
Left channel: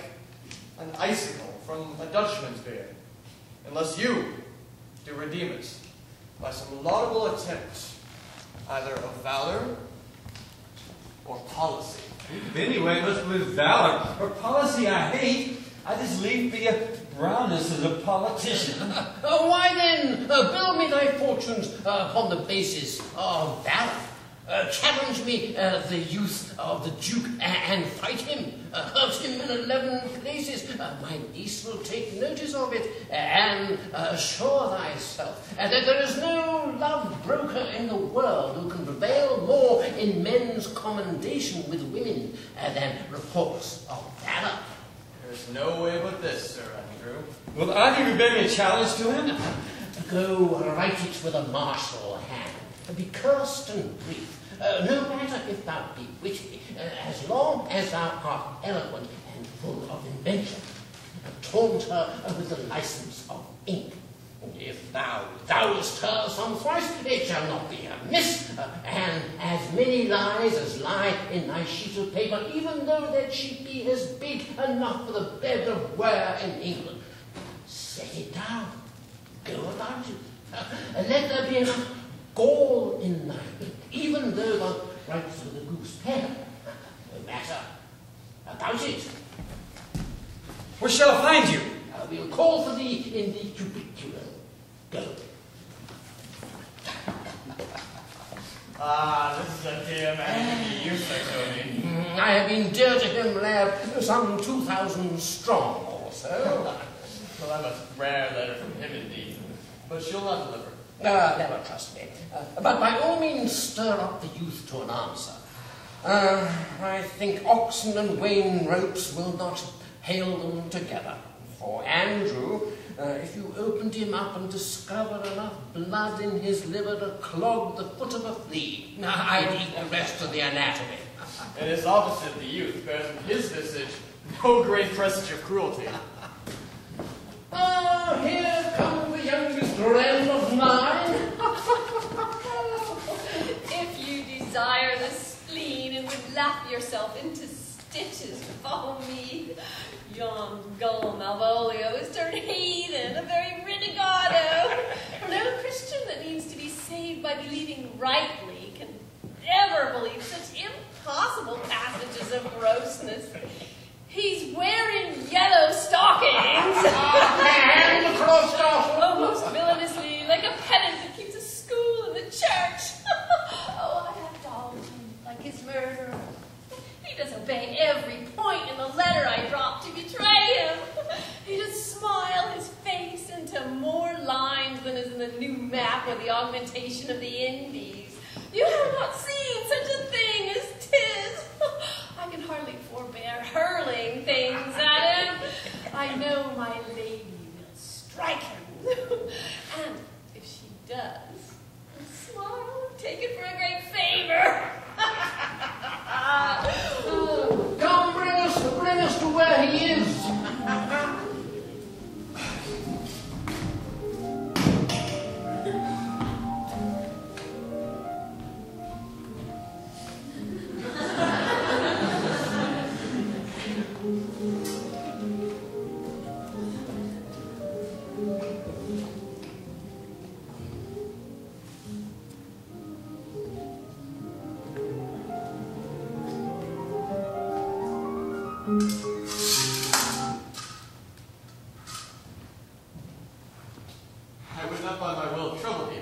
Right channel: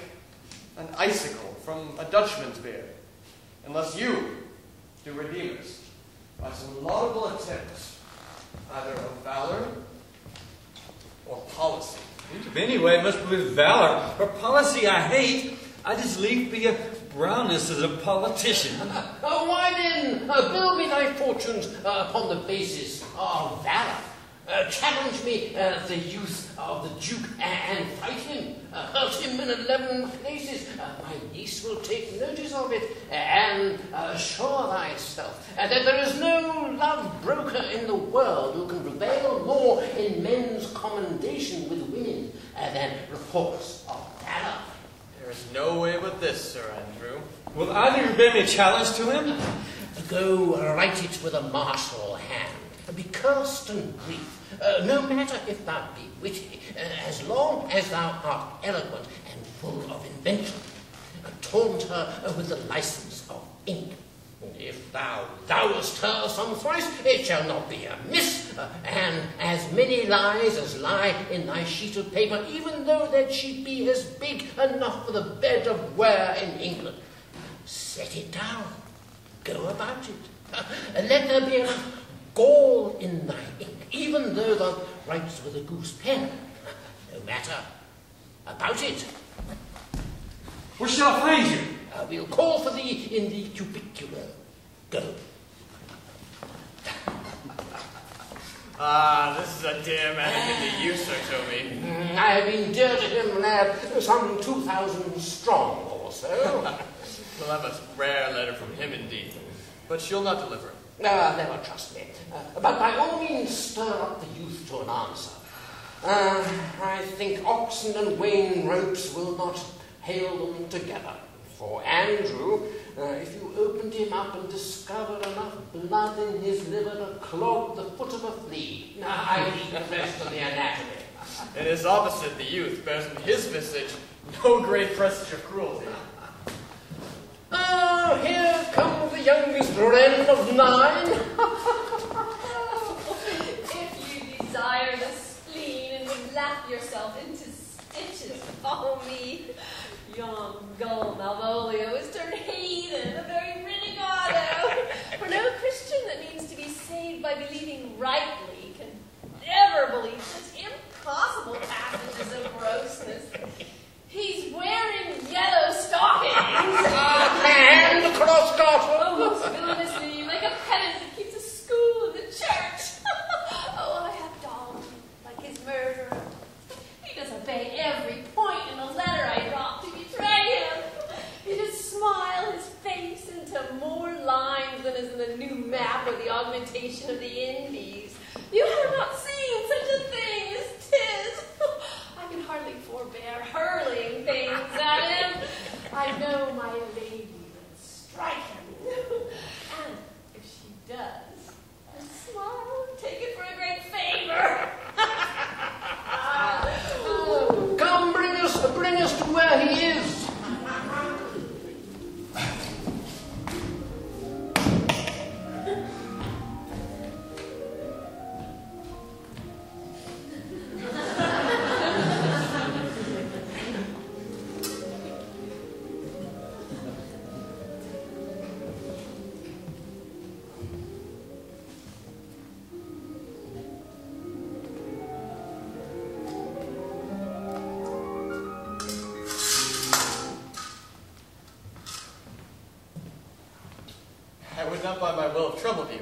an icicle from a Dutchman's beard, unless you do redeem it by some laudable attempt, either of valor or policy. Anyway, it must be with valor. Her policy I hate. I just leave be a brownness as a politician. Why then, build me thy fortunes upon the basis of valor. Challenge me, the youth of the Duke, and fight him. Hurt him in 11 places. My niece will take notice of it, and assure thyself that there is no love broker in the world who can prevail more in men's commendation with women than reports of valor. There is no way but this, Sir Andrew. Will either of you bear me a challenge to him? Go write it with a martial hand. Be cast in grief, no matter if thou be witty, as long as thou art eloquent and full of invention. Taunt her with the license of ink. If thou thou'st her some thrice, it shall not be amiss, and as many lies as lie in thy sheet of paper, even though that she be as big enough for the bed of ware in England. Set it down. Go about it. Let there be enough gall in thy ink, even though thou writes with a goose pen. No matter. About it. Where shall I find you? We'll call for thee in the cubicular. Go. Ah, this is a dear man in the use, Sir Toby. I have been dear to him, lad, some 2,000 strong or so. Well, I'm a rare letter from him indeed. But she'll not deliver. Never trust me. But by all means stir up the youth to an answer. I think oxen and wain ropes will not hail them together. For Andrew, if you opened him up and discovered enough blood in his liver to clog the foot of a flea, I'd eat the rest of the anatomy. And his opposite, the youth, bears in his visage no great presage of cruelty. Here comes the youngest wren of 9. If you desire the spleen and would laugh yourself into stitches, follow me. Yon gull Malvolio is turned heathen, a very renegado. For no Christian that means to be saved by believing rightly can ever believe such impossible passages of grossness. He's wearing yellow stockings. And the cross Oh, most villainously, like a pedant that keeps a school in the church. Oh, I have dogged him like his murderer. He does obey every point in the letter I dropped to betray him. He does smile his face into more lines than is in the new map with the augmentation of the Indies. You have not seen such a thing as 'tis. I can hardly forbear hurling things at him. I know my lady will strike him. And if she does, I'll smile and take it for a great favor. Come, bring us to where he is. I would not by my will trouble you,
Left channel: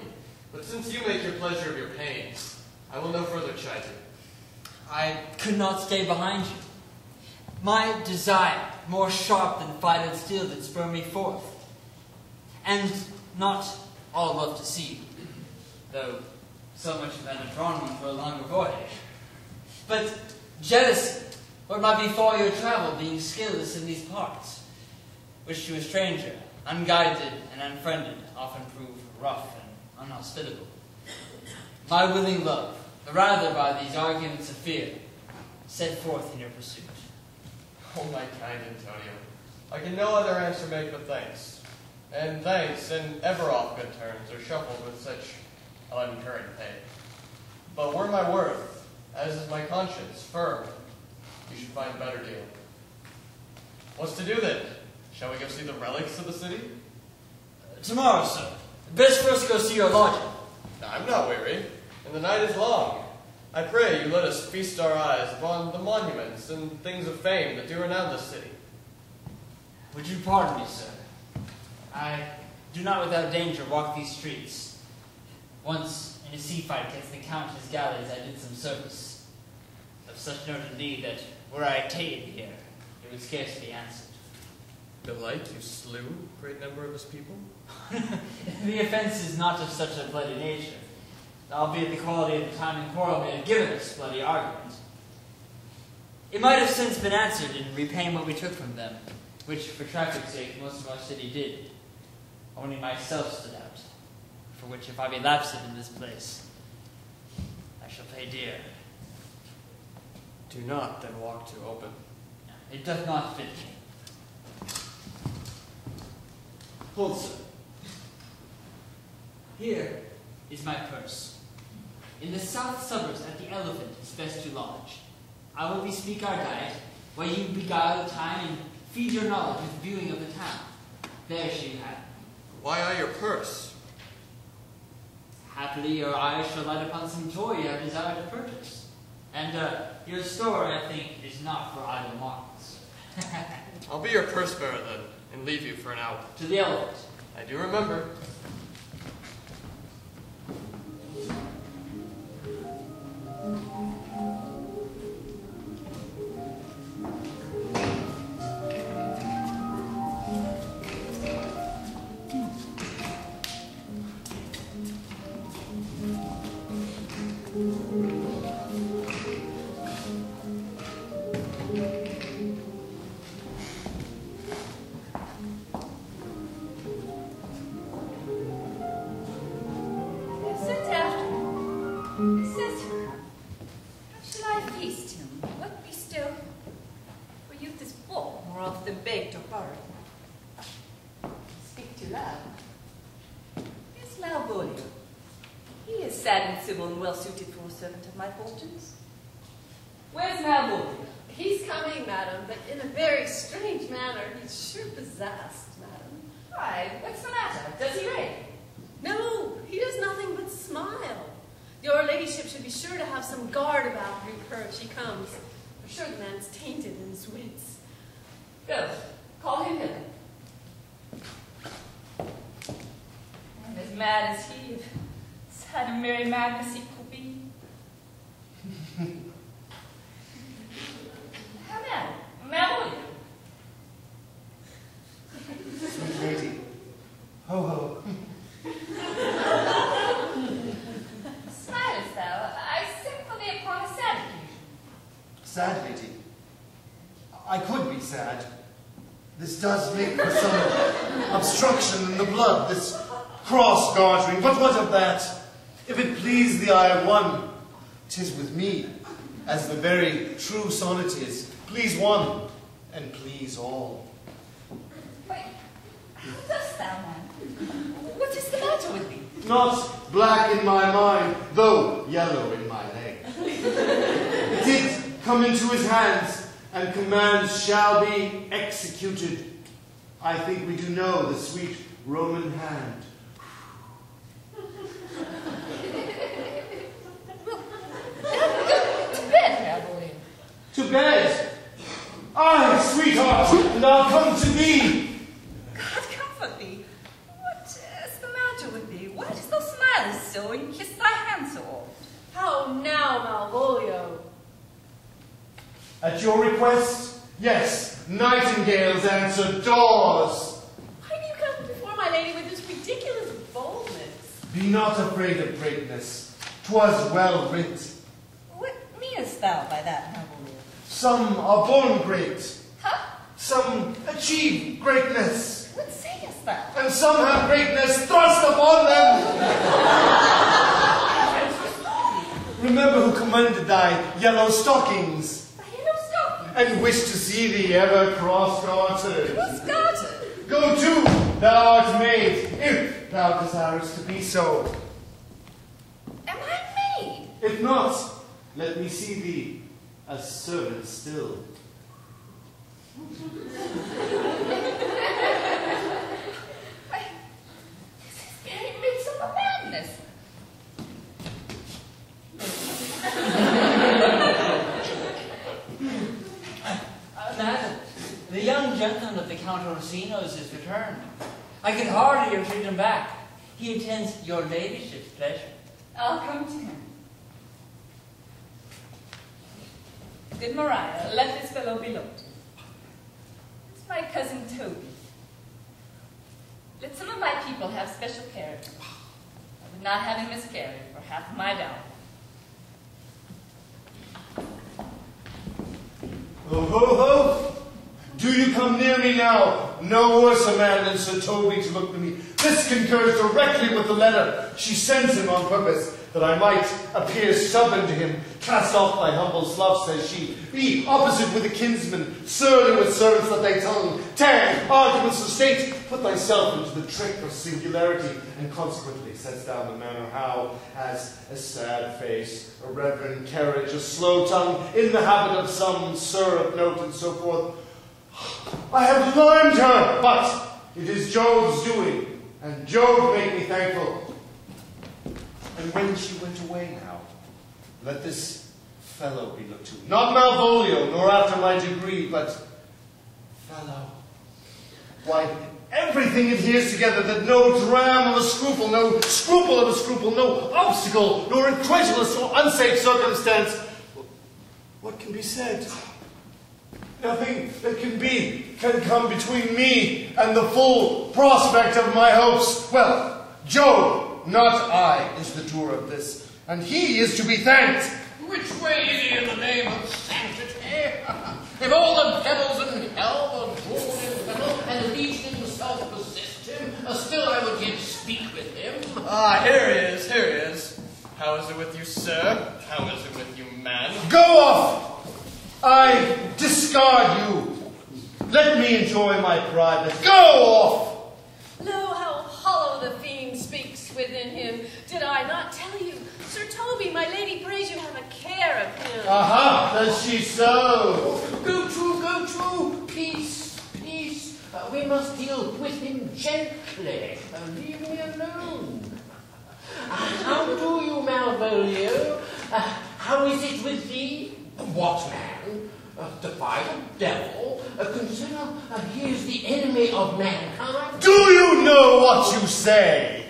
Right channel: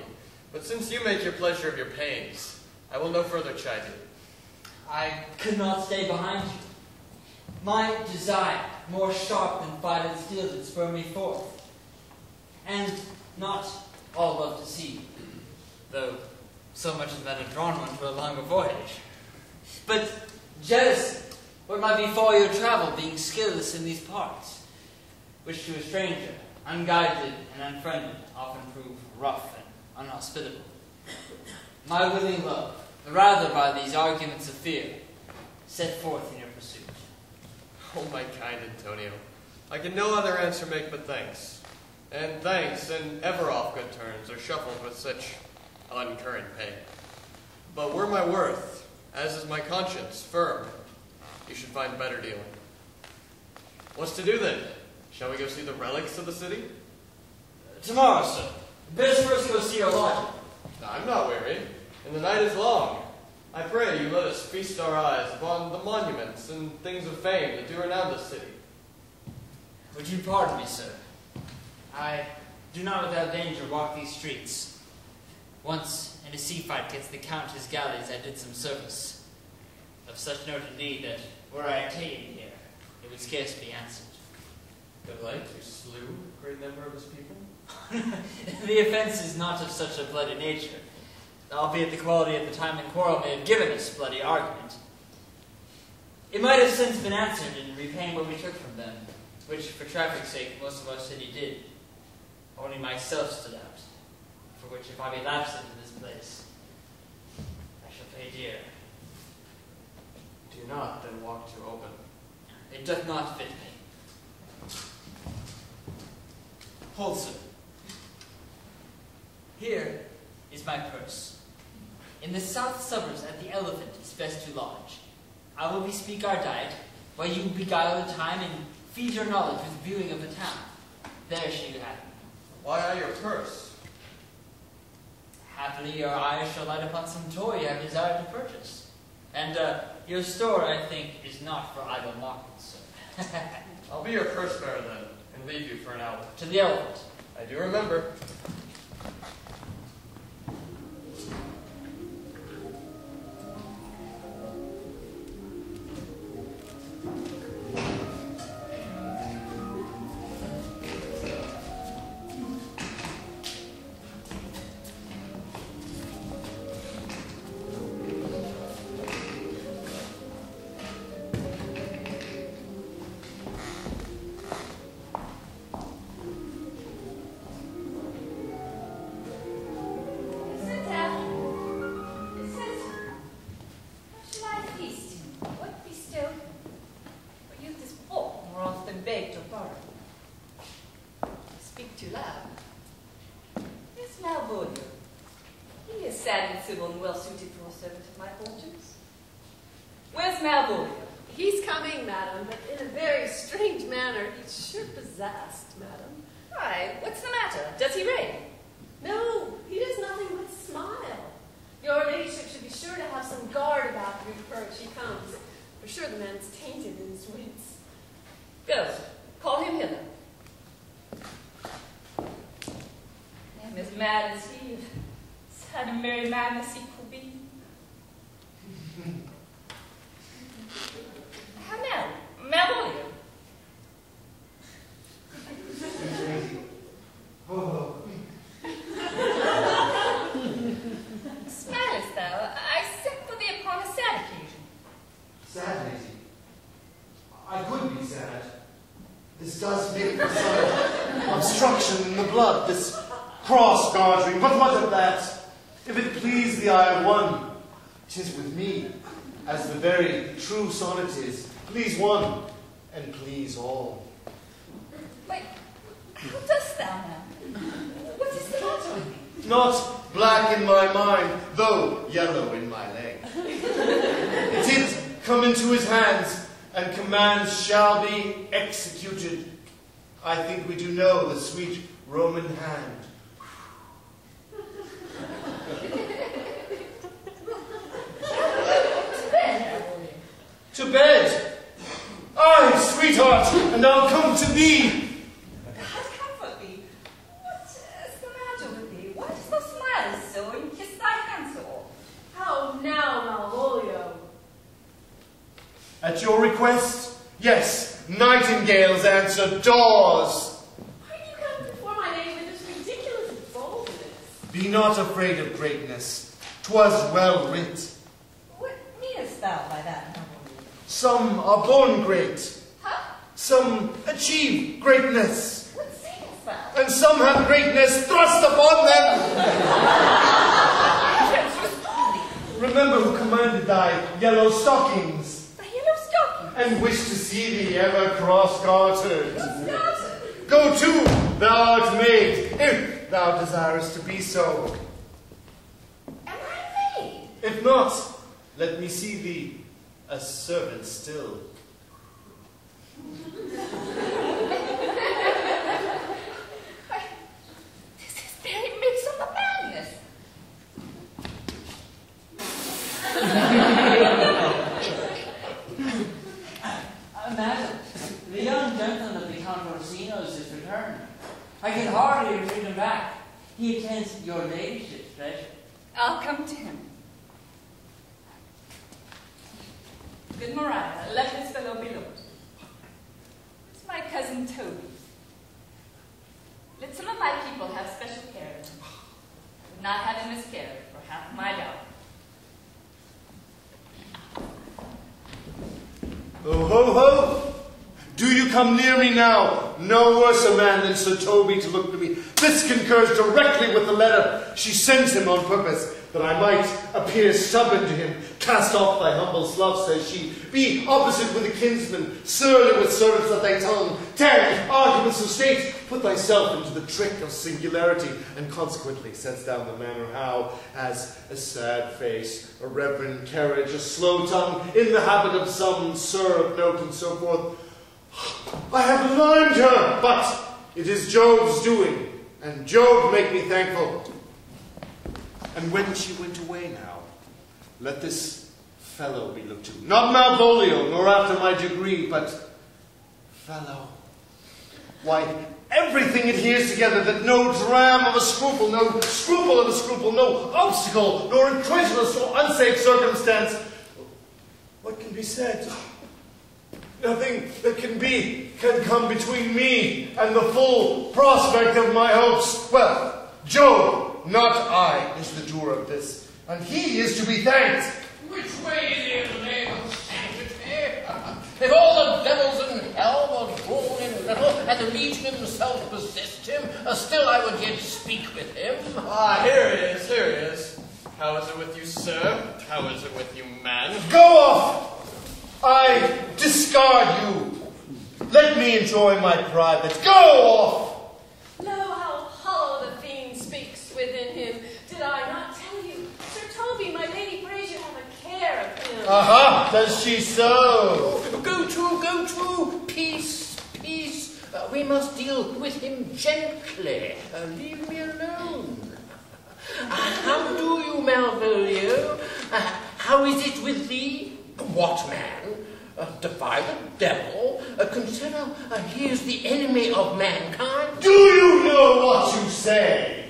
but since you make your pleasure of your pains, I will no further chide you. I could not stay behind you. My desire, more sharp than fire and steel, did spur me forth. And not all love to see you, though so much of that had drawn one to a longer voyage. But jealousy, what might befall your travel, being skilless in these parts, which to a stranger, unguided and unfriended, often prove rough and unhospitable. My willing love, the rather by these arguments of fear, set forth in your pursuit. Oh, my kind Antonio, I can no other answer make but thanks. And thanks, and ever off good turns, are shuffled with such uncurrent pay. But were my worth, as is my conscience, firm, you should find better dealing. What's to do then? Shall we go see the relics of the city? Tomorrow, sir. Best first go see your lodging. I'm not weary, and the night is long. I pray you let us feast our eyes upon the monuments and things of fame that do renown this city. Would you pardon me, sir? I do not without danger walk these streets. Once, in a sea fight against the Count's galleys, I did some service. Of such note indeed that, were I attainted here, it would scarce be answered. Belike you slew a great number of his people? The offense is not of such a bloody nature, albeit the quality of the time and quarrel may have given us bloody argument. It might have since been answered in repaying what we took from them, which, for traffic's sake, most of our city did. Only myself stood out, for which if I be lapsed in this place, I shall pay dear. Do not then walk too open. It doth not fit me. Hold, sir. Here is my purse. In the south suburbs at the Elephant is best to lodge. I will bespeak our diet, where you beguile the time and feed your knowledge with viewing of the town. There shall you have me. Why I your purse? Happily your eyes shall light upon some toy you have desired to purchase. And your store, I think, is not for idle markets. I'll be your purse bearer then, and leave you for an hour. To the Elephant. I do remember. And well suited for a servant of my fortunes. Where's Malvolio? He's coming, madam, but in a very strange manner. He's sure possessed, madam. Why, what's the matter? Does he rave? No, he does nothing but smile. Your ladyship should be sure to have some guard about her if she comes. I'm sure the man's tainted in his wits. Go, call him hither. And as mad as he, sad and merry madness he could be. How now, Malvolio? Sweet lady. Ho ho. Smilest thou? I sent for thee upon a sad occasion. Sad lady. I could be sad. This does make for some obstruction in the blood, this cross-gartering. But what of that? If it please the Iron One, 'tis with me, as the very true sonnet is, please one, and please all. Wait, how dost thou, man? What is the matter with thee? Not black in my mind, though yellow in my leg. It did come into his hands, and commands shall be executed. I think we do know the sweet Roman hand. To bed! Aye, sweetheart, and I'll come to thee! God comfort thee. What is the matter with thee? Why dost thou smile so and kiss thy hands so? How now, Malvolio? At your request, yes, nightingales answer doors. Why do you come before my lady with this ridiculous boldness? Be not afraid of greatness. 'Twas well writ. What meanest thou by that, noble? Some are born great. Huh? Some achieve greatness. What sayest thou? And some have greatness thrust upon them. Remember who commanded thy yellow stockings. The yellow stocking? And wish to see thee ever cross-gartered. Cross-gartered? Go to, thou art made, if thou desirest to be so. Am I made? If not, let me see thee a servant still. This is very midst of madness. Madam, the young gentleman of the Count Orsino's is returned. I can hardly entreat him back. He attends your ladyship's pleasure. I'll come to him. Good Maria, let this fellow be looked. It's my cousin Toby. Let some of my people have special care of him. I would not have him miscarry for half my dowry. Ho, ho, ho! Do you come near me now? No worse a man than Sir Toby to look to me. This concurs directly with the letter she sends him on purpose, that I might appear stubborn to him. Cast off thy humble slough, says she. Be opposite with a kinsman, surly with servants that they tongue, tag arguments of state. Put thyself into the trick of singularity, and consequently sets down the manner how, as a sad face, a reverend carriage, a slow tongue, in the habit of some sir of note, and so forth. I have learned her, but it is Jove's doing, and Jove make me thankful. And when she went away now, let this fellow be looked to. Not Malvolio, nor after my degree, but fellow. Why, everything adheres together, that no dram of a scruple, no scruple of a scruple, no obstacle, nor incredulous or unsafe circumstance. What can be said? Nothing that can come between me and the full prospect of my hopes. Well, Jove, not I, is the doer of this, and he is to be thanked. Which way is he in the name of sanctity? If all the devils in hell were born in hell, and the legion himself possessed him, still I would yet speak with him. Ah, here he is, here he is. How is it with you, sir? How is it with you, man? Go off! I discard you. Let me enjoy my private. Go off! Lo, how hollow the fiend speaks within him. Did I not tell you? Sir Toby, my lady prays you have a care of him. Aha, does she so? Go to, peace, peace. We must deal with him gently. Leave me alone. How do you, Malvolio? How is it with thee? What man? Defy the devil? Consider he is the enemy of mankind? Do you know what you say?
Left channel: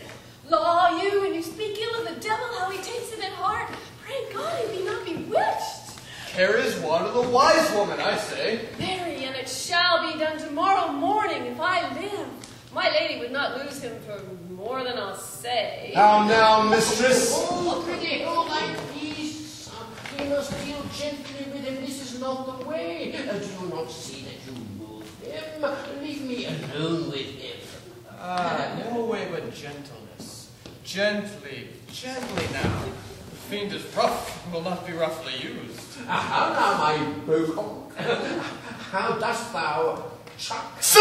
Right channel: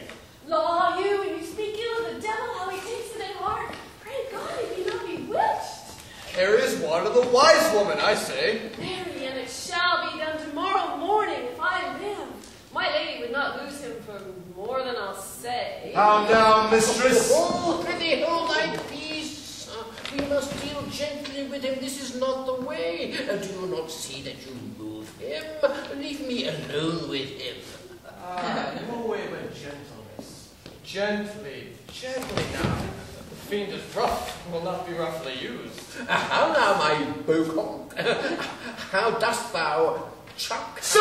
Law, you, and you speak ill of the devil, how he takes it in heart. Pray God he be not bewitched. Here is one of the wise woman, I say. Marry, and it shall be done tomorrow morning if I live. My lady would not lose him for more than I'll say. How now, mistress? Oh, prithee, hold thy peace. We must deal gently with him. This is not the way. Do you not see that you move him? Leave me alone with him. No way but gentleness. Gently, gently now. The fiend is rough, will not be roughly used. How now, my Bocon? How dost thou chuck? Sir!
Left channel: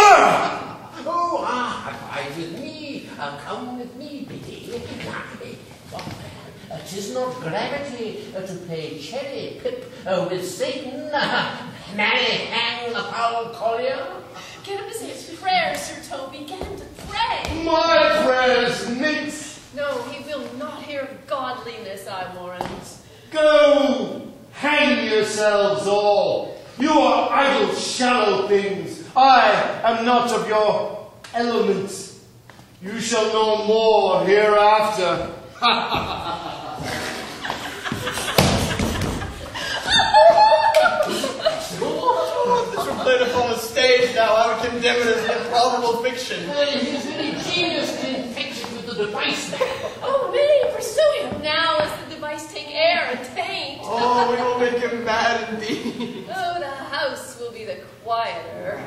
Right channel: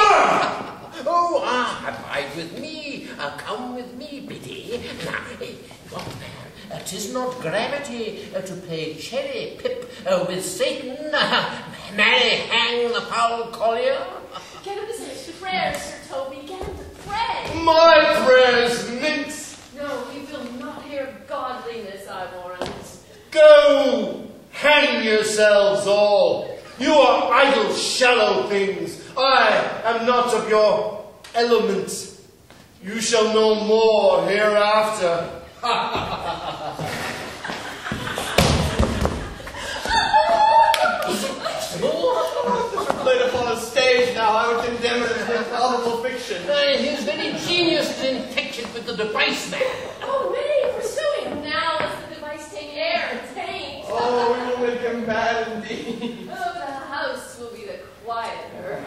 Oh, abide with me. Come with me, Biddy. Now, what man? 'Tis not gravity to play cherry pip with Satan. Marry, hang the foul collier. Get him to say prayers, Sir Toby. Get him to pray. My prayers mince. No, he will not hear godliness, I warrant. Go, hang yourselves all. You are idle, shallow things. I am not of your element. You shall know more hereafter. If it were played upon a stage now, I would condemn it as improbable fiction. His very genius is infected with the device there. Oh, may pursue him now, lest the device take air and taint. Oh, we will make him mad indeed. Oh, the house will be the quieter.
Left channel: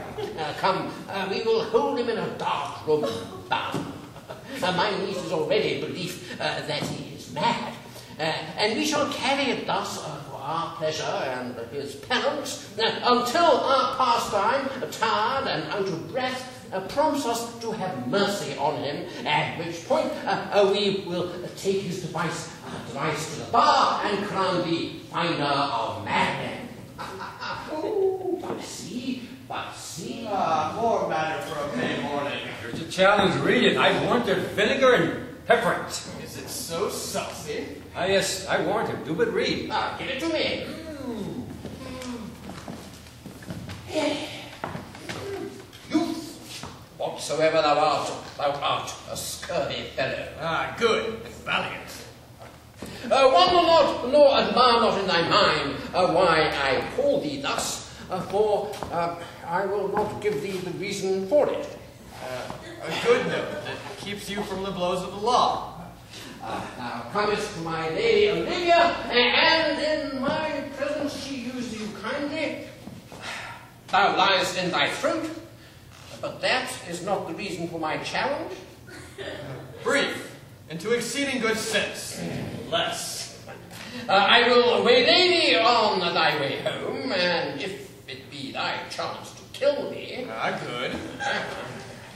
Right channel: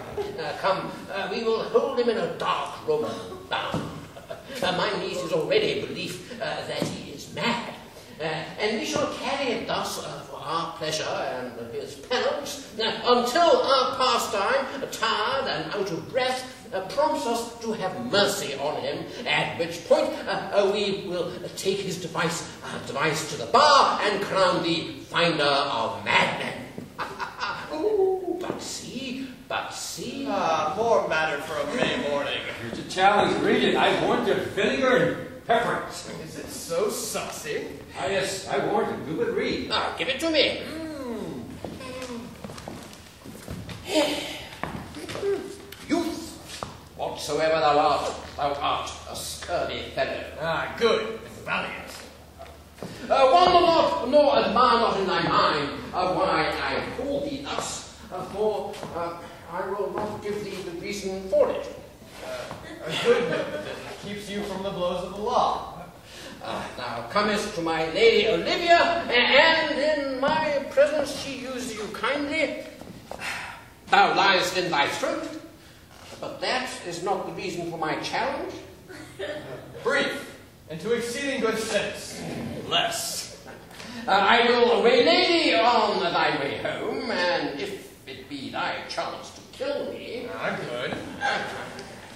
Come, we will hold him in a dark room, bound. My niece is already belief that he is mad. And we shall carry it thus for our pleasure and his penance until our pastime, tired and out of breath, prompts us to have mercy on him, at which point we will take his device to the bar and crown the finder of madmen. Oh, but see. Ah, poor matter for a May morning. Here's a challenge. Read it. I warrant it vinegar and pepper. Is it so saucy? Ah, yes, I warrant it. Do but read. Give it to me. Youth, what whatsoever thou art a sturdy fellow. Ah, good and valiant. Wonder not, nor admire not in thy mind why I call thee thus, for I will not give thee the reason for it. A good note that keeps you from the blows of the law. Thou comest to my lady Olivia, and in my presence she used you kindly. Thou liest in thy throat, but that is not the reason for my challenge. Brief, and to exceeding good sense. Less. I will waylay thee on thy way home, and if it be thy chance to kill me, Good.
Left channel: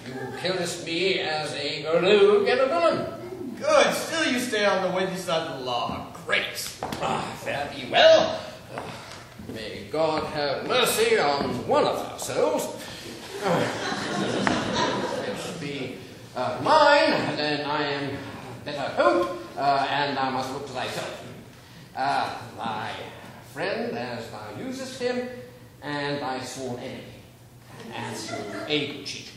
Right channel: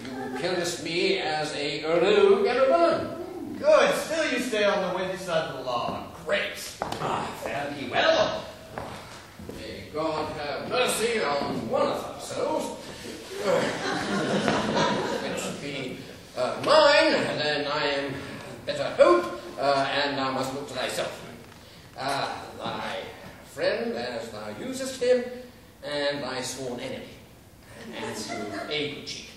you killest me as a rogue and a villain. Good. Still you stay on the windy side of the law. Great. Fare thee well. May God have mercy on one of our souls. It should be mine, then I am better hope, and thou must look to thyself. Thy friend, as thou usest him, and thy sworn enemy, as a good cheat.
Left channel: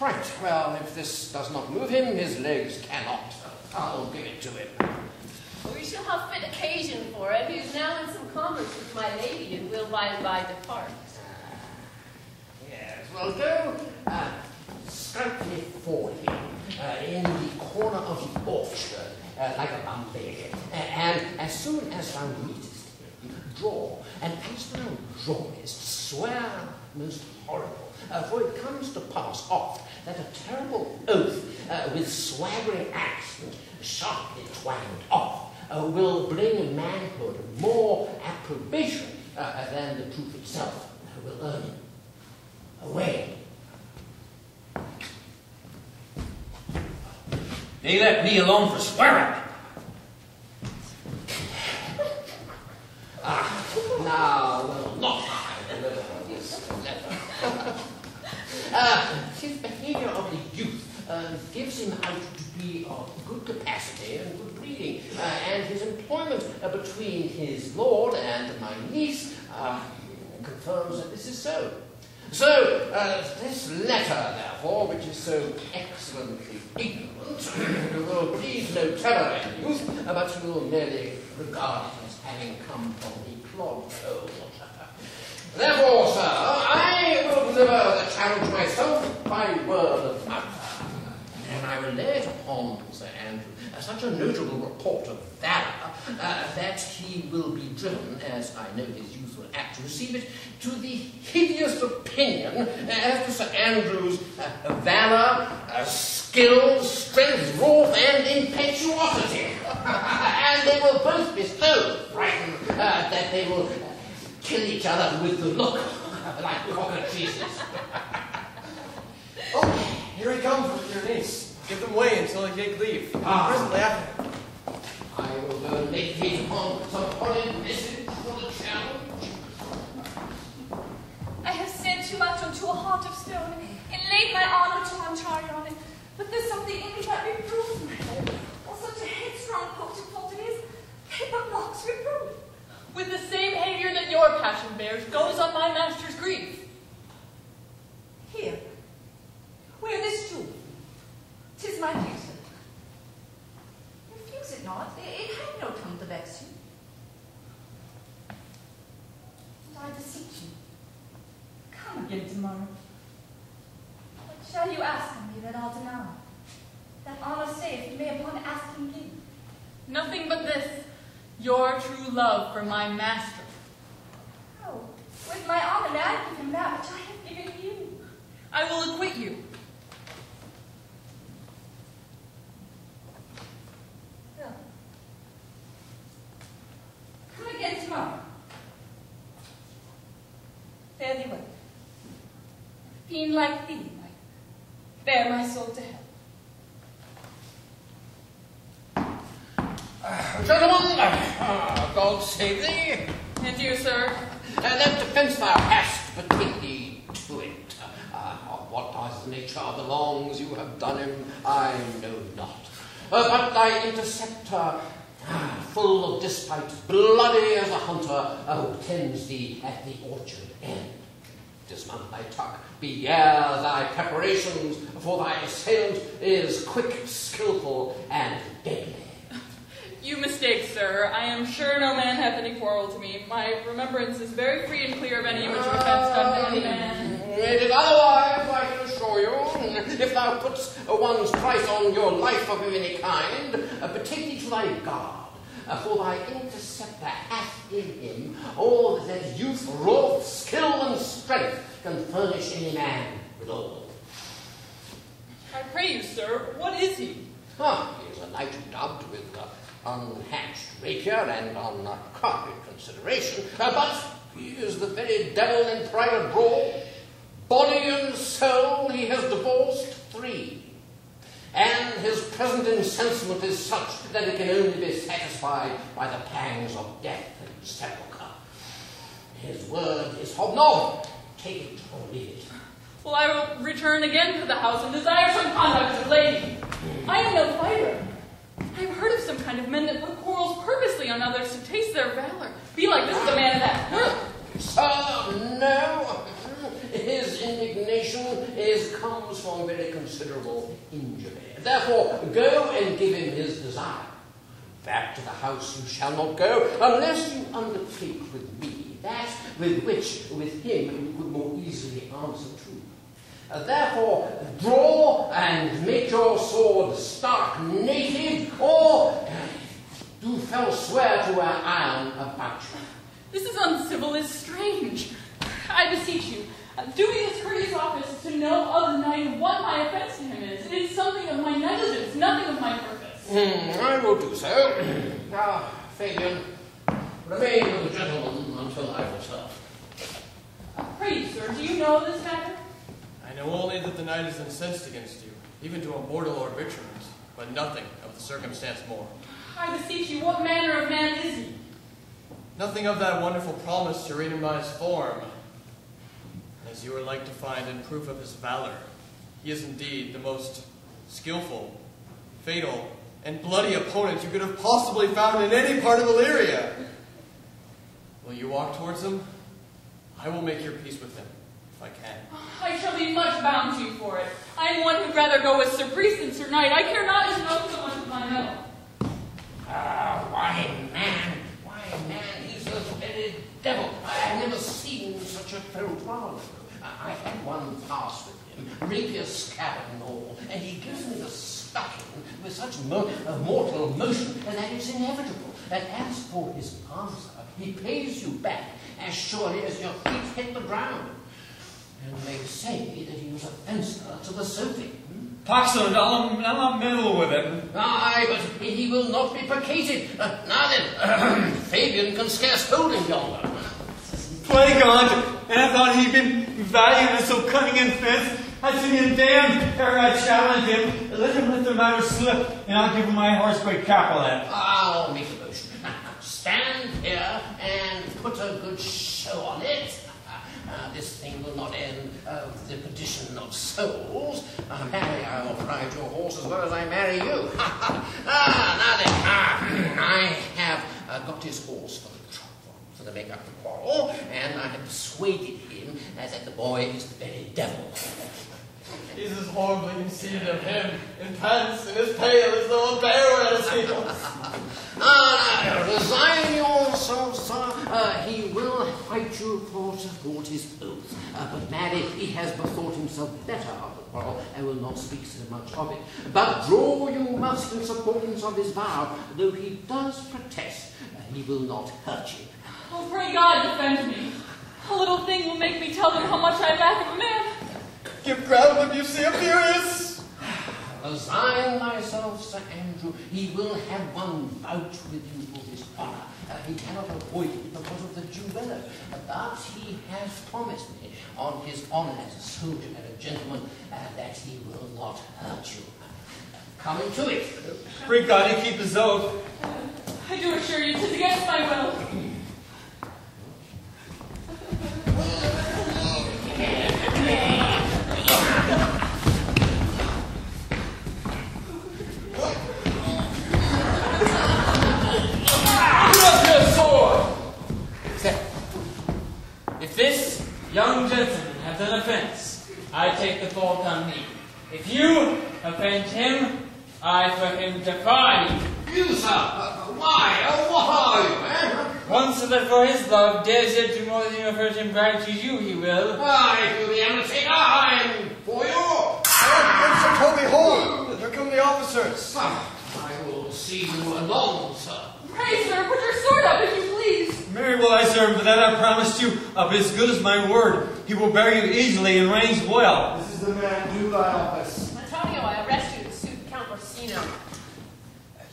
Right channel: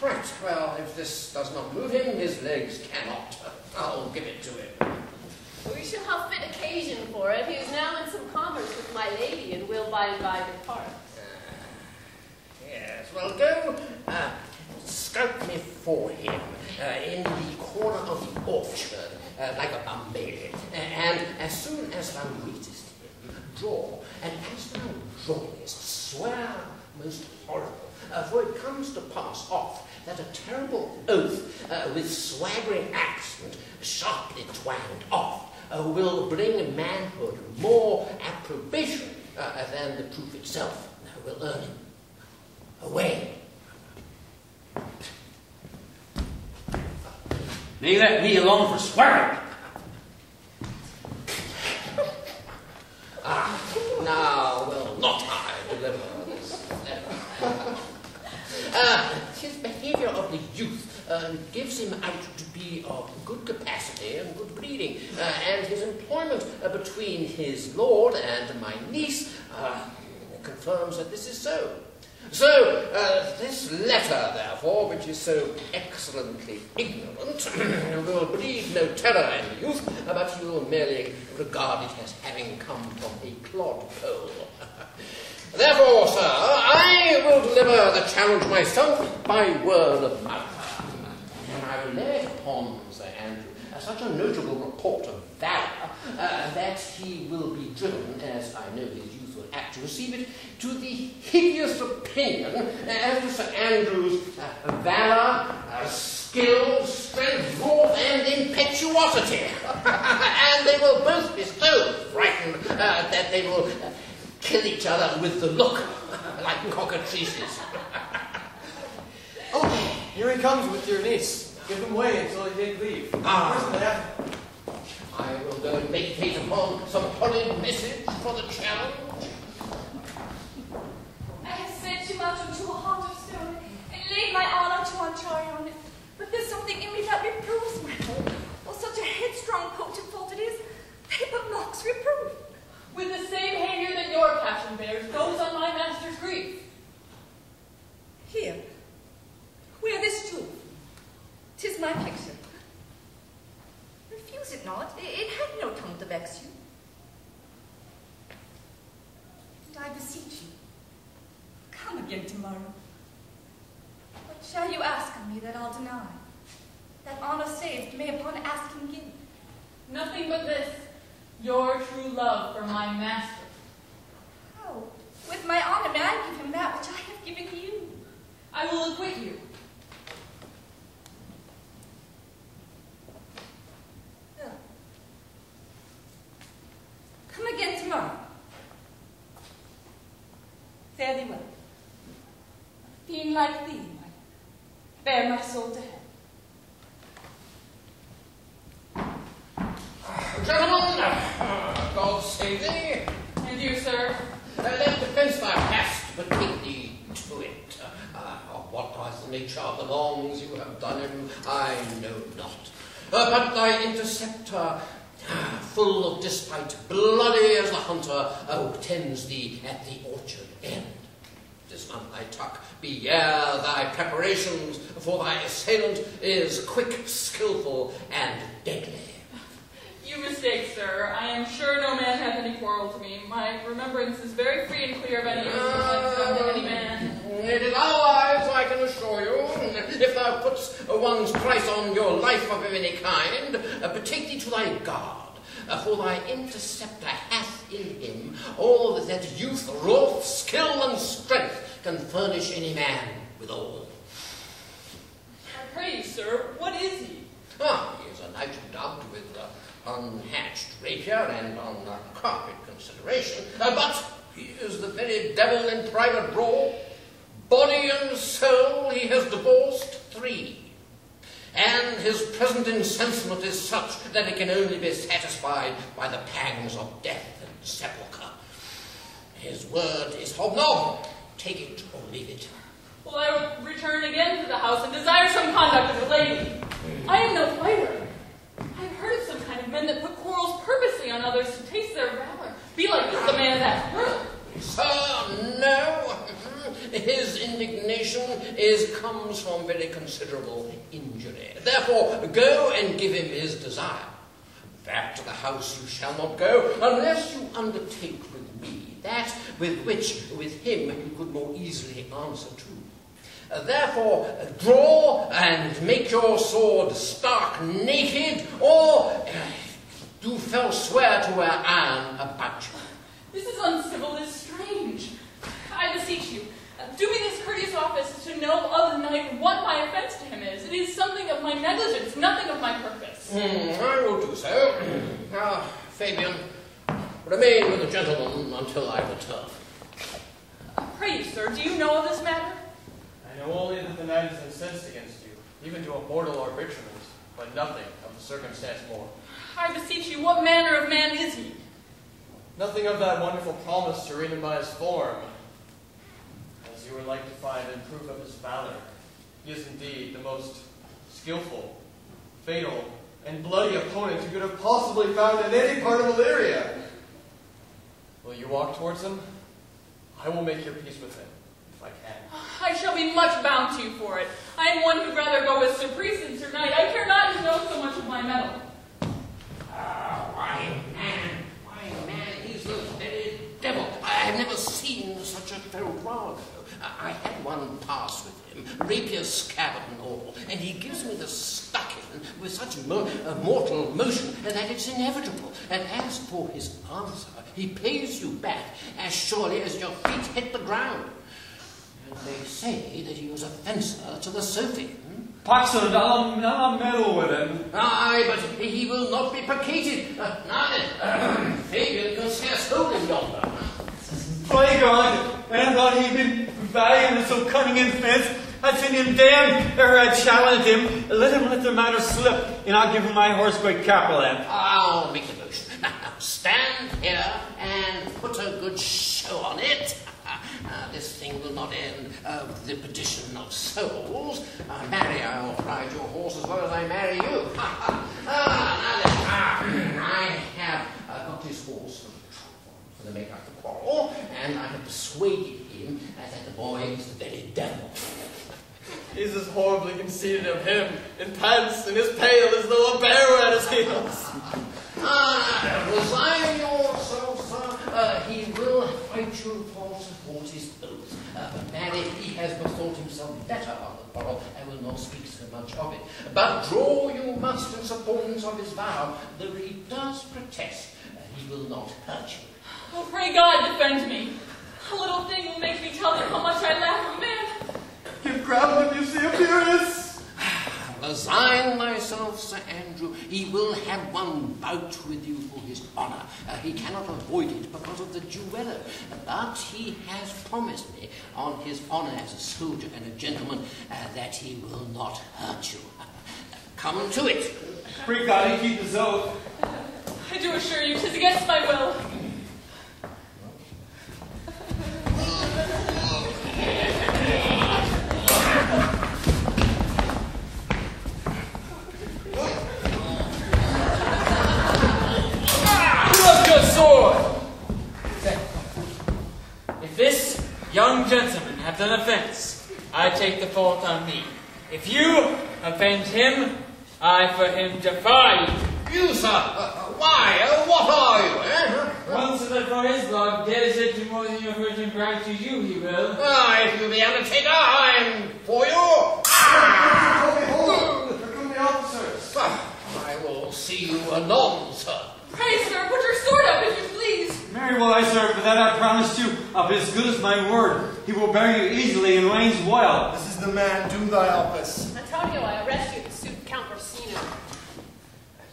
Right, well, if this does not move him, his legs cannot. I'll give it to him. We shall have fit occasion for it. He is now in some commerce with my lady, and will by and by depart. Yes, well, go stoutly for him in the corner of the orchard, like a bumblebee. And as soon as thou meetest him, draw, and as thou drawest, swear most horrible, for it comes to pass oft that a terrible oath with swaggering accent, sharply twanged off, will bring manhood more approbation than the truth itself will earn him. Away. They let me alone for swearing. Now will not I deliver this letter. His behavior of the youth gives him out to be of good capacity and good breeding, and his employment between his lord and my niece confirms that this is so. So, this letter, therefore, which is so excellently ignorant, will breed no terror in the youth, but you will merely regard it as having come from a clodpole. Therefore, sir, I will deliver the challenge myself by word of mouth. And I will lay it upon Sir Andrew such a notable report of valor that he will be driven, as I know his youth will act to receive it, to the hideous opinion as to Sir Andrew's valor, skill, strength, wrath, and impetuosity. And they will both be so frightened that they will kill each other with the look, like cockatrices. Oh, here he comes with your niece. Give him way until he take leave. Presently after. I will go and meditate upon some horrid message for the challenge. I have sent too much unto a heart of stone, and laid my honor to untry on it. But there's something in me that reproves my lord. For such a headstrong, potent fault it is, that it but mocks reproof. With the same behavior that your passion bears, goes on my master's grief. Here, wear this jewel. 'Tis my pleasure. Refuse it not. It had no tongue to vex you. But I beseech you, come again tomorrow. What shall you ask of me that I'll deny? That honor saith, may upon asking give. Nothing but this, your true love for my master. How? With my honor may I give him that which I have given you. I will acquit you. Well, come again tomorrow. Fare thee well. A fiend like thee, I bear my soul to hell. Gentlemen, God save thee. And you, sir? That defence thou hast, but take thee to it. What the nature of the wrongs you have done him, I know not. But thy interceptor, full of despite, bloody as a hunter, tends thee at the orchard end. dismount thy tuck. Beware thy preparations, for thy assailant is quick, skillful, and deadly. You mistake, sir. I am sure no man hath any quarrel to me. My remembrance is very free and clear of any misrevenge done to any man. It is otherwise, I can assure you. If thou putst one's price on your life of any kind, betake thee to thy guard. For thy interceptor hath in him all that youth, wrath, skill, and strength can furnish any man withal. I pray you, sir, what is he? He is a knight dubbed with unhatched rapier and on carpet consideration, but he is the very devil in private brawl. Body and soul he has divorced 3, and his present incensement is such that it can only be satisfied by the pangs of death and sepulchre. His word is hobnob. Take it or leave it. Well, I will return again to the house and desire some conduct as a lady. I am no fighter. I have heard of some kind of men that put quarrels purposely on others to taste their valor. Be like this, the man of that world. Sir, no. His indignation comes from very considerable injury. Therefore, go and give him his desire. Back to the house you shall not go, unless you undertake with me that with which, with him, you could more easily answer to. Therefore, draw and make your sword stark naked, or do fell swear to wear iron about you. This is uncivil, is strange. I beseech you, do me this courteous office to know of the knight what my offense to him is. It is something of my negligence, nothing of my purpose. I will do so. Now, Fabian, remain with the gentleman until I return. Pray you, sir, do you know of this matter? I know only that the knight is incensed against you, even to a mortal arbitrament, but nothing of the circumstance more. I beseech you, what manner of man is he? Nothing of that wonderful promise you read in my form, as you are like to find in proof of his valor. He is indeed the most skillful, fatal, and bloody opponent you could have possibly found in any part of Illyria. Will you walk towards him? I will make your peace with him, if I can. I shall be much bound to you for it. I am one who'd rather go with Sir Priest than Sir Knight. I care not to know so much of my mettle. Why, man, he's the very devil. I have never seen such a fellow. I had one pass with him, rapier scabbard and all, and he gives me the stuck-in with such mortal motion that it's inevitable. And as for his answer, he pays you back as surely as your feet hit the ground. And they say that he was a fencer to the Sophie. Paxson, I'll not meddle with it. Aye, but he will not be placated. Now then, Fabian can scarce hold him yonder. By God, I thought he'd been valiant and so cunning in fence. I'd seen him damned ere I challenged him. Let him let the matter slip, and I'll give him my horse by Capulet. I'll make the motion. Now, stand here and put a good show on it. This thing will not end with the perdition of souls. Marry, I will ride your horse as well as I marry you. Now then, I have got his horse for the trouble, for the make up the quarrel, and I have persuaded him that the boy is the very devil. He's as horribly conceited of him, in pants, and as pale as though a bear at his heels. Resign yourself, sir. He will fight you for support his oath. But marry, he has bethought himself better of the quarrel, and will not speak so much of it. But draw you must in supportance of his vow, though he does protest, he will not hurt you. Oh, pray God defend me. A little thing will make me tell them how much I lack of a man. You're proud of you, Sir Pierce. Resign thyself, Sir Andrew. He will have one bout with you for his honour. He cannot avoid it because of the duello. But he has promised me, on his honour as a soldier and a gentleman, that he will not hurt you. Come to it. Pray God he keep his oath. I do assure you, 'tis against my will. If this young gentleman offense, I take the fault on me. If you offend him, I for him defy you. You, sir? Why? What are you, eh? Once that for his love dares yet do more than you have heard him brag to you, he will. If you the undertaker, I'm for you. Mr. Toby, hold! Here come the officers. I will see you anon, sir. Pray, sir, put your sword up, if you please. Very well, I serve, for that I promised you, of as good as my word. He will bear you easily and reigns well. This is the man, do thy office. Antonio, I arrest you to suit Count Orsino.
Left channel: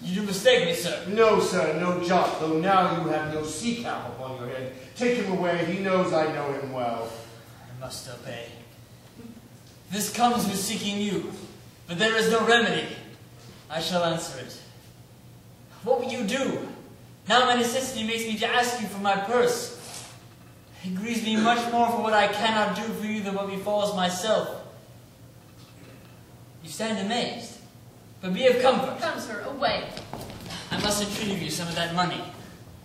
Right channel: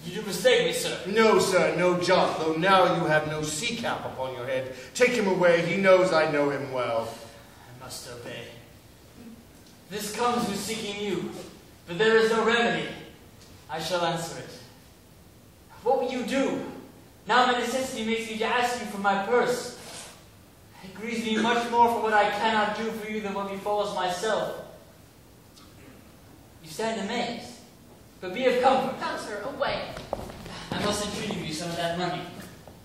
You do mistake me, sir. No, sir, no jot, though now you have no sea cap upon your head. Take him away, he knows I know him well. I must obey. This comes with seeking you, but there is no remedy. I shall answer it. What will you do? Now my necessity makes me to ask you for my purse. It grieves me much more for what I cannot do for you than what befalls myself. You stand amazed, but be of comfort. Come, sir, away. I must entreat of you some of that money.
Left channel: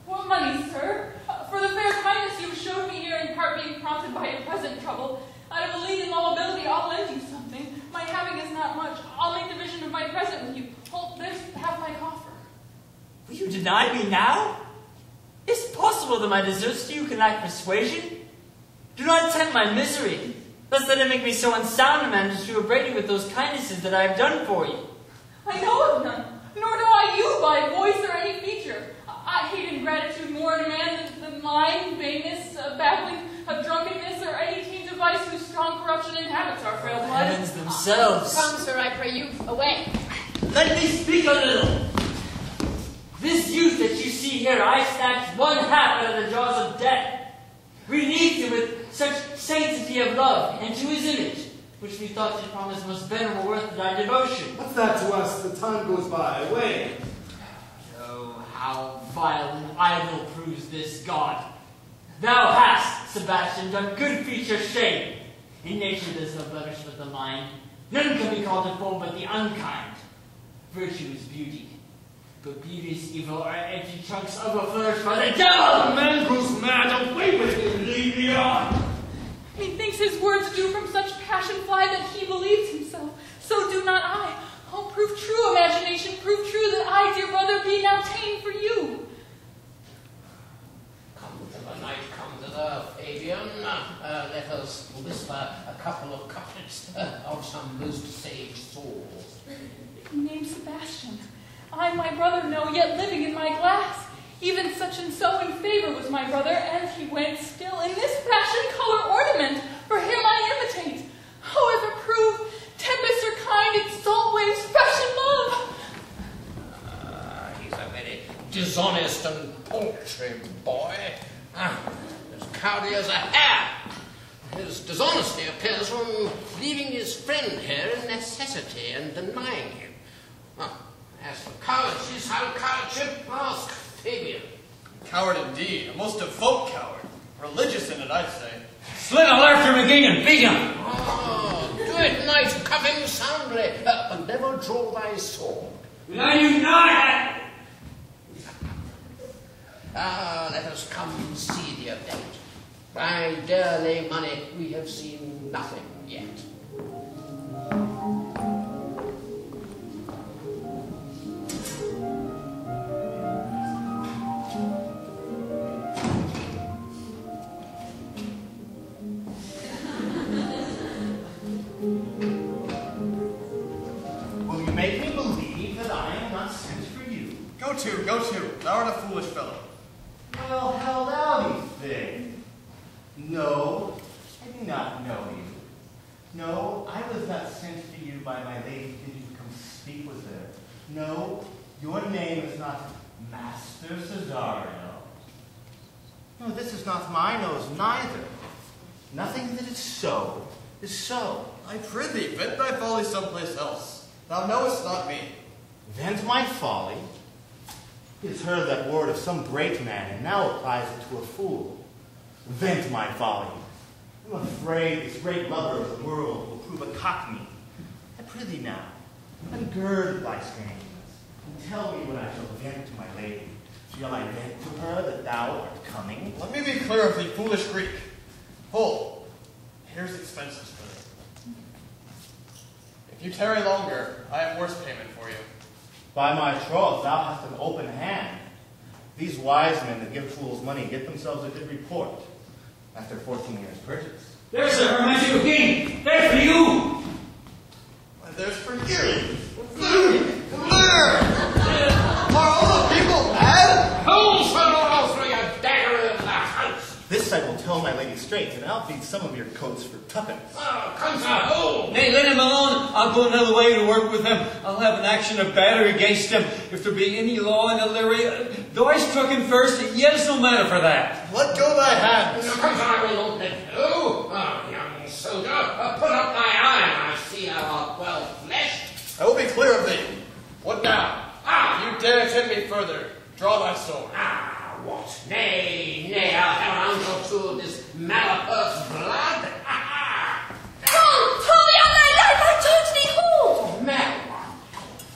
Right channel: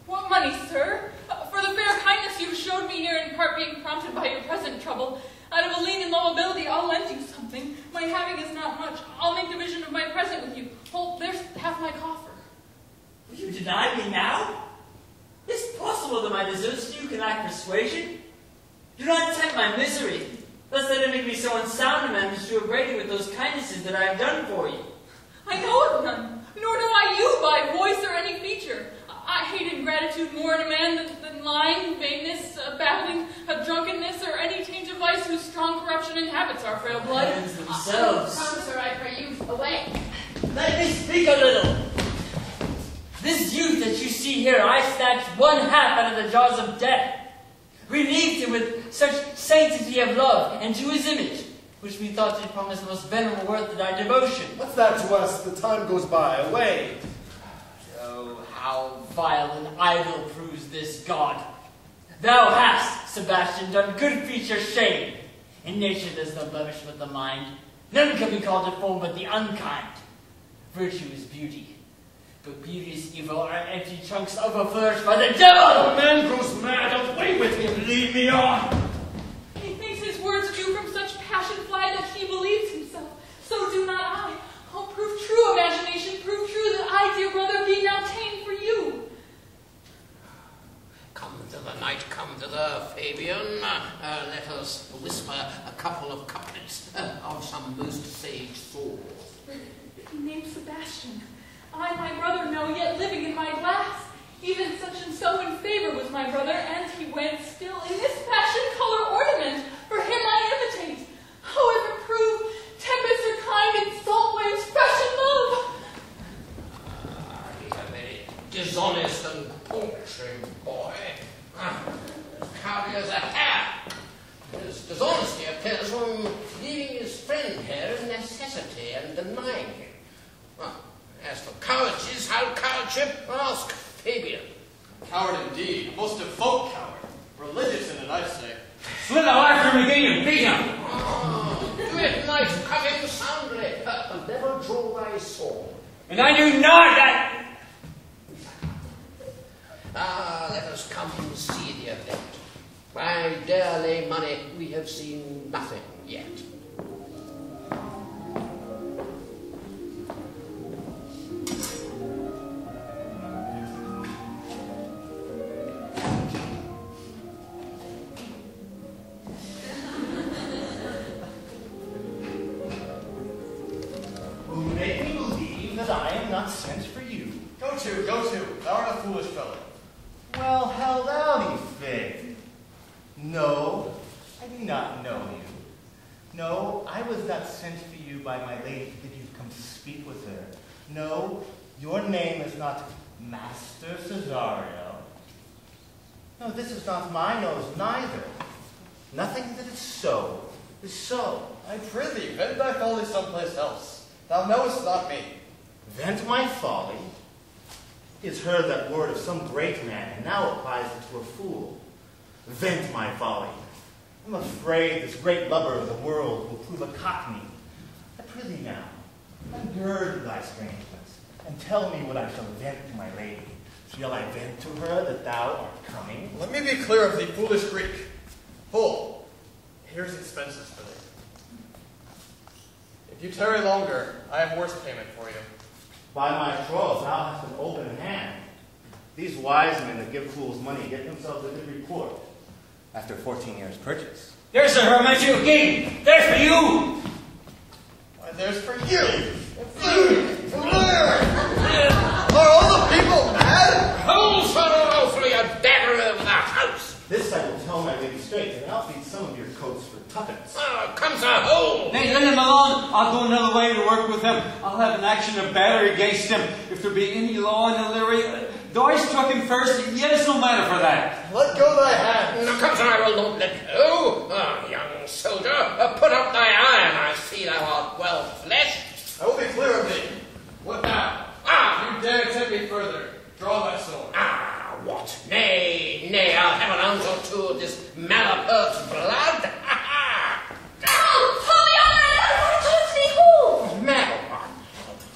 What money, sir? For the fair kindness you showed me here, in part being prompted by your present trouble, out of a lean and low ability, I'll lend you something. My having is not much. I'll make division of my present with you. Hold, there's half my coffer. Will you deny me now? Is it possible that my deserts to you can lack persuasion? Do not tempt my misery, lest that it make me so unsound a man as to upbraid you with those kindnesses that I have done for you. I know of none, nor know I you by voice or any feature. I hate ingratitude more in a man than lying, vainess, babbling, drunkenness, or any taint of vice whose strong corruption inhabits our frail blood. Heavens themselves. Come, sir, I pray you, away. Let me speak a little. This youth that you see here, I snatched one half out of the jaws of death, relieved him with such sanctity of love, and to his image, which we thought you promised most venerable worth of thy devotion. What's that to us? The time goes by. Away. Oh, how vile and idle proves this God. Thou hast, Sebastian, done good feature shame. In nature there's no blemish but the mind. None can be called a fool but the unkind. Virtue is beauty, but beauty's evil are empty chunks overflourished by the devil! The man grows mad. Away with him. Lead me on. Methinks his words do from such passion fly that he believes himself. So do not I. Oh, prove true, imagination, prove true that I, dear brother, be now ta'en for you. Come to the night, come to the Fabian. Let us whisper a couple of couplets of some most sage souls. Named Sebastian, I my brother know, yet living in my glass. Even such and so in favor was my brother, and he went still in this passion color ornament. For him I imitate. However prove, tempest or kind in salt waves fresh in love. He's a very dishonest and paltry boy. As cowardly as a hare. His dishonesty appears from leaving his friend here in necessity and denying him. As for cowardice, how cowardship? Ask Fabian. Coward indeed, a most devout coward. Religious in it, I say. Slit a laughter again and beat him. Do it, knight, coming soundly, but never draw thy sword. And I knew not that. Let us come see the event. By dare lay money, we have seen nothing yet. Will you make me believe that I am not sent for you? Go to. Thou art a foolish fellow. Well, held out, Fig. No, I do not know you. No, I was not sent to you by my lady. Did you come speak with her? No, your name is not Master Cesario. No, this is not my nose, neither. Nothing that is so is so. I prithee, vent thy folly someplace else. Thou knowest not me. Vent my folly? He has heard that word of some great man, and now applies it to a fool. Vent my folly. I'm afraid this great lover of the world will prove a cockney. I prithee now, ungird thy strangeness, and tell me what I shall vent to my lady. Shall I vent to her that thou art coming? Let me be clear of thee, foolish Greek. Full. Here's expenses for this. If you tarry longer, I have worse payment for you. By my troth, thou hast an open hand. These wise men that give fools money get themselves a good report after 14 years' purchase. There's a hermetic king. There's for you. Why, there's for you. Are all the people mad? Hold son or else will you dagger over the house? This I will tell my lady straight, and I'll feed some of your coats for tuppence. Come, sir, hold. Hey, let him alone. I'll go another way to work with him. I'll have an action of battery against him if there be any law in Illyria. Though I struck him first, yet it's no matter for that. Let go thy hand. Now, come, sir, I will not let go. Young soldier, put up thy iron. I see thou art well fleshed. I will be clear of thee. What now? You dare tempt me further. Draw thy sword. What? Nay, I'll have an ounce or two of this malapurt's blood. Hold the young man, I told thee hold! Mal.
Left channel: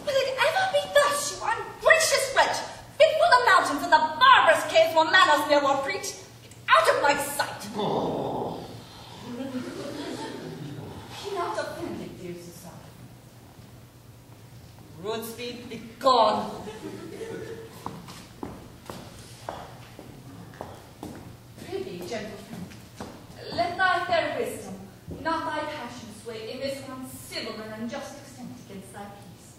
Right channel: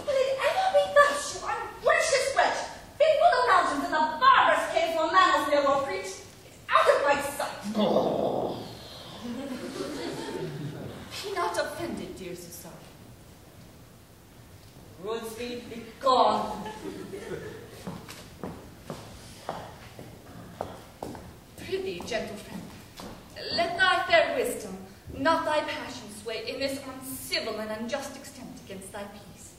Will it ever be thus, you ungracious wretch? Before the mountains and the barbarous caves where manners ne'er were preached, out of my sight! Be not offended, dear Susanna. Ruinspeed, be gone. Prithee, gentle friend, let thy fair wisdom, not thy passion, sway in this uncivil and unjust extent against thy peace.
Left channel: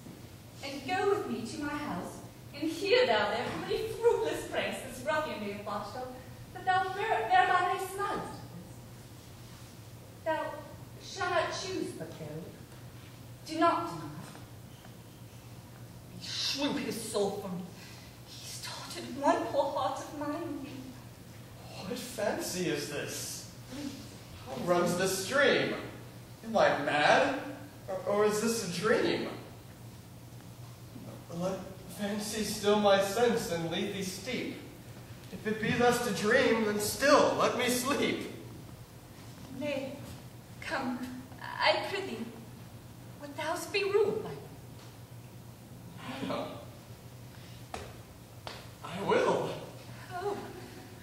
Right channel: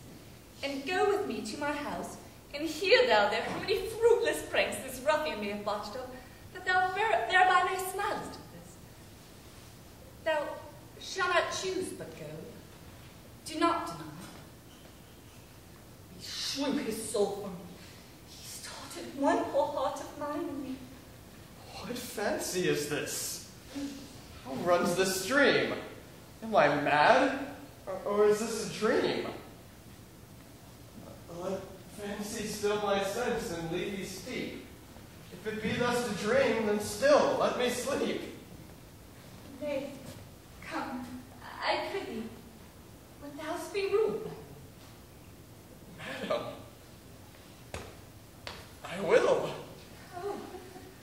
And go with me to my house, and hear thou there how many fruitless pranks this ruffian may have botched up, that thou thereby mayst smile at this. Thou shalt not choose but go. Do not deny. He slew his soul from me. He started one poor heart of mine in me. What fancy is this? How runs this stream? Am I mad? Or is this a dream? Let fancy still my sense and lead thee steep. If it be thus to dream, then still let me sleep. Nay, come, I prithee, would thou be ruled by me? Madam, I will. Oh,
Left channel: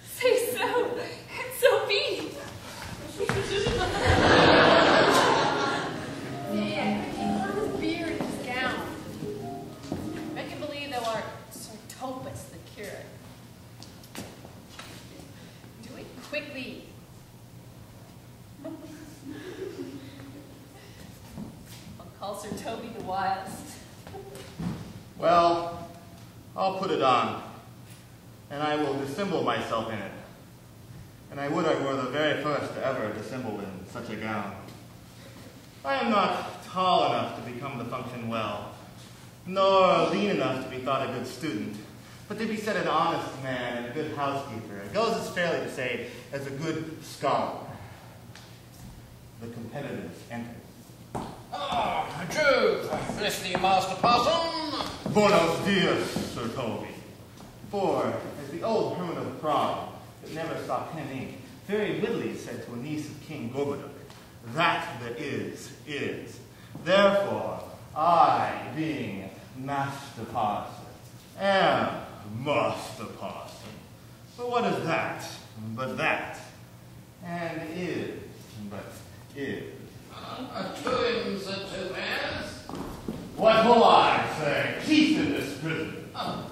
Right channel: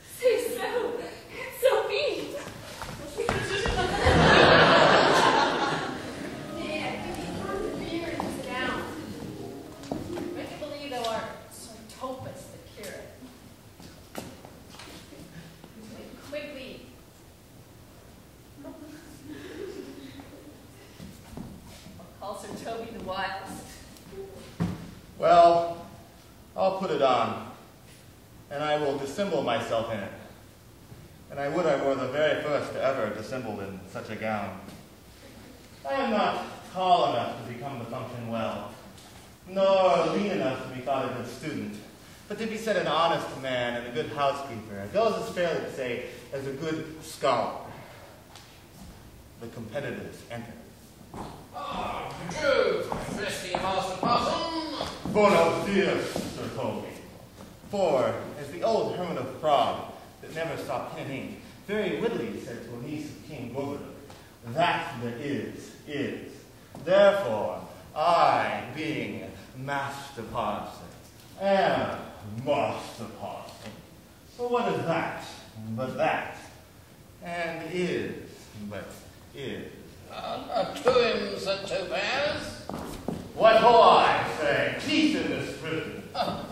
say so, and so be. Nay, I think he found the beard in his gown. Make him believe thou art Sir Topus, the curate. Do it quickly. I'll call Sir Toby the Wildest. Well, I'll put it on, and I will dissemble myself in it. And I would I were the very first to ever dissemble in such a gown. I am not tall enough to become the function well, nor lean enough to be thought a good student, but to be said an honest man and a good housekeeper. It goes as fairly to say as a good scholar. The competitors enter. Jove, I bless thee, Master Parson. Buenos dias, Sir Toby. For, as the old hermit of Prague, that never saw pen and ink, very wittily said to a niece of King Gorboduc, that there is. Therefore, I, being Master Parson, am Master Parson. For what is that but that? And is but is. To him, Sir Topaz. What will I say? Peace in this prison.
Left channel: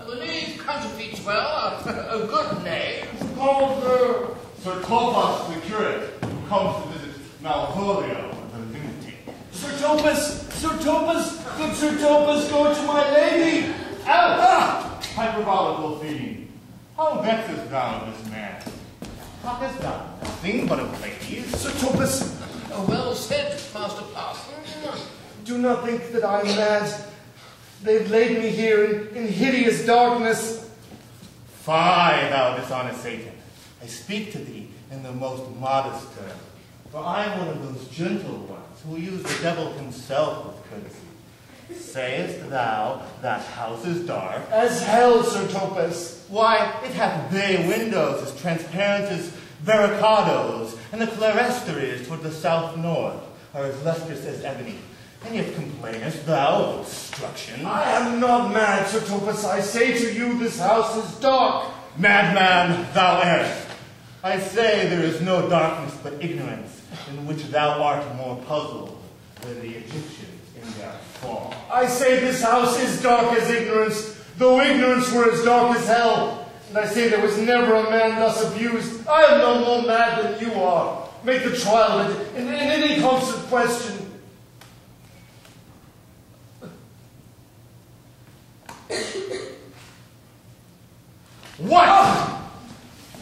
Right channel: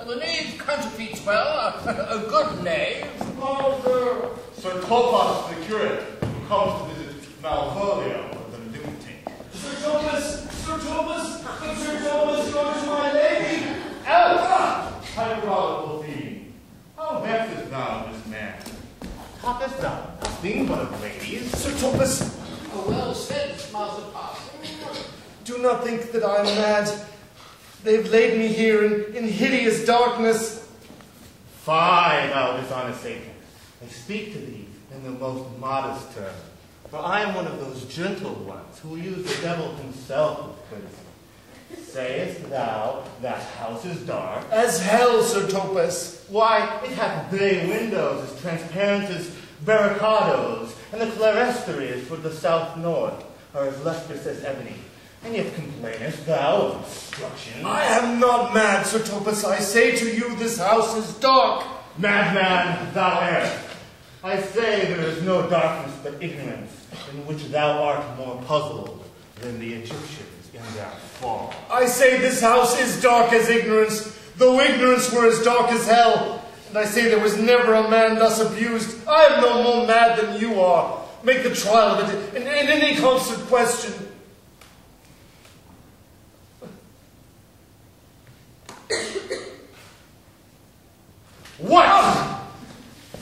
The knave counterfeits well, a good knave. Oh, Sir Topaz the curate, who comes to visit Malvolio, the lunatic. Sir Topaz, good Sir Topaz, go to my lady. Hyperbolical fiend, how vexest thou this man? Talkest thou nothing but of ladies? Sir Topaz, Well said, Master Parson. do not think that I am mad. They've laid me here in hideous darkness. Fie, thou dishonest Satan. I speak to thee in the most modest term. For I am one of those gentle ones who use the devil himself with courtesy. Sayest thou that house is dark? As hell, Sir Topaz. Why, it hath bay windows as transparent as barricadoes, and the clerestory is toward the south-north, or as lustrous as ebony. And yet complainest thou of obstruction? I am not mad, Sir Topaz. I say to you, this house is dark. Madman, thou errest. I say there is no darkness but ignorance, in which thou art more puzzled than the Egyptians in their fall. I say this house is dark as ignorance, though ignorance were as dark as hell. And I say there was never a man thus abused. I am no more mad than you are. Make the trial of it in any constant question. What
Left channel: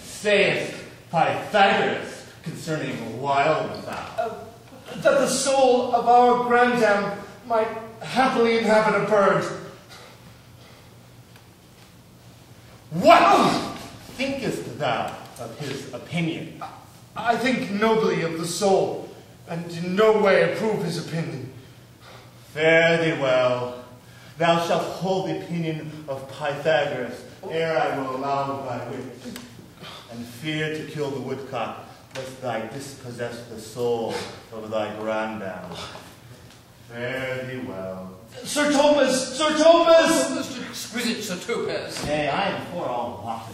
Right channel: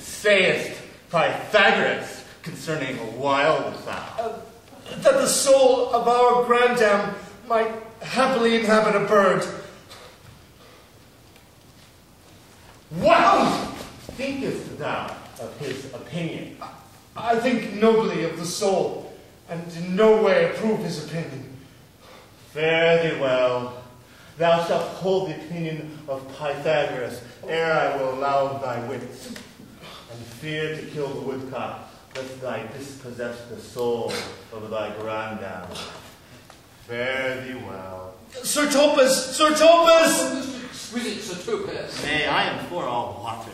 sayest Pythagoras concerning a wild fowl? That the soul of our grandam might happily inhabit a bird. What thinkest thou of his opinion? I think nobly of the soul, and in no way approve his opinion. Fare thee well. Thou shalt hold the opinion of Pythagoras, ere I will allow thy wits, and fear to kill the woodcock, lest thou dispossess the soul of thy grandam. Fare thee well. Sir Topaz! Sir Topaz! Oh, this exquisite Sir Topaz. Nay, I am for all watches.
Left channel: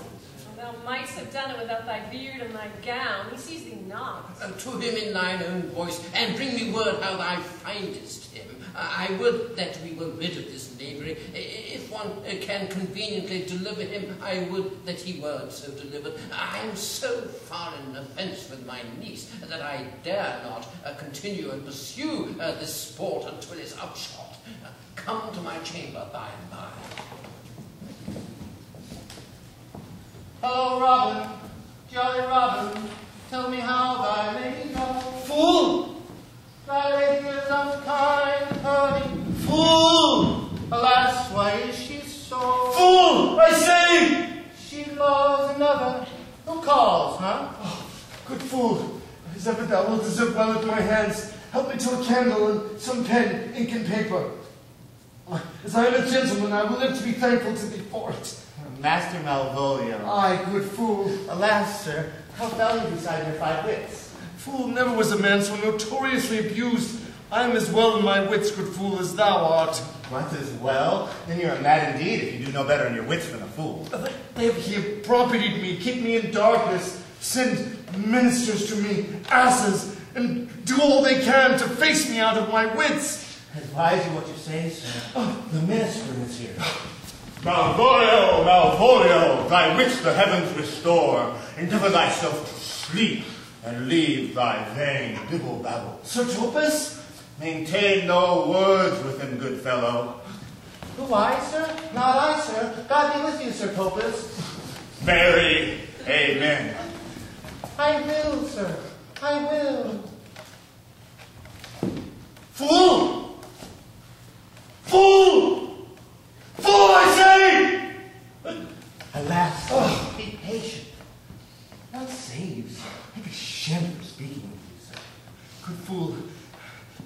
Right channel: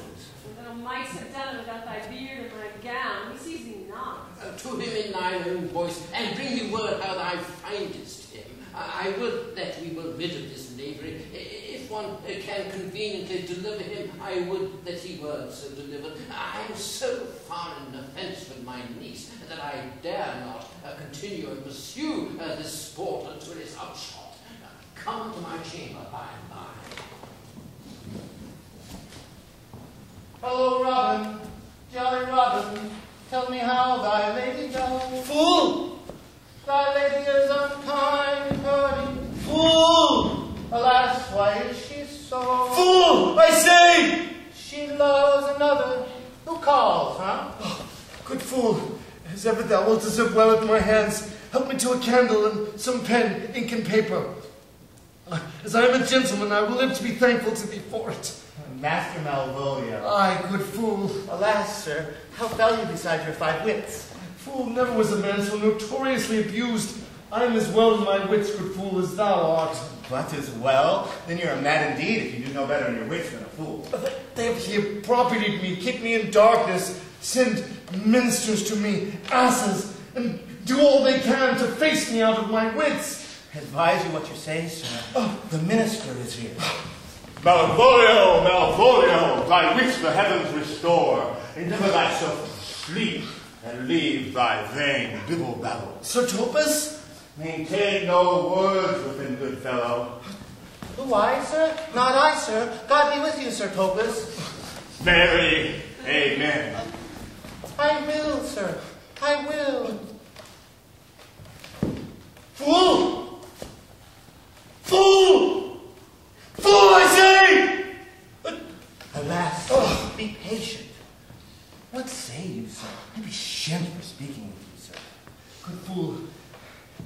Thou mightst have done it without thy beard and thy gown. He sees thee not. To him in thine own voice, and bring me word how thou findest him. I would that we were rid of this knavery. If one can conveniently deliver him, I would that he were so delivered. I am so far in offence with my niece that I dare not continue and pursue this sport until it is upshot. Come to my chamber by and by. Oh, Robin, jolly Robin, tell me how thy lady goes. Fool! Thy lady is unkind, hurty. Fool! Alas, why is she so? Fool! I say! She loves another. Who calls, huh? Oh, good fool, as ever thou wilt deserve well at my hands. Help me to a candle and some pen, ink, and paper. As I am a gentleman, I will live to be thankful to thee for it. Master Malvolio. Aye, good fool. Alas, sir, how fell you beside your 5 wits? Fool, never was a man so notoriously abused. I am as well in my wits, good fool, as thou art. What is well? Then you're mad indeed if you do no better in your wits than a fool. They have propertied me, keep me in darkness, send ministers to me, asses, and do all they can to face me out of my wits. Advise you what you say, sir. Oh, the minister is here. Malvolio, Malvolio, thy wits the heavens restore. Endeavor thyself to sleep, and leave thy vain bibble-babble. Sir Topaz? Maintain no words with him, good fellow. Who, I, sir? Not I, sir. God be with you, Sir Topaz. Mary, amen. I will, sir. I will. Fool! Fool! Fool, I say! Alas, be patient. What say you, sir? I be shamed for speaking with you, sir. Good fool,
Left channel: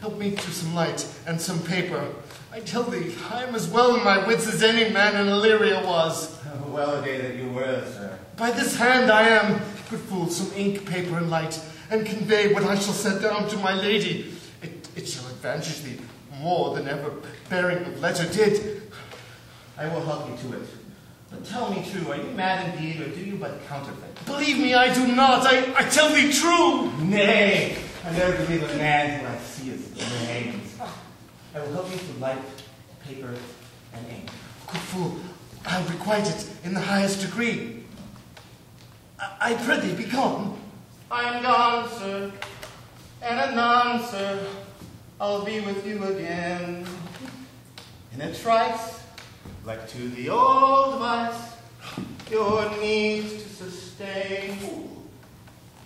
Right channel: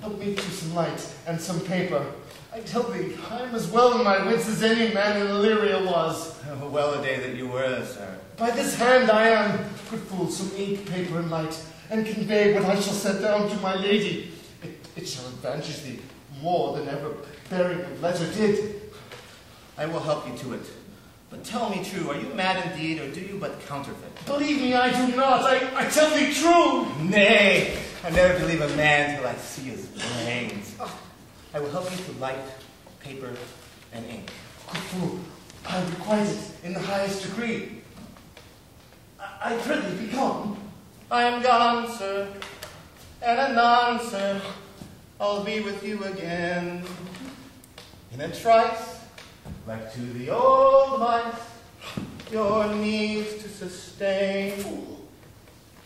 help me to some light and some paper. I tell thee, I am as well in my wits as any man in Illyria was. Well a day that you were, sir. By this hand I am. Good fool, some ink, paper, and light, and convey what I shall set down to my lady. It shall advantage thee more than ever bearing the letter did. I will help you to it. But tell me true, are you mad indeed, or do you but counterfeit? Believe me, I do not. I tell thee true. Nay, I never believe a man till I see his brains. I will help you to light, paper, and ink. Good fool, I'll requite it in the highest degree. I prithee, be gone. I am gone, sir, and anon, sir, I'll be with you again. In a trice, like to the old vice, your needs to sustain.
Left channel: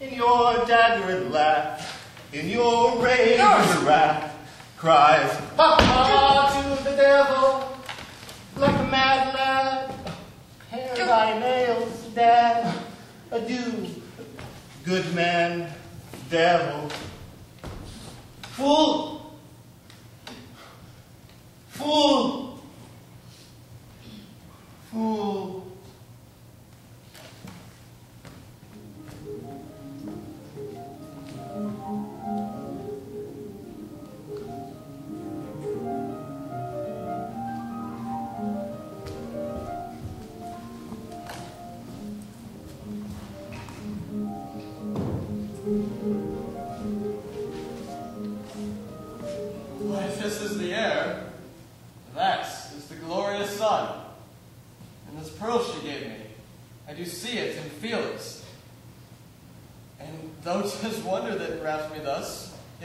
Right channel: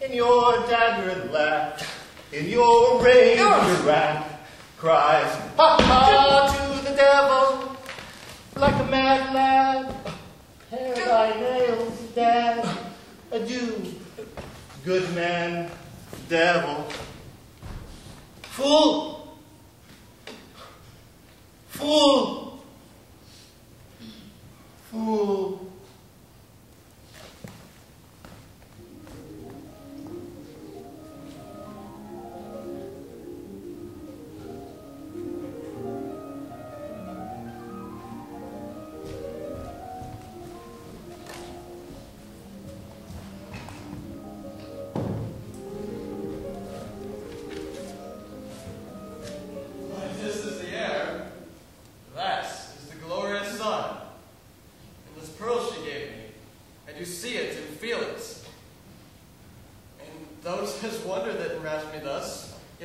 In your daggered laugh, in your rage and wrath, cries, ha ha, to the devil, like a mad lad. Pare thy nails, dad. Adieu, good man, devil. Fool! Fool! Fool!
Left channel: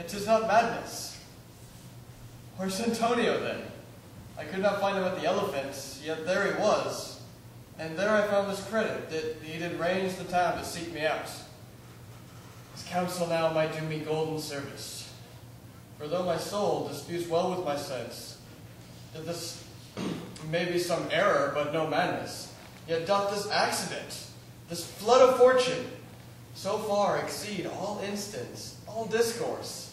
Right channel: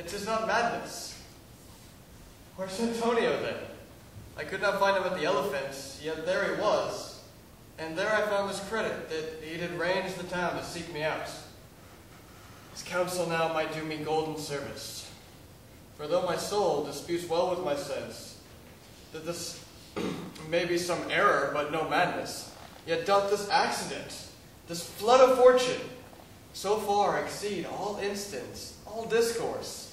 Yet 'tis not madness. Where's Antonio then? I could not find him at the Elephants, yet there he was. And there I found his credit, that he did range the town to seek me out. His counsel now might do me golden service. For though my soul disputes well with my sense, that this may be some error, but no madness, yet doth this accident, this flood of fortune, so far exceed all instance, all discourse,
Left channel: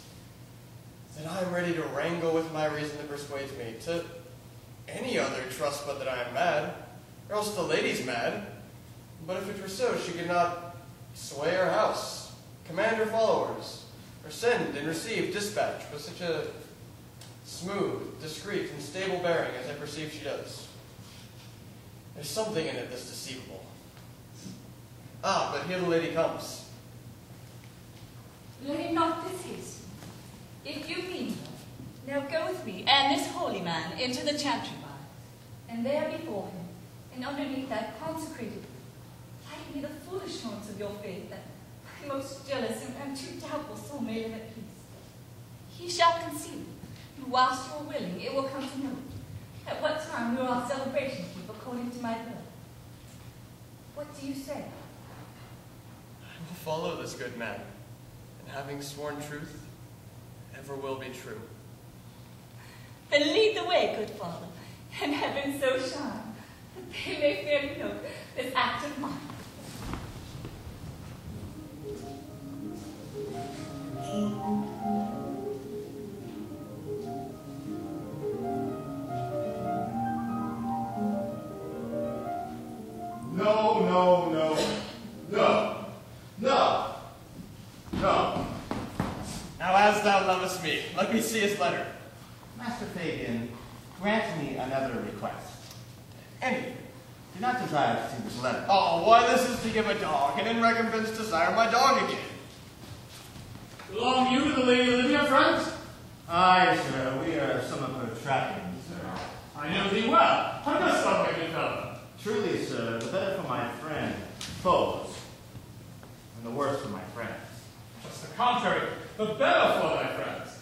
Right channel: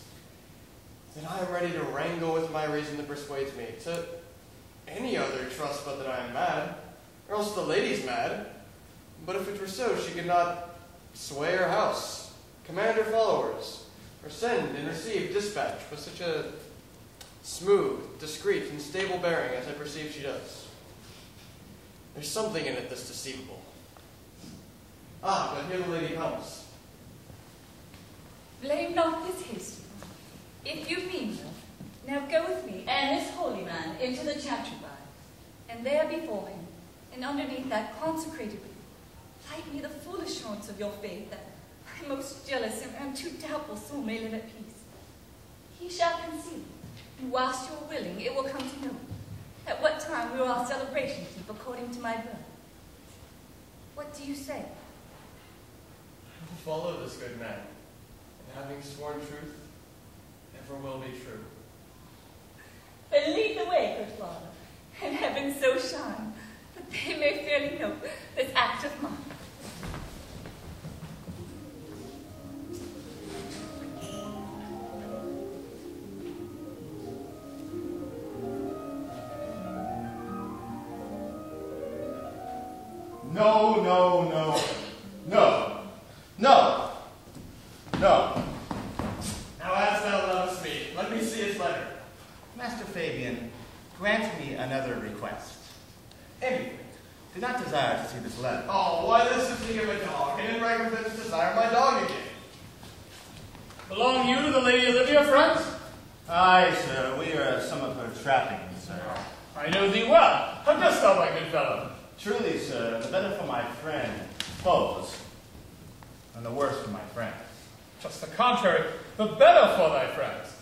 that I am ready to wrangle with my reason that persuades me to any other trust but that I am mad, or else the lady's mad. But if it were so, she could not sway her house, command her followers, or send and receive dispatch with such a smooth, discreet, and stable bearing as I perceive she does. There's something in it that's deceivable. Ah, but here the lady comes. Blame not this haste. If you mean her, now go with me and this holy man into the chantry bar, and there before him, and underneath that consecrated roof, hide me the full assurance of your faith, that my most jealous and too doubtful soul may live at peace. He shall conceal it, and whilst you are willing, it will come to know at what time will our celebration be according to my will. What do you say? I will follow this good man, and having sworn truth, ever will be true. Then lead the way, good father, and heaven so shine, that they may fairly note this act of mine. No, no, no, no, no, no. Now as thou lovest me, let me see his letter. Master Fabian, grant me another request. Anything. Do not desire to see this letter. Oh, why this is to give a dog, and in recompense desire my dog again. Belong you to the Lady Olivia, friends? Aye, sir, we are some of her trappings, sir. I know thee well. How dost thou, my good fellow? Truly, sir, the better for my friend, foes, and the worse for my friends. Just the contrary, the better for thy friends.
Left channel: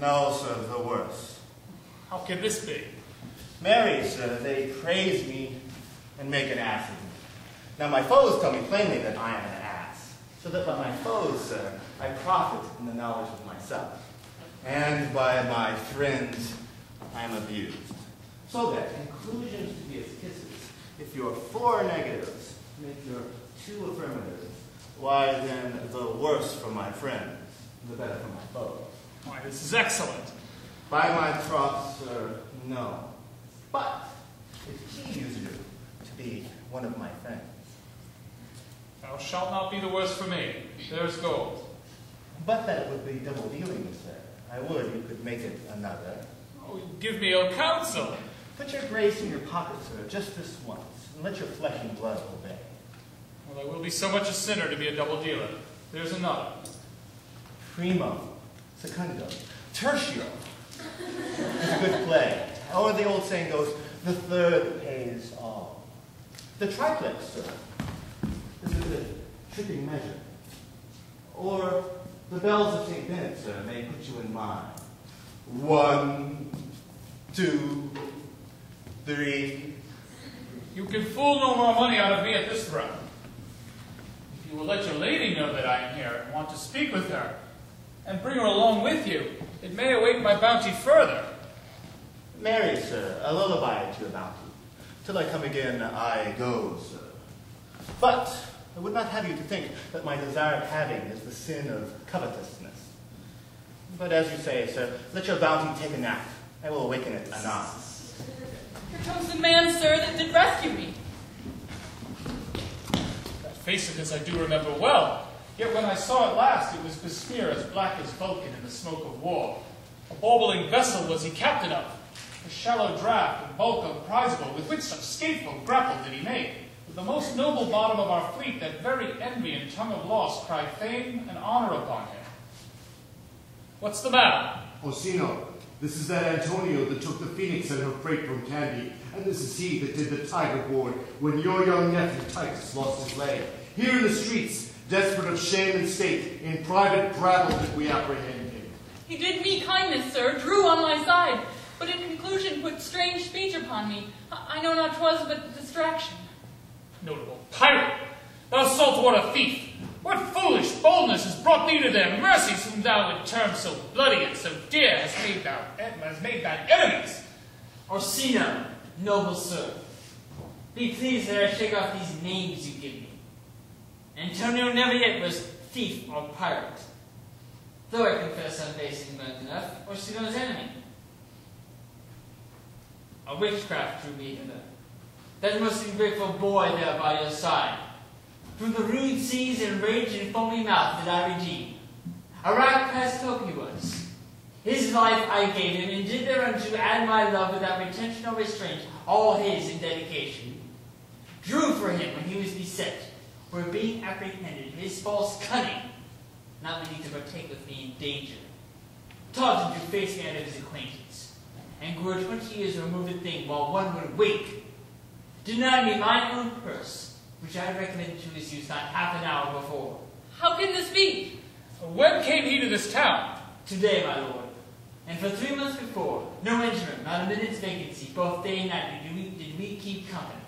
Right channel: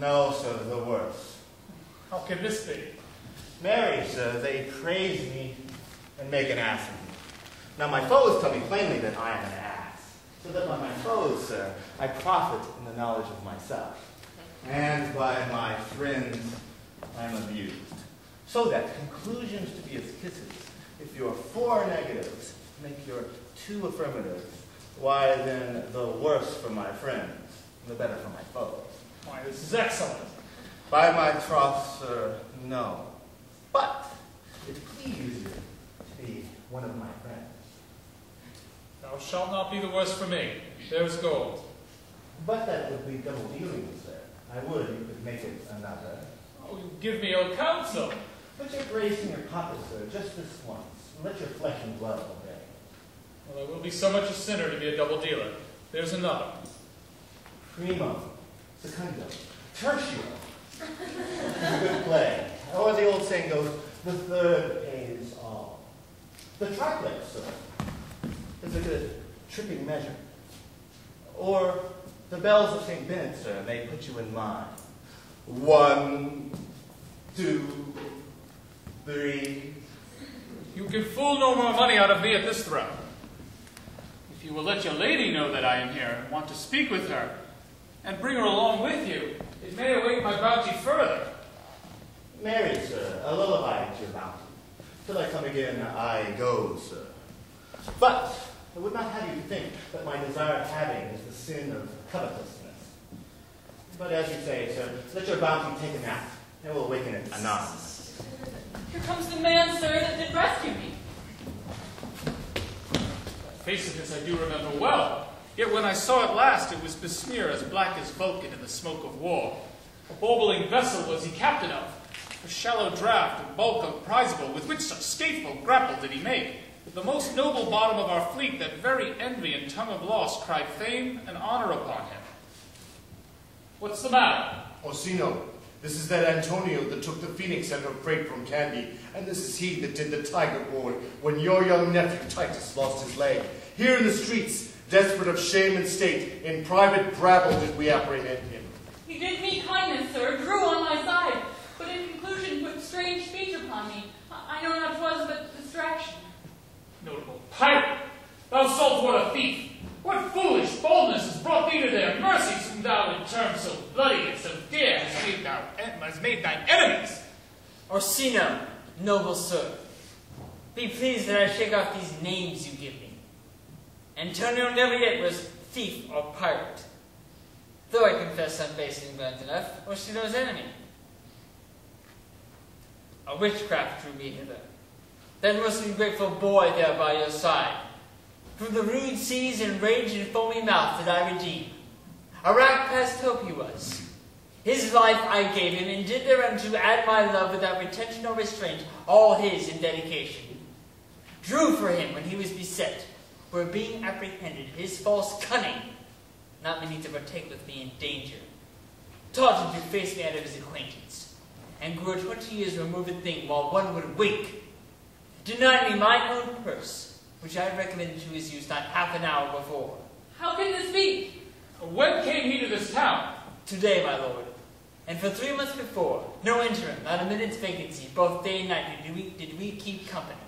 No, sir, the worse. How can this be? Marry, sir, they praise me and make an ass of me. Now my foes tell me plainly that I am an ass, so that by my foes, sir, I profit in the knowledge of myself. And by my friends, I am abused. So that conclusions to be as kisses, if your 4 negatives make your 2 affirmatives, why then the worse for my friends, the better for my foes. Why, this is excellent. By my troth, sir, no. But it pleases you to be one of my friends. Thou shalt not be the worse for me. There's gold. But that would be double dealing, sir. I would you could make it another. Oh, you give me your counsel. Put your grace in your pocket, sir, just this once, and let your flesh and blood obey. Well, I will be so much a sinner to be a double dealer. There's another. Primo, secundo, tertio. It's a good play. Or the old saying goes, the third pays all. The triplex, sir, is a good tripping measure. Or the bells of St. Bennet, sir, may put you in mind. 1, 2, 3. You can fool no more money out of me at this throw. If you will let your lady know that I am here and want to speak with her, and bring her along with you, it may await my bounty further. Marry, sir, a lullaby into your bounty. Till I come again, I go, sir. But I would not have you to think that my desire of having is the sin of covetousness. But as you say, sir, let your bounty take a nap. I will awaken it anon. Here comes the man, sir, that did rescue me. That face of his I do remember well. Yet when I saw it last, it was besmeared as black as Vulcan in the smoke of war. A bauble vessel was he captain of. A shallow draught and bulk unprizable, with which such stateful grapple did he make. With the most noble bottom of our fleet, that very envy and tongue of loss cried fame and honor upon him. What's the matter? Orsino, this is that Antonio that took the Phoenix and her freight from Candy, and this is he that did the tiger board when your young nephew Titus lost his leg. Here in the streets, desperate of shame and state, in private brabble did we apprehend him. He did me kindness, sir, drew on my side, but in conclusion put strange speech upon me. I know not 'twas but distraction. Notable pirate! Thou saltwater thief! What foolish boldness has brought thee to their mercies, whom thou in terms so bloody and so dear has made thine enemies? Orsino, noble sir, be pleased that I shake off these names you give me. Antonio never yet was thief or pirate, though I confess I'm base and ignorant enough, Orsino's enemy. A witchcraft drew me hither, that most ungrateful boy there by your side. From the rude seas and rage and foamy mouth did I redeem. A rack past hope he was. His life I gave him, and did thereunto add my love without retention or restraint, all his in dedication. Drew for him when he was beset, where being apprehended, his false cunning, not meaning to partake with me in danger, taught him to face me out of his acquaintance, and grew a 20 years removed thing while one would wink, deny me mine own purse, which I had recommended to his use not half an hour before. How can this be? When came he to this town? Today, my lord. And for 3 months before, no interim, not a minute's vacancy, both day and night did we keep company.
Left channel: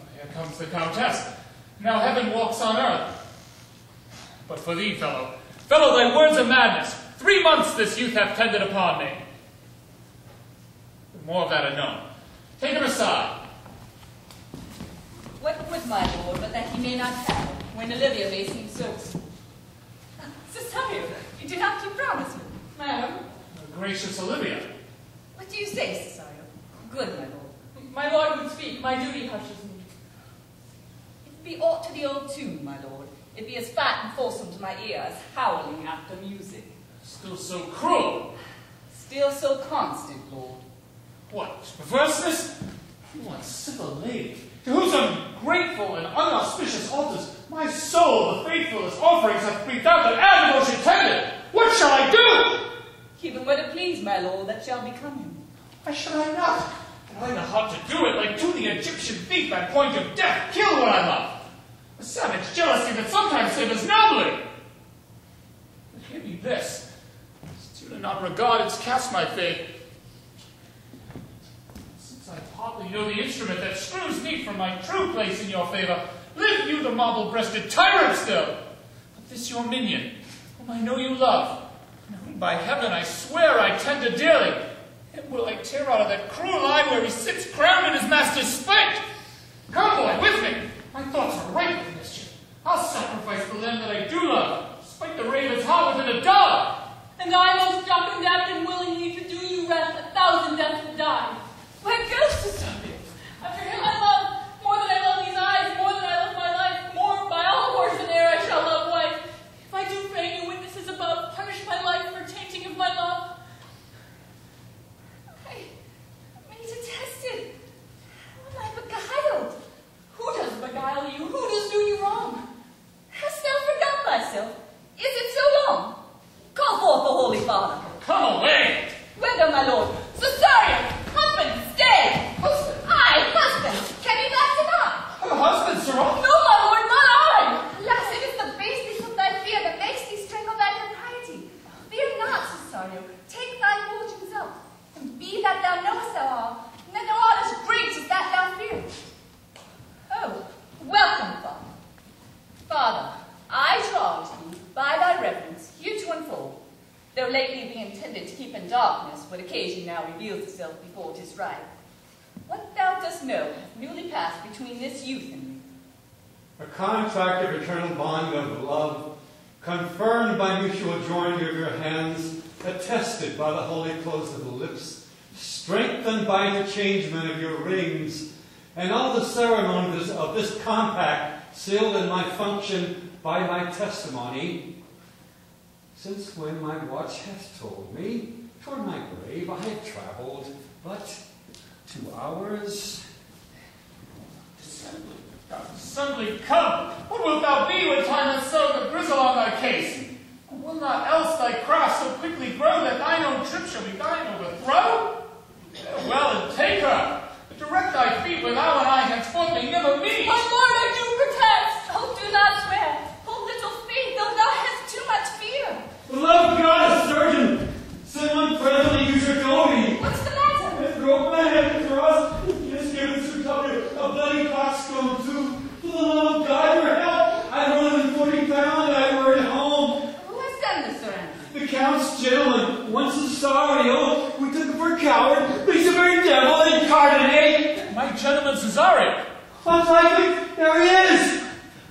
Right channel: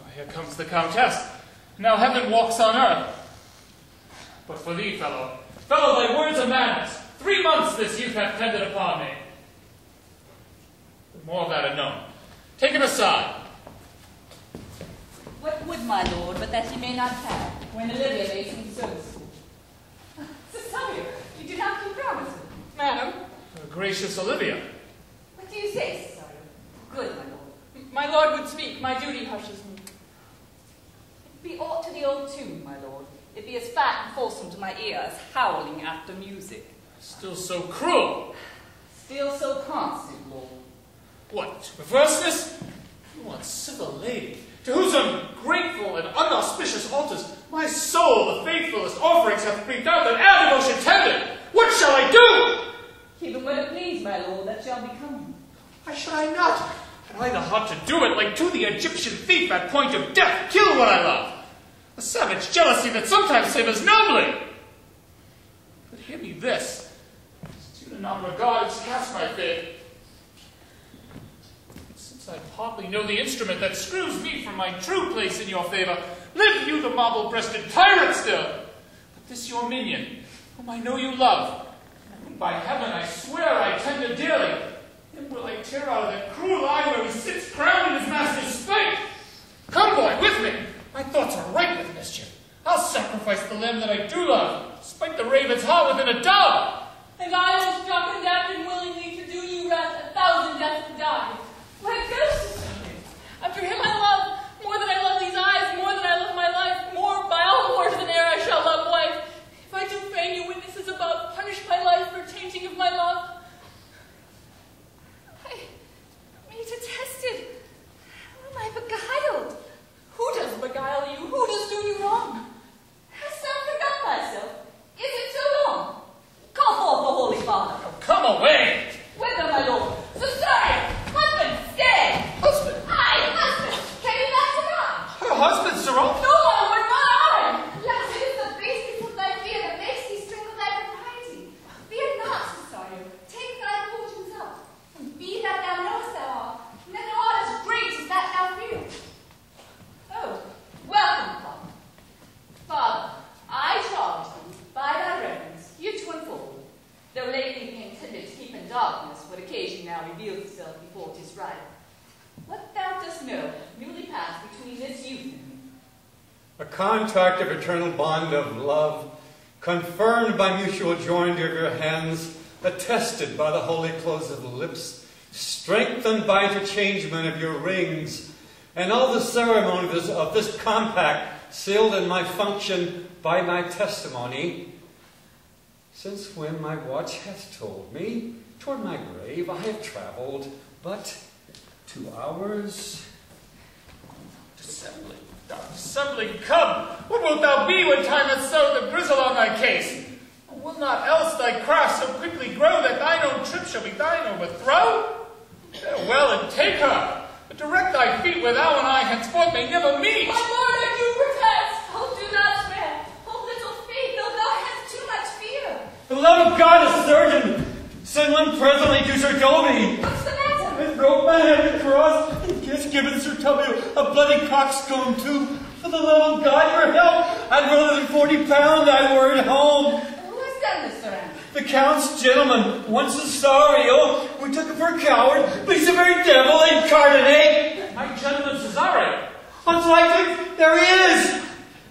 Oh, here comes the Countess. Now heaven walks on earth. But for thee, fellow, thy words are madness. 3 months this youth hath tended upon me. More of that anon. Take him aside. What would my lord but that he may not have, when Olivia may seem so? Cesario, you do not keep promise. Madam? Gracious Olivia. What do you say, Cesario? Good, my lord. My lord would speak, my duty hushes me. It be aught to the old tune, my lord. It be as fat and fulsome to my ear as howling after music. Still so cruel. Still so constant, lord. What, perverseness? You uncivil lady, to whose ungrateful and unauspicious altars my soul, the faithfulest offerings, hath breathed out that animal should tend it. What shall I do? Keep him when it please, my lord, that shall become you. Why should I not? Had I the heart to do it, like to the Egyptian thief at point of death, kill what I love. A savage jealousy that sometimes savors nobly. But hear me this. Do not regard its cast my fate. Since I partly know the instrument that screws me from my true place in your favor, live you the marble-breasted tyrant still. But this your minion, whom I know you love, and whom by heaven I swear I tender dearly, him will I tear out of that cruel eye where he sits crowned in his master's spite. Come, boy, with me. My thoughts are ripe with mischief. I'll sacrifice the lamb that I do love, spite the raven's heart within a dove. And I, most dark and daft, and willingly to do you rest 1,000 deaths would die. Where goes the subject? After him I love, more than I love these eyes, more than I love my life, more by all wars than e'er I shall love wife. If I do feign you witnesses above, punish my life for tainting of my love. I be detested. How am I beguiled? Who does beguile you? Who does do you wrong? Hast thou forgot thyself? Is it so long? Call forth the holy father. Come away! Whither, my lord? Cesario! Husband, stay! Husband? I, husband! Can you not deny? Her husband, Sir No, my lord, not I! Alas, it is the baseness of thy fear that makes thee strangle thy propriety. Fear not, Cesario. Take thy lord himself, and be that thou knowest thou art, and that thou art as great as that thou fearest. Oh, welcome, father. Father, I charge thee, by thy reverence, here to unfold, though lately being intended to keep in darkness what occasion now reveals itself before 'tis right. What thou dost know hath newly passed between this youth and me. A contact of eternal bond of love, confirmed by mutual joinder of your hands, attested by the holy close of the lips, strengthened by interchangement of your rings, and all the ceremonies of this compact sealed in my function by my testimony. Since when my watch hath told me, toward my grave I have traveled but 2 hours. Assembly, come! What wilt thou be when time hath sowed the grizzle on thy case? Will not else thy craft so quickly grow that thine own trip shall be thine overthrow? Well, and take her, but direct thy feet where thou and I henceforth may never meet. My lord, I do protest! Oh, do not swear. Oh, little faith, though thou hast too much fear. The love of God gentleman presently to Sir Toby. What's the matter? I broke my head across and just given Sir Toby a bloody coxcomb too. For the love of God, for help! I'd rather than 40 pounds I were at home. Who has done this, Sir Andrew? The Count's gentleman, once a Cesario, we took him for a coward, but he's a very devil in Cardinet. My gentleman Cesario. What's likely? There he is!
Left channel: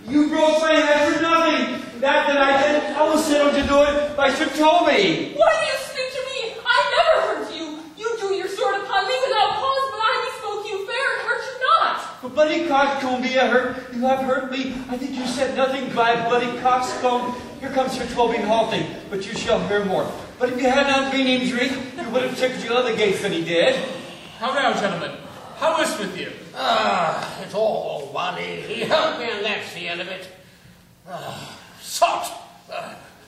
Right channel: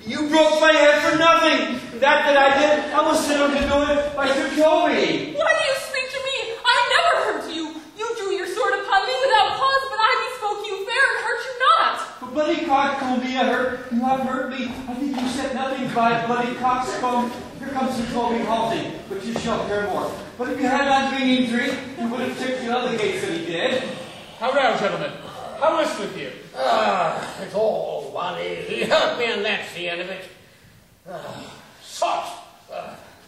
You broke my head for nothing. That I did, I was sent to do it by Sir Toby. Why do you speak to me? I never hurt you. You drew your sword upon me without cause, but I bespoke you fair and hurt you not. For bloody coxcomb you have hurt me. I think you said nothing by bloody coxcomb. Here comes Sir Toby halting, but you shall hear more. But if you had not been injured, you would have checked the other gates that he did. How now, gentlemen? How is with you? It's all one. He hurt me, and that's the end of it. Sot!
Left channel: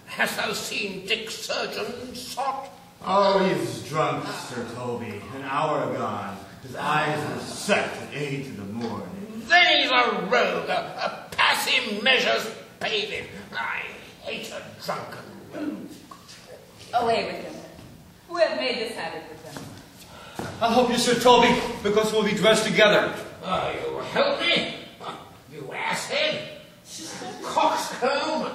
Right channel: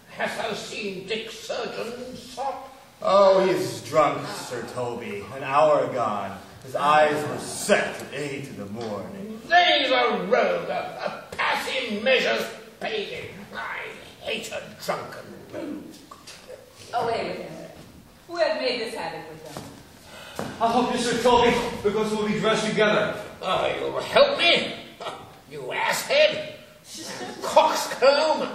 Hast thou seen Dick Surgeon, Sot? Oh, he's drunk, Sir Toby. An hour gone. His eyes were set at 8 in the morning. They's a rogue, a passive measures paid him. I hate a drunken. Away with him. Who have made this havoc with him? I'll help you, Sir Toby, because we'll be dressed together. You'll help me? You asshead! Coxcomb!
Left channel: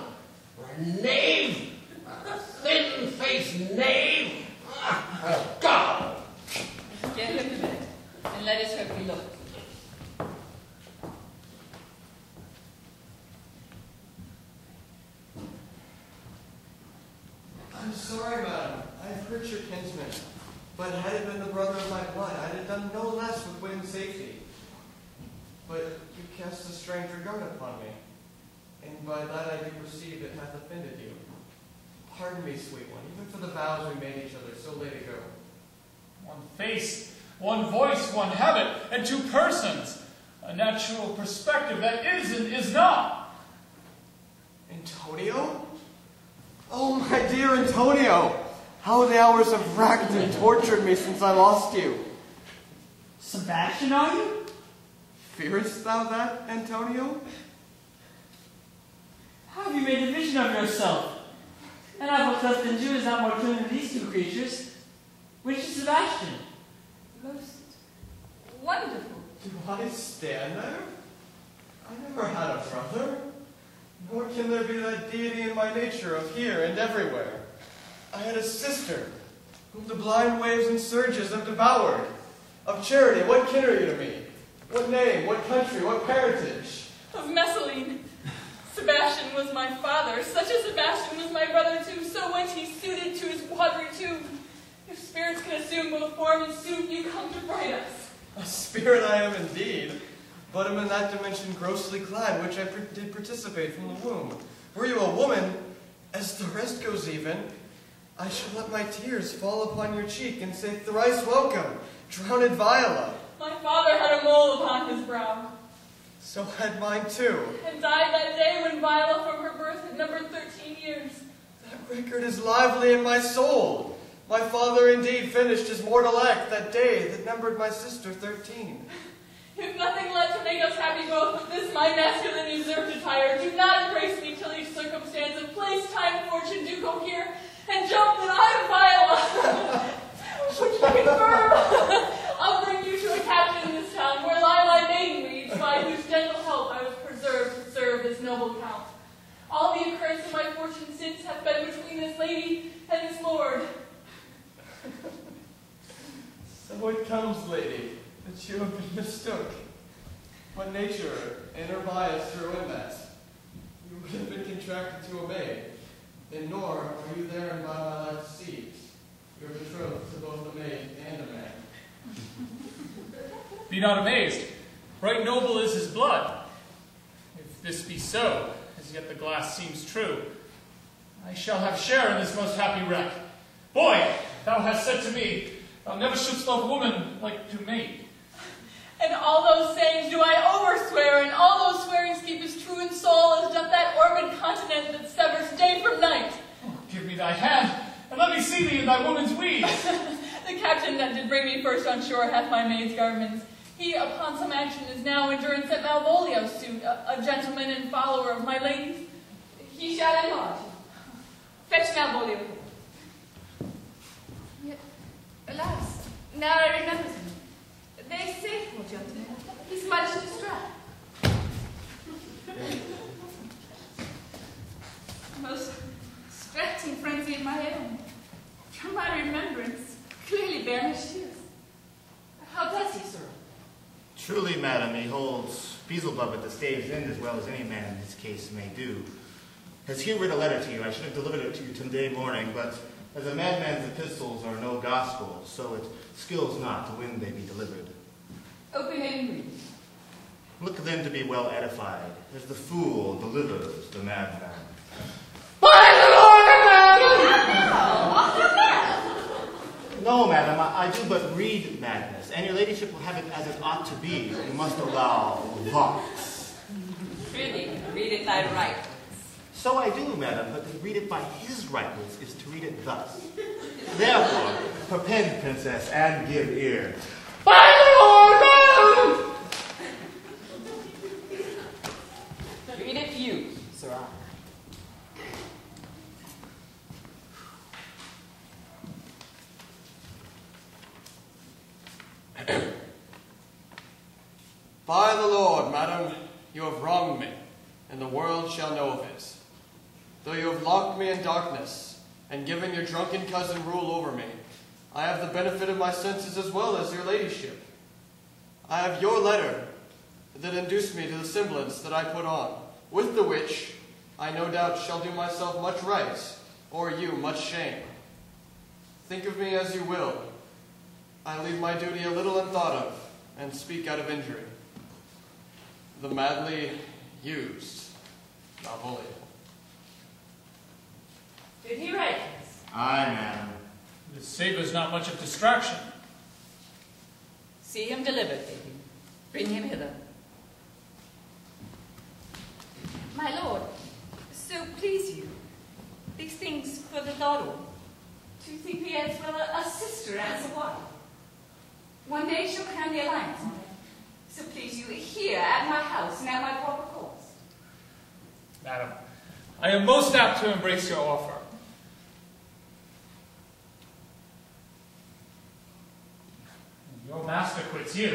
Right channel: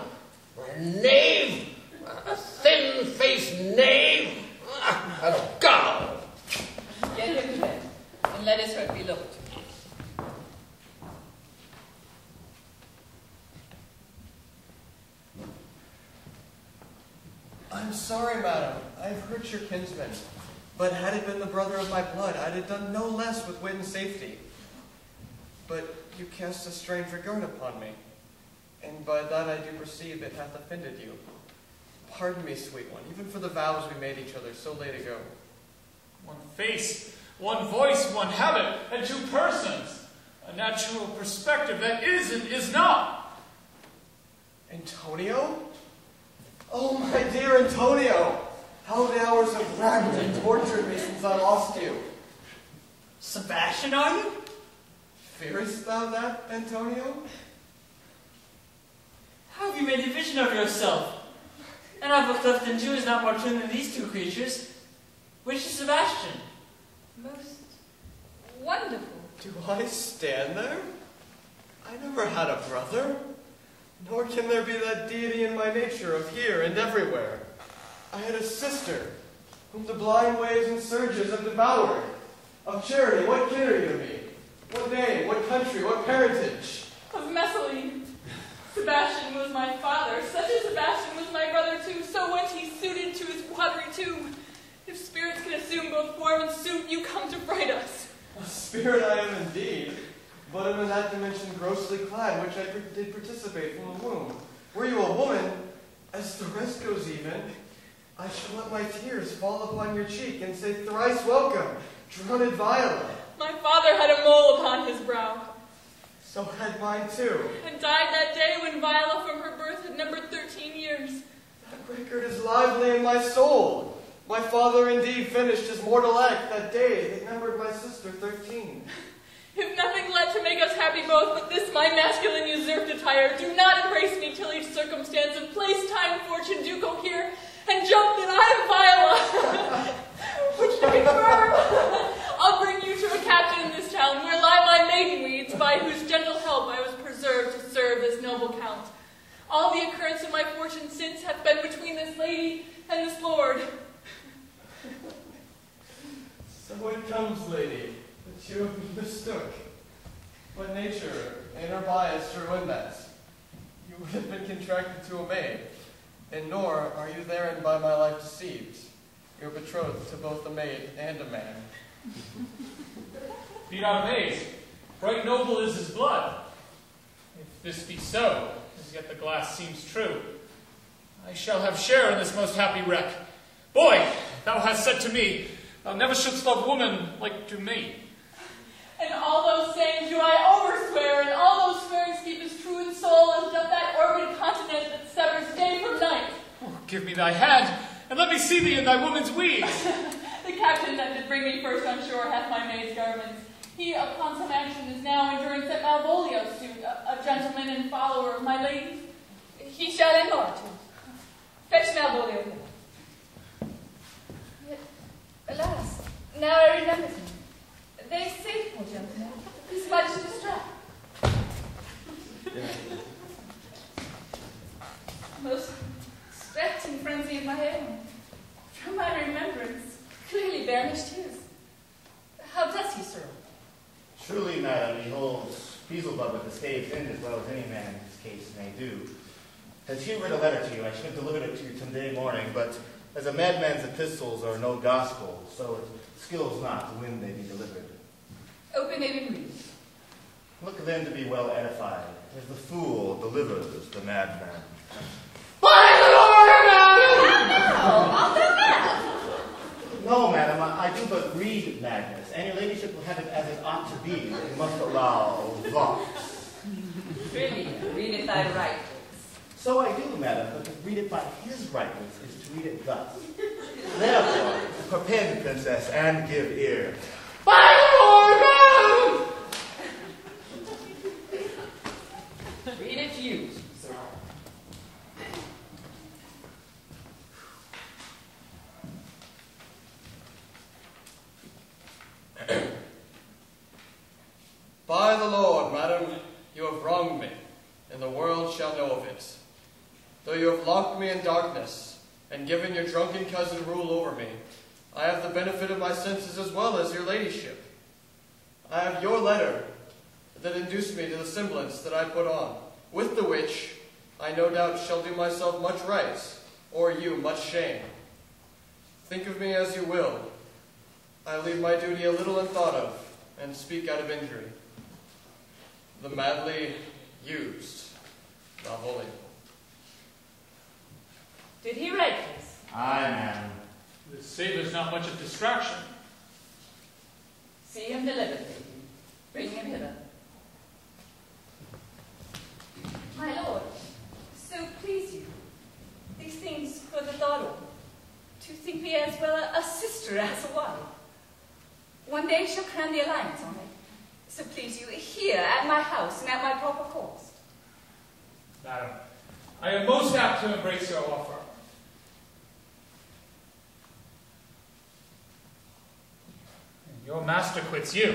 A knave! A thin-faced knave! Oh, God! Get him to bed, and let his hurt be looked. I'm sorry, madam. I've hurt your kinsman. But had he been the brother of my blood, I'd have done no less with wit and safety. But you cast a strange regard upon me, and by that I do perceive it hath offended you. Pardon me, sweet one, even for the vows we made each other so late ago. One face, one voice, one habit, and two persons. A natural perspective that is and is not. Antonio? Oh, my dear Antonio! How the hours have racked and tortured me since I lost you. Sebastian, are you? Fearest thou that, Antonio? How have you made a vision of yourself? And I've looked up that Jew is not more true than these two creatures. Which is Sebastian? Most wonderful. Do I stand there? I never had a brother. Nor can there be that deity in my nature of here and everywhere. I had a sister, whom the blind waves and surges have devoured. Of Charity, what kin are you to me? What name, what country, what parentage? Of Messalene. Sebastian was my father. Such a Sebastian was my brother too. So went he suited to his watery tomb. If spirits can assume both form and suit, you come to fright us. A spirit I am indeed, but am in that dimension grossly clad, which I did participate from the womb. Were you a woman, as the rest goes even, I shall let my tears fall upon your cheek and say thrice welcome, drowned Viola. My father had a mole upon his brow. So had mine too. And died that day when Viola from her birth had numbered 13 years. That record is lively in my soul. My father indeed finished his mortal act that day that numbered my sister 13. If nothing led to make us happy both but this my masculine usurped attire, do not embrace me till each circumstance of place, time, fortune do cohere, and jump that I am Viola. Which I confirm. I'll bring you to a captain in this town, where lie my maiden weeds, by whose gentle help I was preserved to serve this noble count. All the occurrence of my fortune since hath been between this lady and this lord. So it comes, lady, that you have been mistook. When nature, in her bias, sure win that, you would have been contracted to a maid, and nor are you therein by my life deceived. You're betrothed to both a maid and a man. Be not amazed. Right noble is his blood. If this be so, as yet the glass seems true, I shall have share in this most happy wreck. Boy, thou hast said to me, thou never shouldst love woman like to me. And all those sayings do I overswear, and all those swearings keep as true in soul as doth that orbed continent that severs day from night. Oh, give me thy hand, and let me see thee in thy woman's weeds. The captain that did bring me first on shore hath my maid's garments. He, upon some action, is now in durance at Malvolio's suit, a gentleman and follower of my lady's. He shall emulate him. Fetch Malvolio. Now I remember him. They say, poor gentleman, he's much distressed. Most stretching frenzy in my own. From my remembrance, clearly banished his. How does he, sir? Truly, madam, he holds Beelzebub at the stave's end as well as any man in this case may do. As he read a letter to you, I should have delivered it to you today morning, but as a madman's epistles are no gospel, so it skills not when they be delivered. Open it and read. Look then to be well edified, as the fool delivers the madman. By the Lord, No, madam, I do but read madness, and your ladyship will have it as it ought to be. You must allow vox. Really, read it thy right. So I do, madam, but to read it by his rightness is to read it thus. Therefore, perpend, princess, and give ear. by the Lord, Read it you, sir. By the Lord, madam, you have wronged me, and the world shall know of it. Though you have locked me in darkness, and given your drunken cousin rule over me, I have the benefit of my senses as well as your ladyship. I have your letter that induced me to the semblance that I put on, with the which I no doubt shall do myself much right, or you much shame. Think of me as you will. I leave my duty a little unthought of, and speak out of injury. The madly used, Malvolio. Did he write this? Aye, madam. This savors not much of distraction. See him delivered, lady. Bring him hither. My lord, so please you, these things for the daughter, to think me as well a sister as a wife. One day she'll crown the alliance on it. So please you, here at my house and at my proper cost. Madam, I am most apt to embrace your offer. And your master quits you,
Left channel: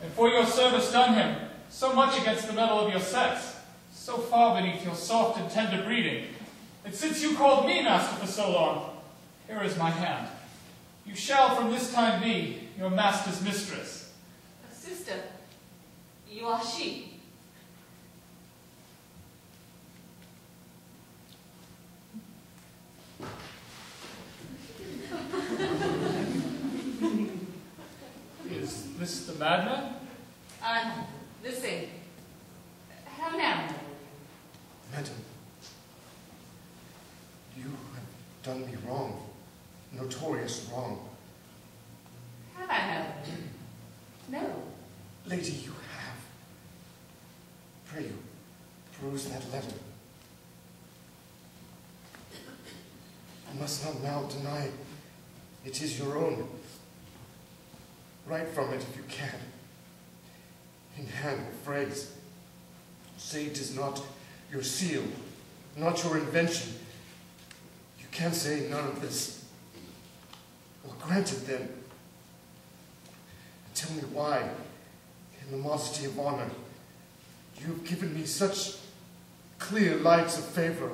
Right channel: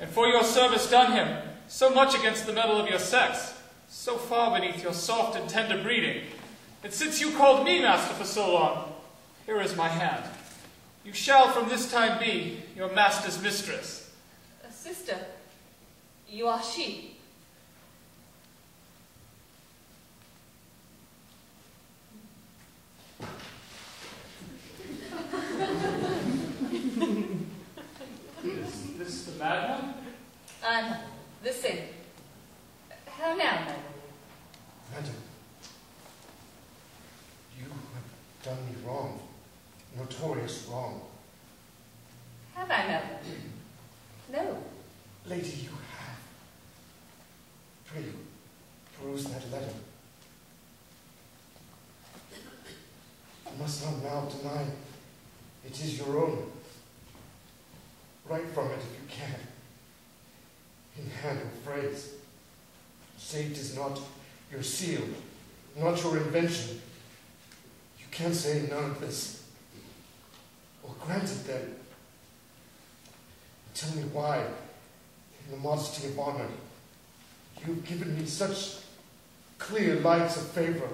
and for your service done him, so much against the metal of your sex, so far beneath your soft and tender breeding, that since you called me master for so long, here is my hand. You shall from this time be your master's mistress. Sister, you are she. Is this the madman? I'm the same. How now, my lord? Madam, you have done me wrong, notorious wrong. Have I, my lord? No. Lady, you have. Pray you, peruse that letter. You must not now deny it is your own. Write from it if you can, in hand and phrase. Say it is not your seal, not your invention. You can say none of this. Well, granted then. Tell me why, in the modesty of honor, you have given me such clear lights of favor.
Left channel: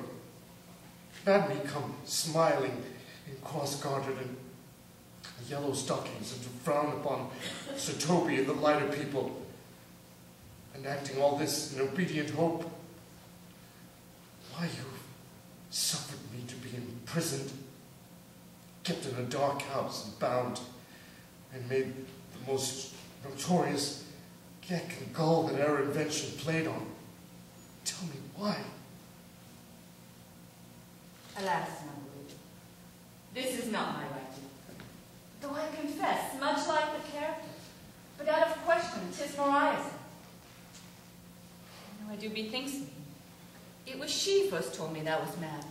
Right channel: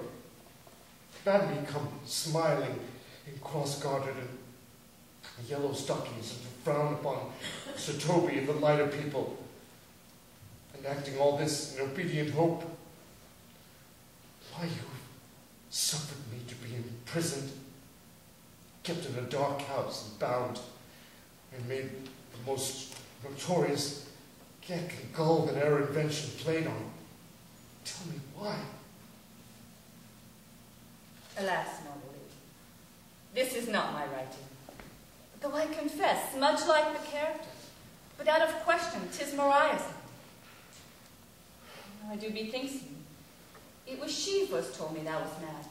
Bade me come smiling and cross-gartered in yellow stockings and to frown upon Sir Toby and the lighter people, enacting all this in obedient hope. Why you have suffered me to be imprisoned, kept in a dark house and bound, and made the most notorious cat and gull that our invention played on. Tell me why. Alas, my lord, this is not my writing. Though I confess, much like the character, but out of question, 'tis Maria's. I do bethinks me. It was she first told me thou was mad,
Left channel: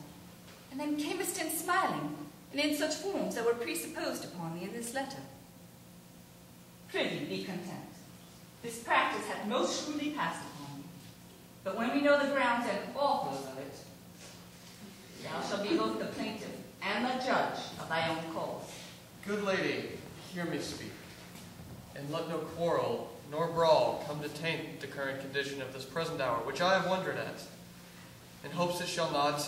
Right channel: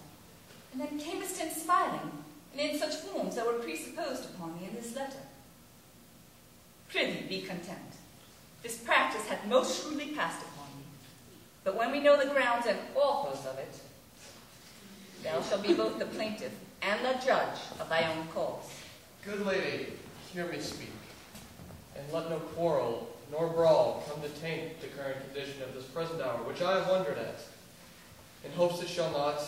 and then camest in smiling, and in such forms that were presupposed upon me in this letter. Prithee, be content. This practice hath most shrewdly passed upon me. But when we know the grounds and authors of it, thou shalt be both the plaintiff and the judge of thy own cause. Good lady, hear me speak, and let no quarrel nor brawl come to taint the current condition of this present hour, which I have wondered at. In hopes it shall not,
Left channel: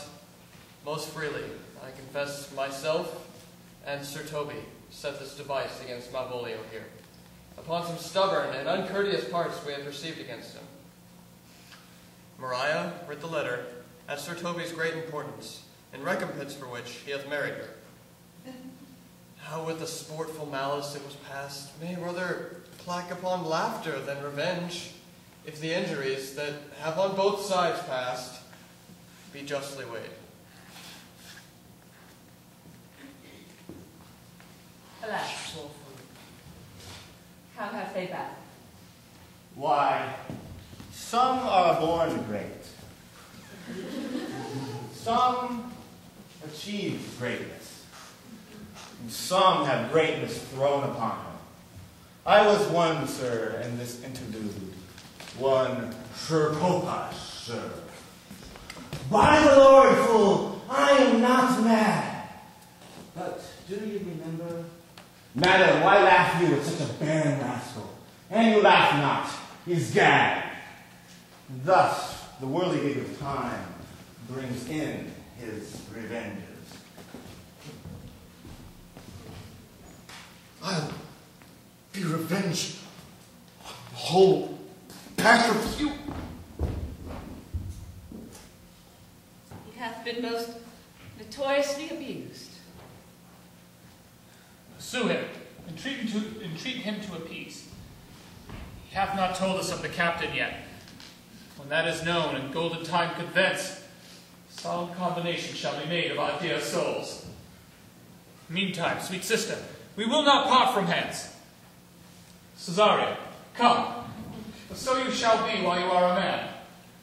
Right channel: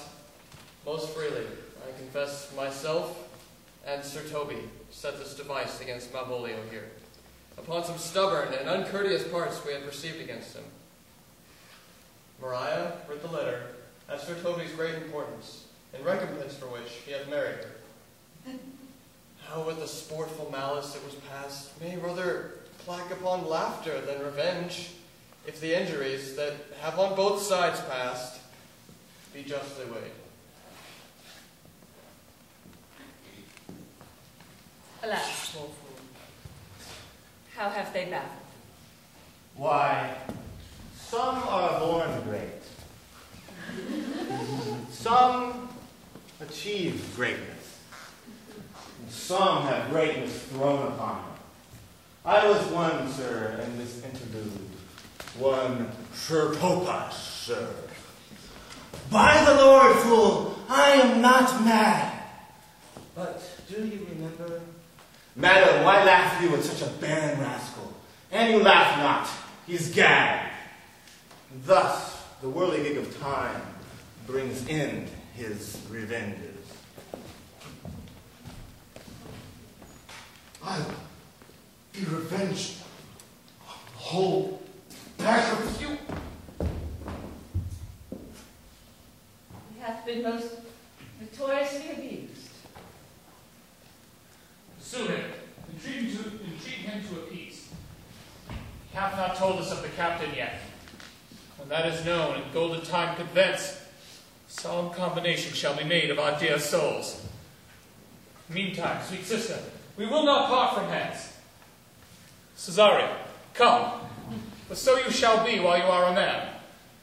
most freely, I confess myself and Sir Toby set this device against Malvolio here, upon some stubborn and uncourteous parts we have received against him. Maria read the letter as Sir Toby's great importance, in recompense for which he hath married her. How with the sportful malice that was past may rather plack upon laughter than revenge, if the injuries that have on both sides passed be justly weighed. Alas, poor fool. How have they battled? Why, some are born great. Some achieve greatness. And some have greatness thrown upon them. I was one, sir, in this interlude. One Sir Topas, sir. By the Lord, fool, I am not mad. But do you remember? Madam, why laugh you at such a barren rascal? And you laugh not, he's gagged. Thus, the whirligig of time brings in his revenges. I'll be revenged on the whole pack of you. He hath been most notoriously abused. Pursue him. Entreat him to appease. He hath not told us of the captain yet. When that is known and golden time convince, solemn combination shall be made of our dear souls. Meantime, sweet sister, we will not part from hence. Cesario, come, for so you shall be while you are a man.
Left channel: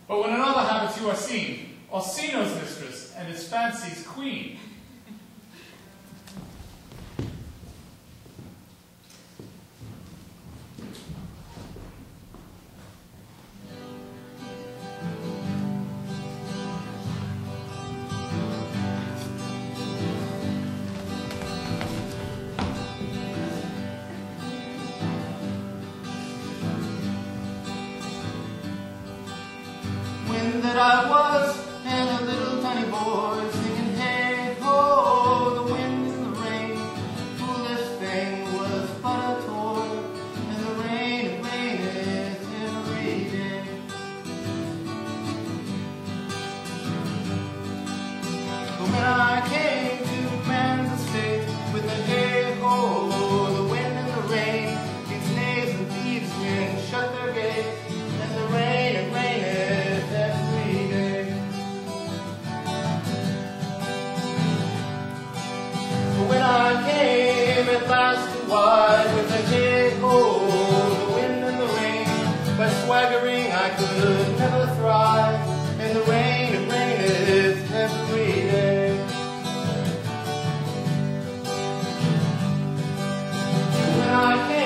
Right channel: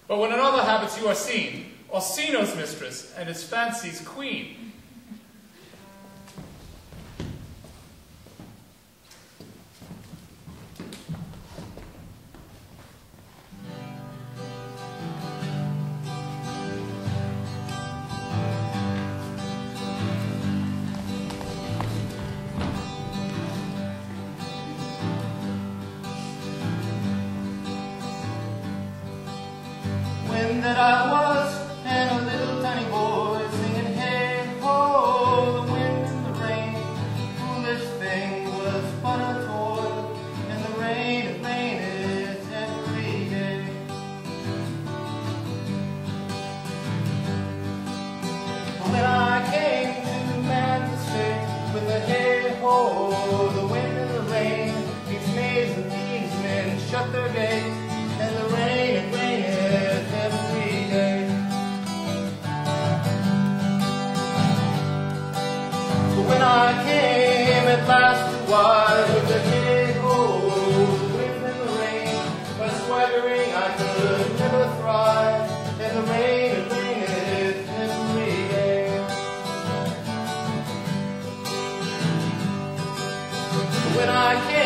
But when in other habits you are seen, Orsino's mistress and his fancy's queen. When that I was and a little tiny boy singing hey ho, the wind and the rain, foolish thing was but a toy, and the rain it raineth every day. But when I came to man's estate with the hey ho, the wind and the rain, these knaves and thieves men shut their gates, and the rain it raineth every day. But when I came at last to wise the hey-ho, the wind and the rain, when swaggering I could never thrive, and the rain it raineth every day. But when I came